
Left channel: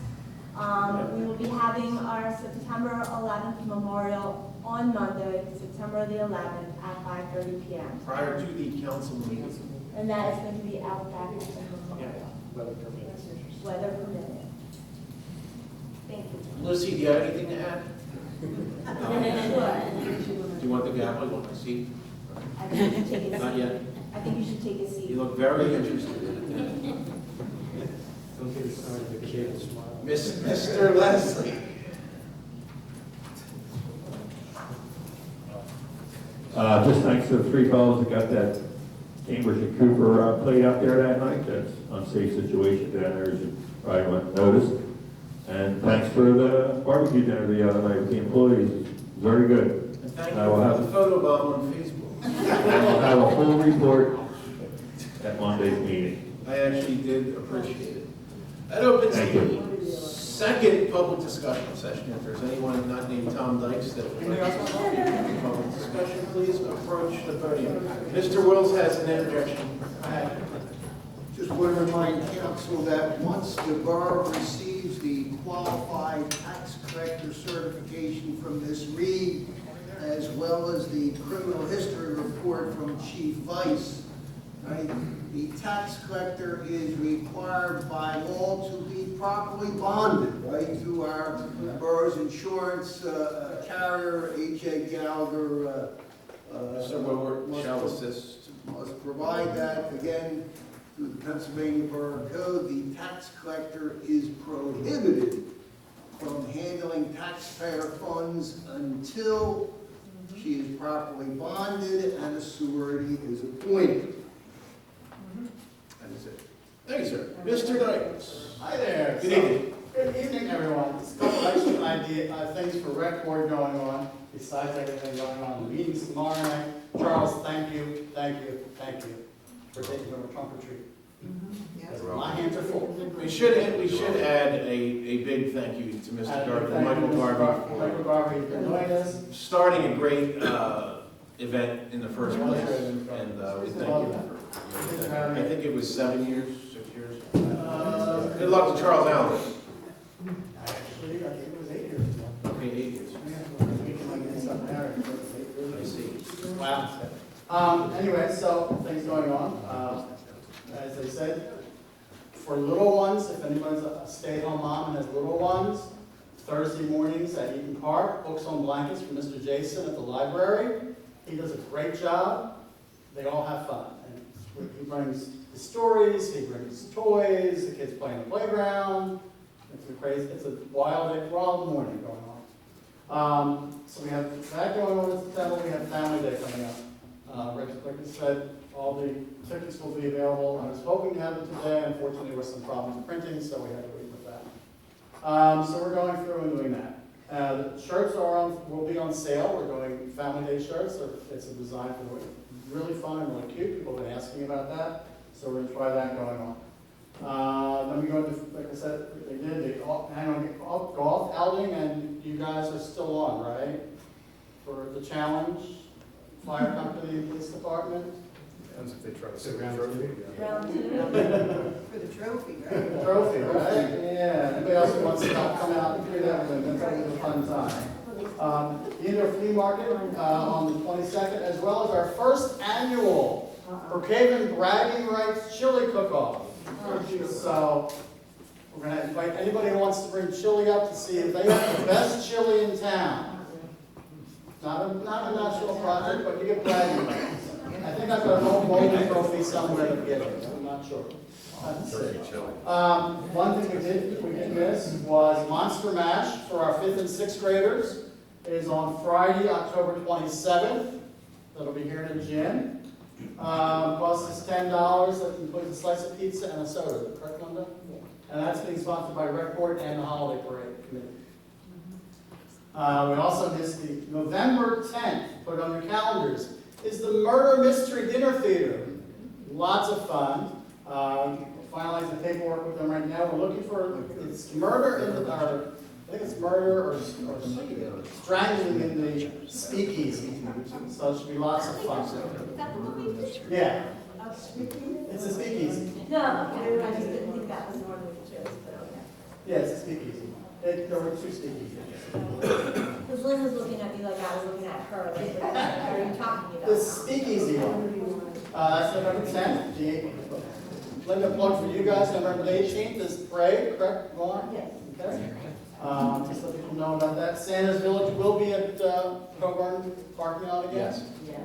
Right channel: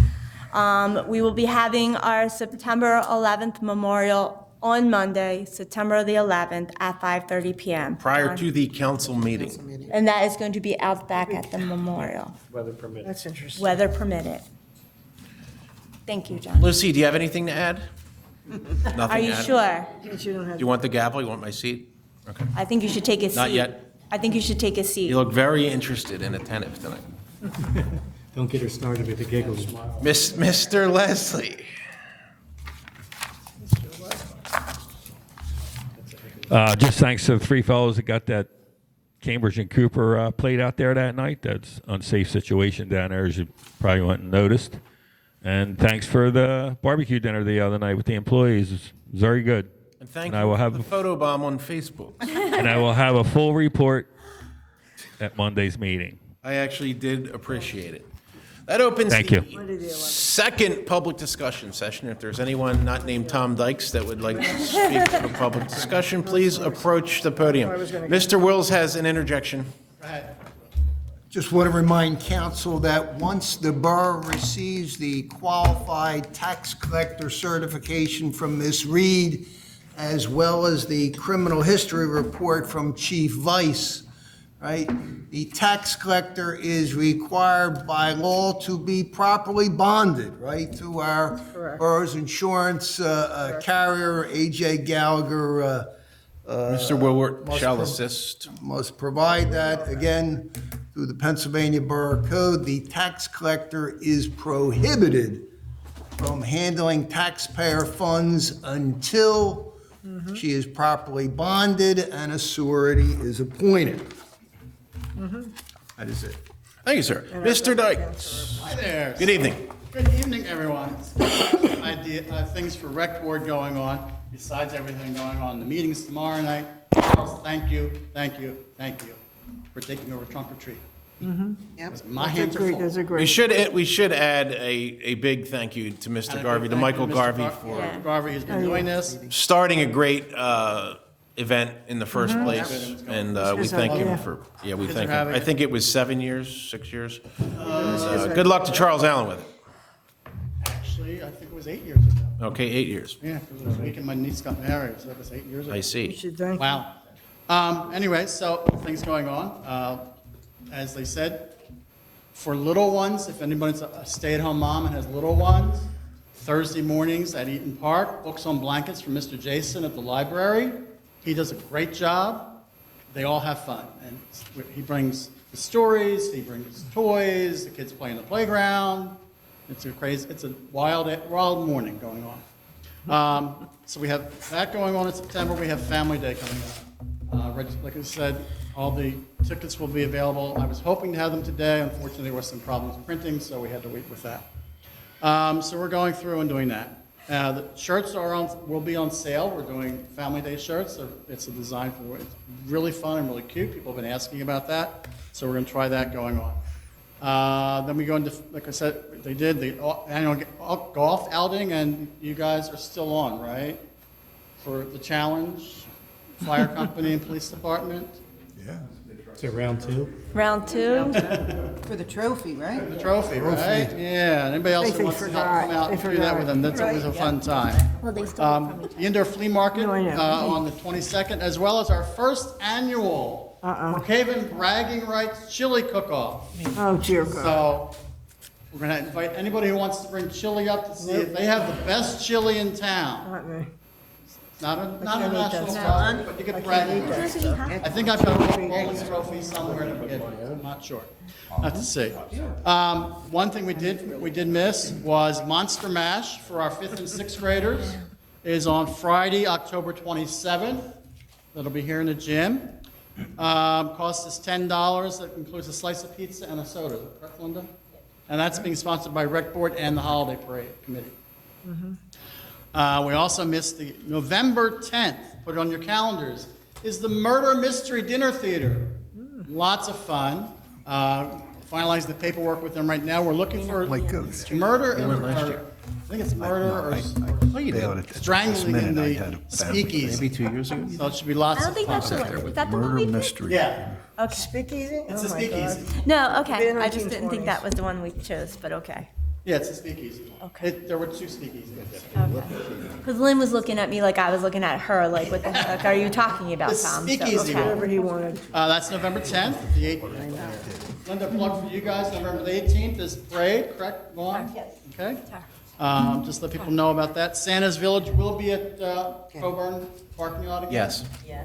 we will be having our September 11th memorial on Monday, September the 11th at 5:30 PM. Prior to the council meeting. And that is going to be out back at the memorial, Weather permitting. That's interesting. weather permitted. Thank you, John. Lucy, do you have anything to add? Are Nothing you to add? sure? But you don't Do have- you want the gavel? You want my seat? Okay. I think you should take a seat. Not yet. I think you should take a seat. You look very interested and attentive tonight. Don't get her started with the giggles. Mr. Leslie. Just thanks to the three fellows that got that Cambridge and Cooper played out there that night. That's unsafe situation down there, as you probably went and noticed. And thanks for the barbecue dinner the other night with the employees. It's very good. Thank And I you will for have the photo bomb on Facebook. And I will have a full report at Monday's meeting. I actually did appreciate it. That opens Thank you. the second public discussion session. If there's anyone not named Tom Dykes that would like to speak in a public discussion, please approach the podium. Mr. Wills has an interjection. Just want to remind council that once the borough receives the qualified tax collector certification from Ms. Reed, as well as the criminal history report from Chief Vice, right? The tax collector is required by law to be properly bonded, right, to our borough's insurance carrier, A.J. Gallagher. Mr. Woodward shall assist. Must provide that, again, through the Pennsylvania Borough Code. The tax collector is prohibited from handling taxpayer funds until she is properly bonded and a surety is appointed. That is it. Thank you, sir. Mr. Dykes. Hi there. Good evening. Good evening, everyone. Things for rec board going on, besides everything going on. The meeting's tomorrow night. Charles, thank you for taking over trunk or treat. Yep. My hands are full. Those are great. We should add a big thank you to Mr. Garvey, to Michael Garvey, Michael Garvey has been doing this. starting a great event in the first place, and we thank you for, we thank you. I think it was 7 years, 6 years. And, good luck to Charles Allen. Actually, I think it was 8 years ago. Okay, 8 years. Yeah, it was the weekend my niece got married, so it was 8 years ago. I see. Wow. Anyway, so things going on. As they said, for little ones, if anybody's a stay-at-home mom and has little ones, Thursday mornings at Eaton Park, books on blankets from Mr. Jason at the library. He does a great job. They all have fun. And he brings the stories, he brings toys, the kids play in the playground. It's a wild morning going on. So we have that going on in September. We have Family Day coming up. Like I said, all the tickets will be available. I was hoping to have them today. Unfortunately, there were some problems with printing, so we had to wait with that. So we're going through and doing that. The shirts will be on sale. We're doing Family Day shirts. It's a design for it's really fun and really cute. People have been asking about that, so we're going to try that going on. Then we go into, like I said, they did the annual golf outing, and you guys are still on, right? For the challenge, fire company and police department. Is it round two? Round two? For the trophy, right? The trophy, right? Yeah, anybody else who wants to come out and do that with them, that's always a fun time. Well, they still The indoor flea market on the 22nd, as well as our first annual Brookhaven Bragging Rights Chili Cook-Off. Oh, dear God. So we're gonna invite anybody who wants to bring chili up to see if they have the best chili in town. Not me. Not a national product, but you get bragging rights. I think I've got a Rolls trophy somewhere to get it. I'm not sure. Have to see. One thing we did miss was Monster Mash for our 5th and 6th graders is on Friday, October 27th. That'll be here in the gym. Costs us $10. That includes a slice of pizza and a soda. Correct, Linda? And that's being sponsored by Rec Board and the Holiday Parade Committee. We also missed the November 10th, put it on your calendars, is the Murder Mystery Dinner Theater. Lots of fun. Finalize the paperwork with them right now. We're looking for murder, I think it's murder or strangling in the speakeasy. Maybe 2 years ago? So it should be I lots don't of think fun. that's the one, is that the one we picked? Yeah, Okay. Speakeasy? it's a Oh, my speakeasy. God. No, okay, Been in I just didn't think 1920s. that was the one we chose, but okay. Yeah, it's a speakeasy. Okay. There were 2 speakeasies. Because Lynn was looking at me like I was looking at her, like, what the heck are you talking about, The Tom? So, speakeasy okay. Whatever you wanted. That's November 10th. Linda, plug for you guys, November the 18th is parade, correct? Go on. Okay. Just let people know about that. Santa's Village will be at Coburn Parking Lot again. Yes.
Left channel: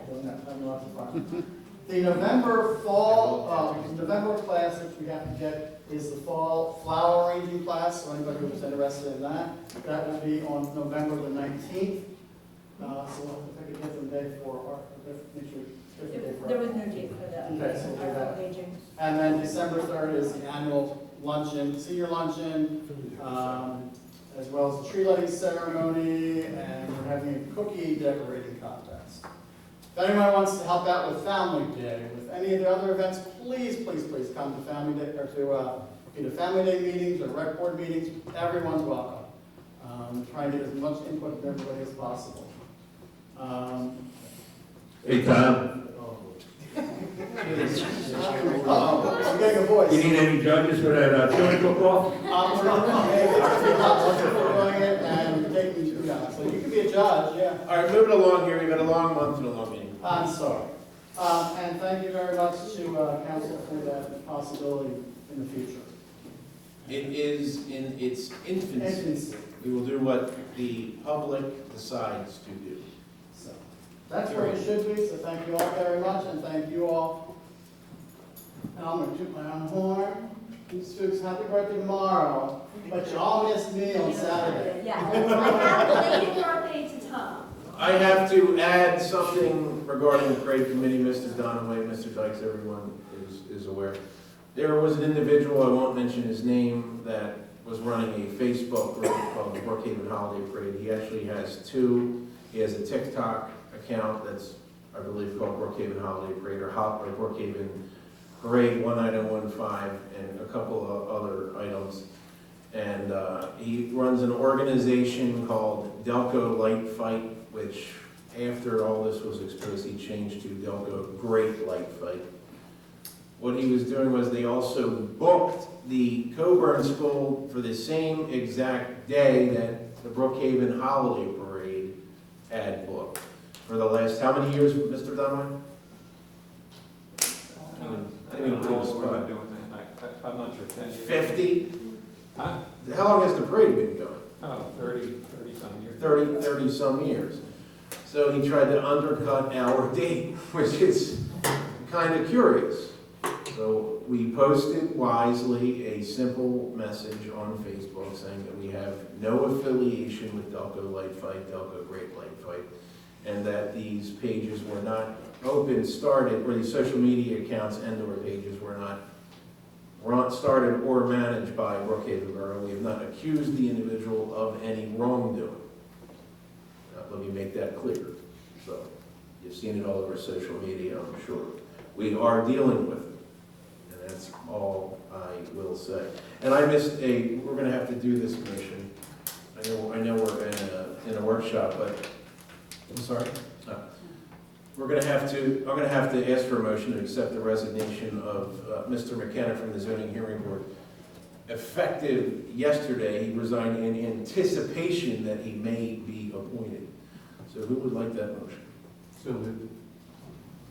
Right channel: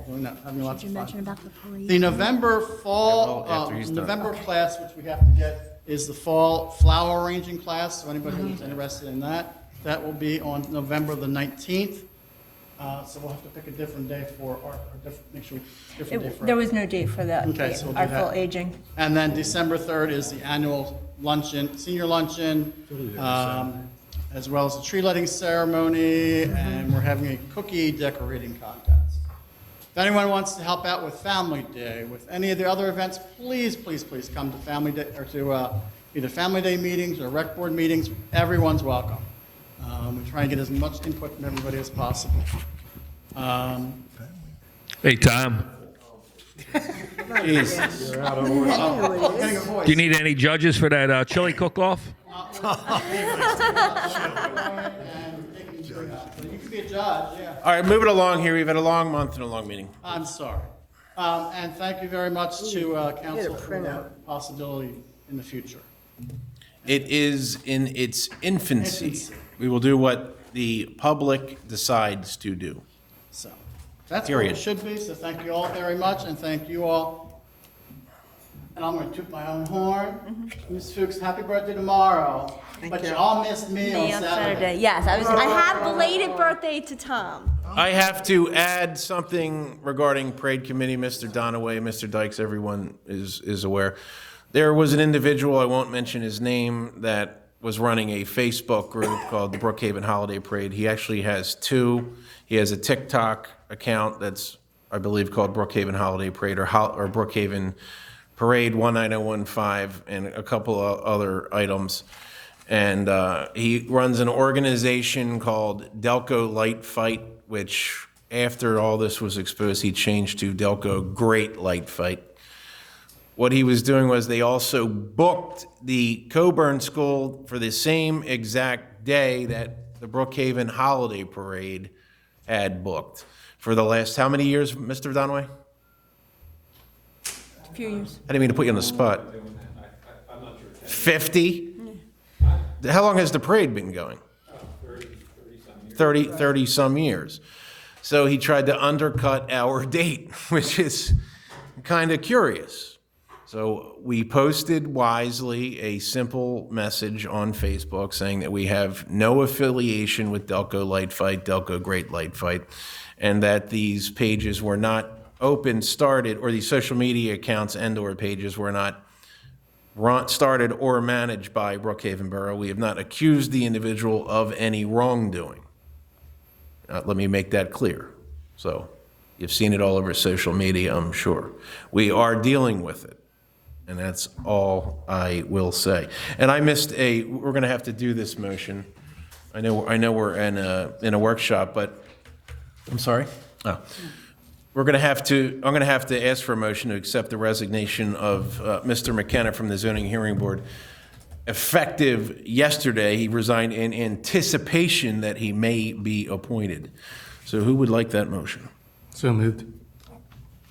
Doing that, having lots of Did you mention about fun. the parade? The November fall, After he's done. November class, which we have to get, is the fall flower arranging class. So anybody who's interested in that, that will be on November the 19th. So we'll have to pick a different day for our, make sure we, different day for There was no date for Okay, so we'll do our that. full aging. And then December 3rd is the annual luncheon, senior luncheon, as well as the tree lighting ceremony, and we're having a cookie decorating contest. If anyone wants to help out with Family Day, with any of the other events, please, please, please come to Family Day, or to either Family Day meetings or rec board meetings. Everyone's welcome. We try and get as much input from everybody as possible. Hey, Tom, Jeez. do you need any judges for that chili cook-off? So you can be a judge, yeah. All right, move it along here. We've had a long month and a long meeting. I'm sorry. And thank you very much to council for the possibility in the future. It is in its infancy. We will do what the public decides to do. So that's what Period. it should be, so thank you all very much, and thank you all. And I'm gonna toot my own horn. Ms. Fuchs, happy birthday tomorrow. But you all missed me Me on on Saturday. Saturday, yes. I have belated birthday to Tom. I have to add something regarding parade committee, Mr. Donaway, Mr. Dykes, everyone is aware. There was an individual, I won't mention his name, that was running a Facebook group called the Brookhaven Holiday Parade. He actually has 2. He has a TikTok account that's, I believe, called Brookhaven Holiday Parade or Brookhaven Parade 19015 and a couple of other items. And he runs an organization called Delco Light Fight, which after all this was exposed, he changed to Delco Great Light Fight. What he was doing was they also booked the Coburn School for the same exact day that the Brookhaven Holiday Parade had booked. For the last, how many years, Mr. Donway? A few years. I didn't mean to put you on the spot. 50? How long has the parade been going? 30 some years. So he tried to undercut our date, which is kind of curious. So we posted wisely a simple message on Facebook saying that we have no affiliation with Delco Light Fight, Delco Great Light Fight, and that these pages were not started, or these social media accounts and/or pages were not started or managed by Brookhaven Borough. We have not accused the individual of any wrongdoing. Let me make that clear. So you've seen it all over social media, I'm sure. We are dealing with it, and that's all I will say. And I missed we're going to have to do this motion. I know we're in a workshop, but I'm sorry. Oh. I'm going to have to ask for a motion to accept the resignation of Mr. McKenna from the Zoning Hearing Board. Effective yesterday, he resigned in anticipation that he may be appointed. So who would like that motion? So moved.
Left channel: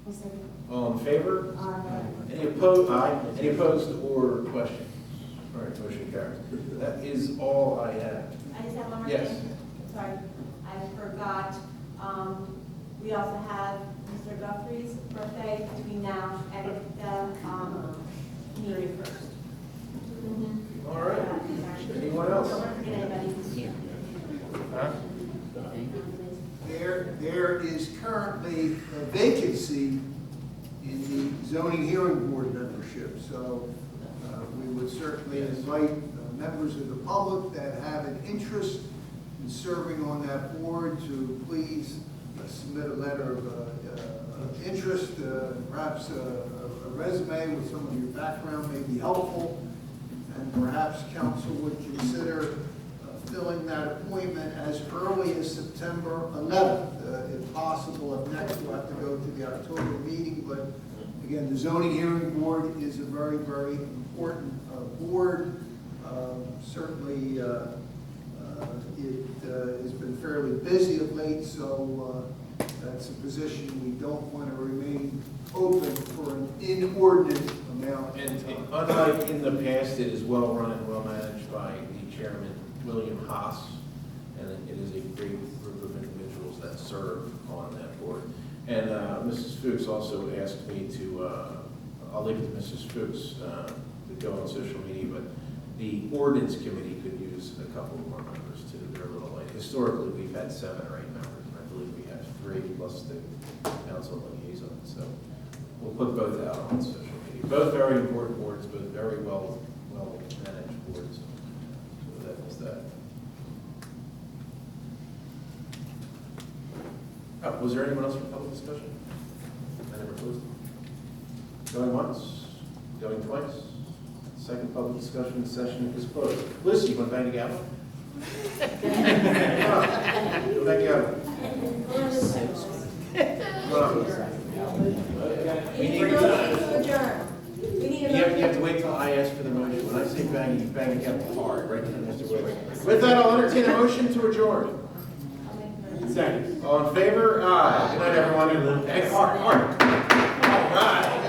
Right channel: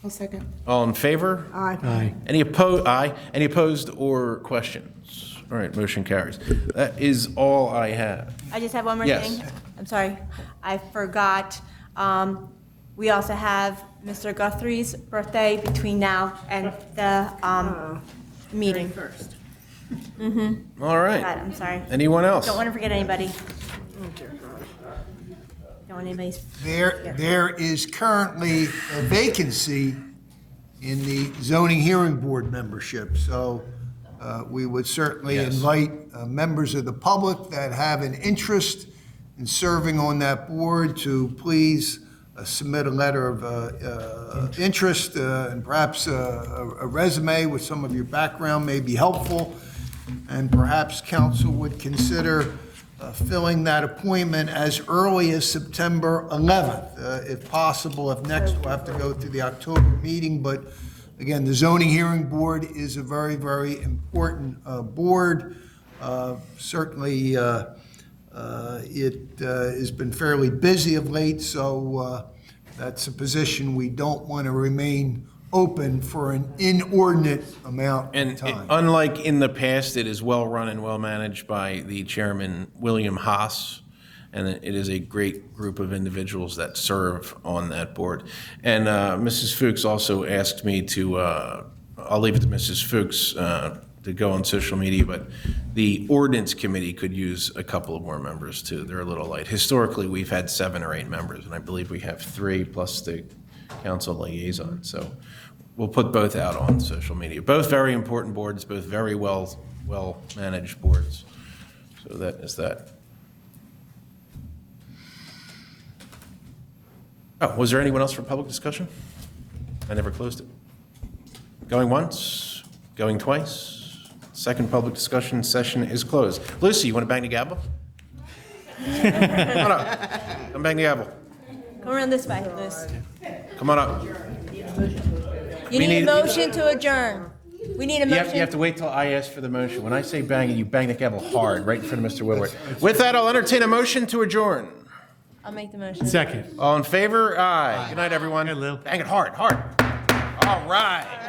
I'll second. All in favor? Aye. Any opposed? Aye. Any opposed or questions? All right, motion carries. That is all I have. I just have one more Yes. thing. I'm sorry, I forgot. We also have Mr. Guthrie's birthday between now and the meeting. All right. I'm sorry. Anyone else? Don't want to forget anybody. Don't want anybody's. There is currently a vacancy in the zoning hearing board membership, so we would certainly invite members of the public that have an interest in serving on that board to please submit a letter of interest, and perhaps a resume with some of your background may be helpful, and perhaps council would consider filling that appointment as early as September 11th, if possible. If next, we'll have to go through the October meeting, but again, the zoning hearing board is a very, very important board. Certainly, it has been fairly busy of late, so that's a position we don't want to remain open for an inordinate amount of And time. unlike in the past, it is well-run and well-managed by the chairman, William Haas, and it is a great group of individuals that serve on that board. And Mrs. Fuchs also asked me to, I'll leave it to Mrs. Fuchs to go on social media, but the ordinance committee could use a couple of more members too. They're a little light. Historically, we've had 7 or 8 members, and I believe we have 3 plus the council liaison. So we'll put both out on social media. Both very important boards, both very well-managed boards. So that is that. Oh, was there anyone else for public discussion? I never closed it. Going once, going twice. Second public discussion session is closed. Lucy, you want to bang the gavel? Come on up. Come bang the gavel. Come around this way, Liz. Come on up. You need a motion to adjourn. We need a You motion. have to wait till I ask for the motion. When I say bang it, you bang the gavel hard, right in front of Mr. Woodward. With that, I'll entertain a motion to adjourn. I'll make the motion. Second. All in favor? Aye. Good night, everyone. Bang hard, hard. All right.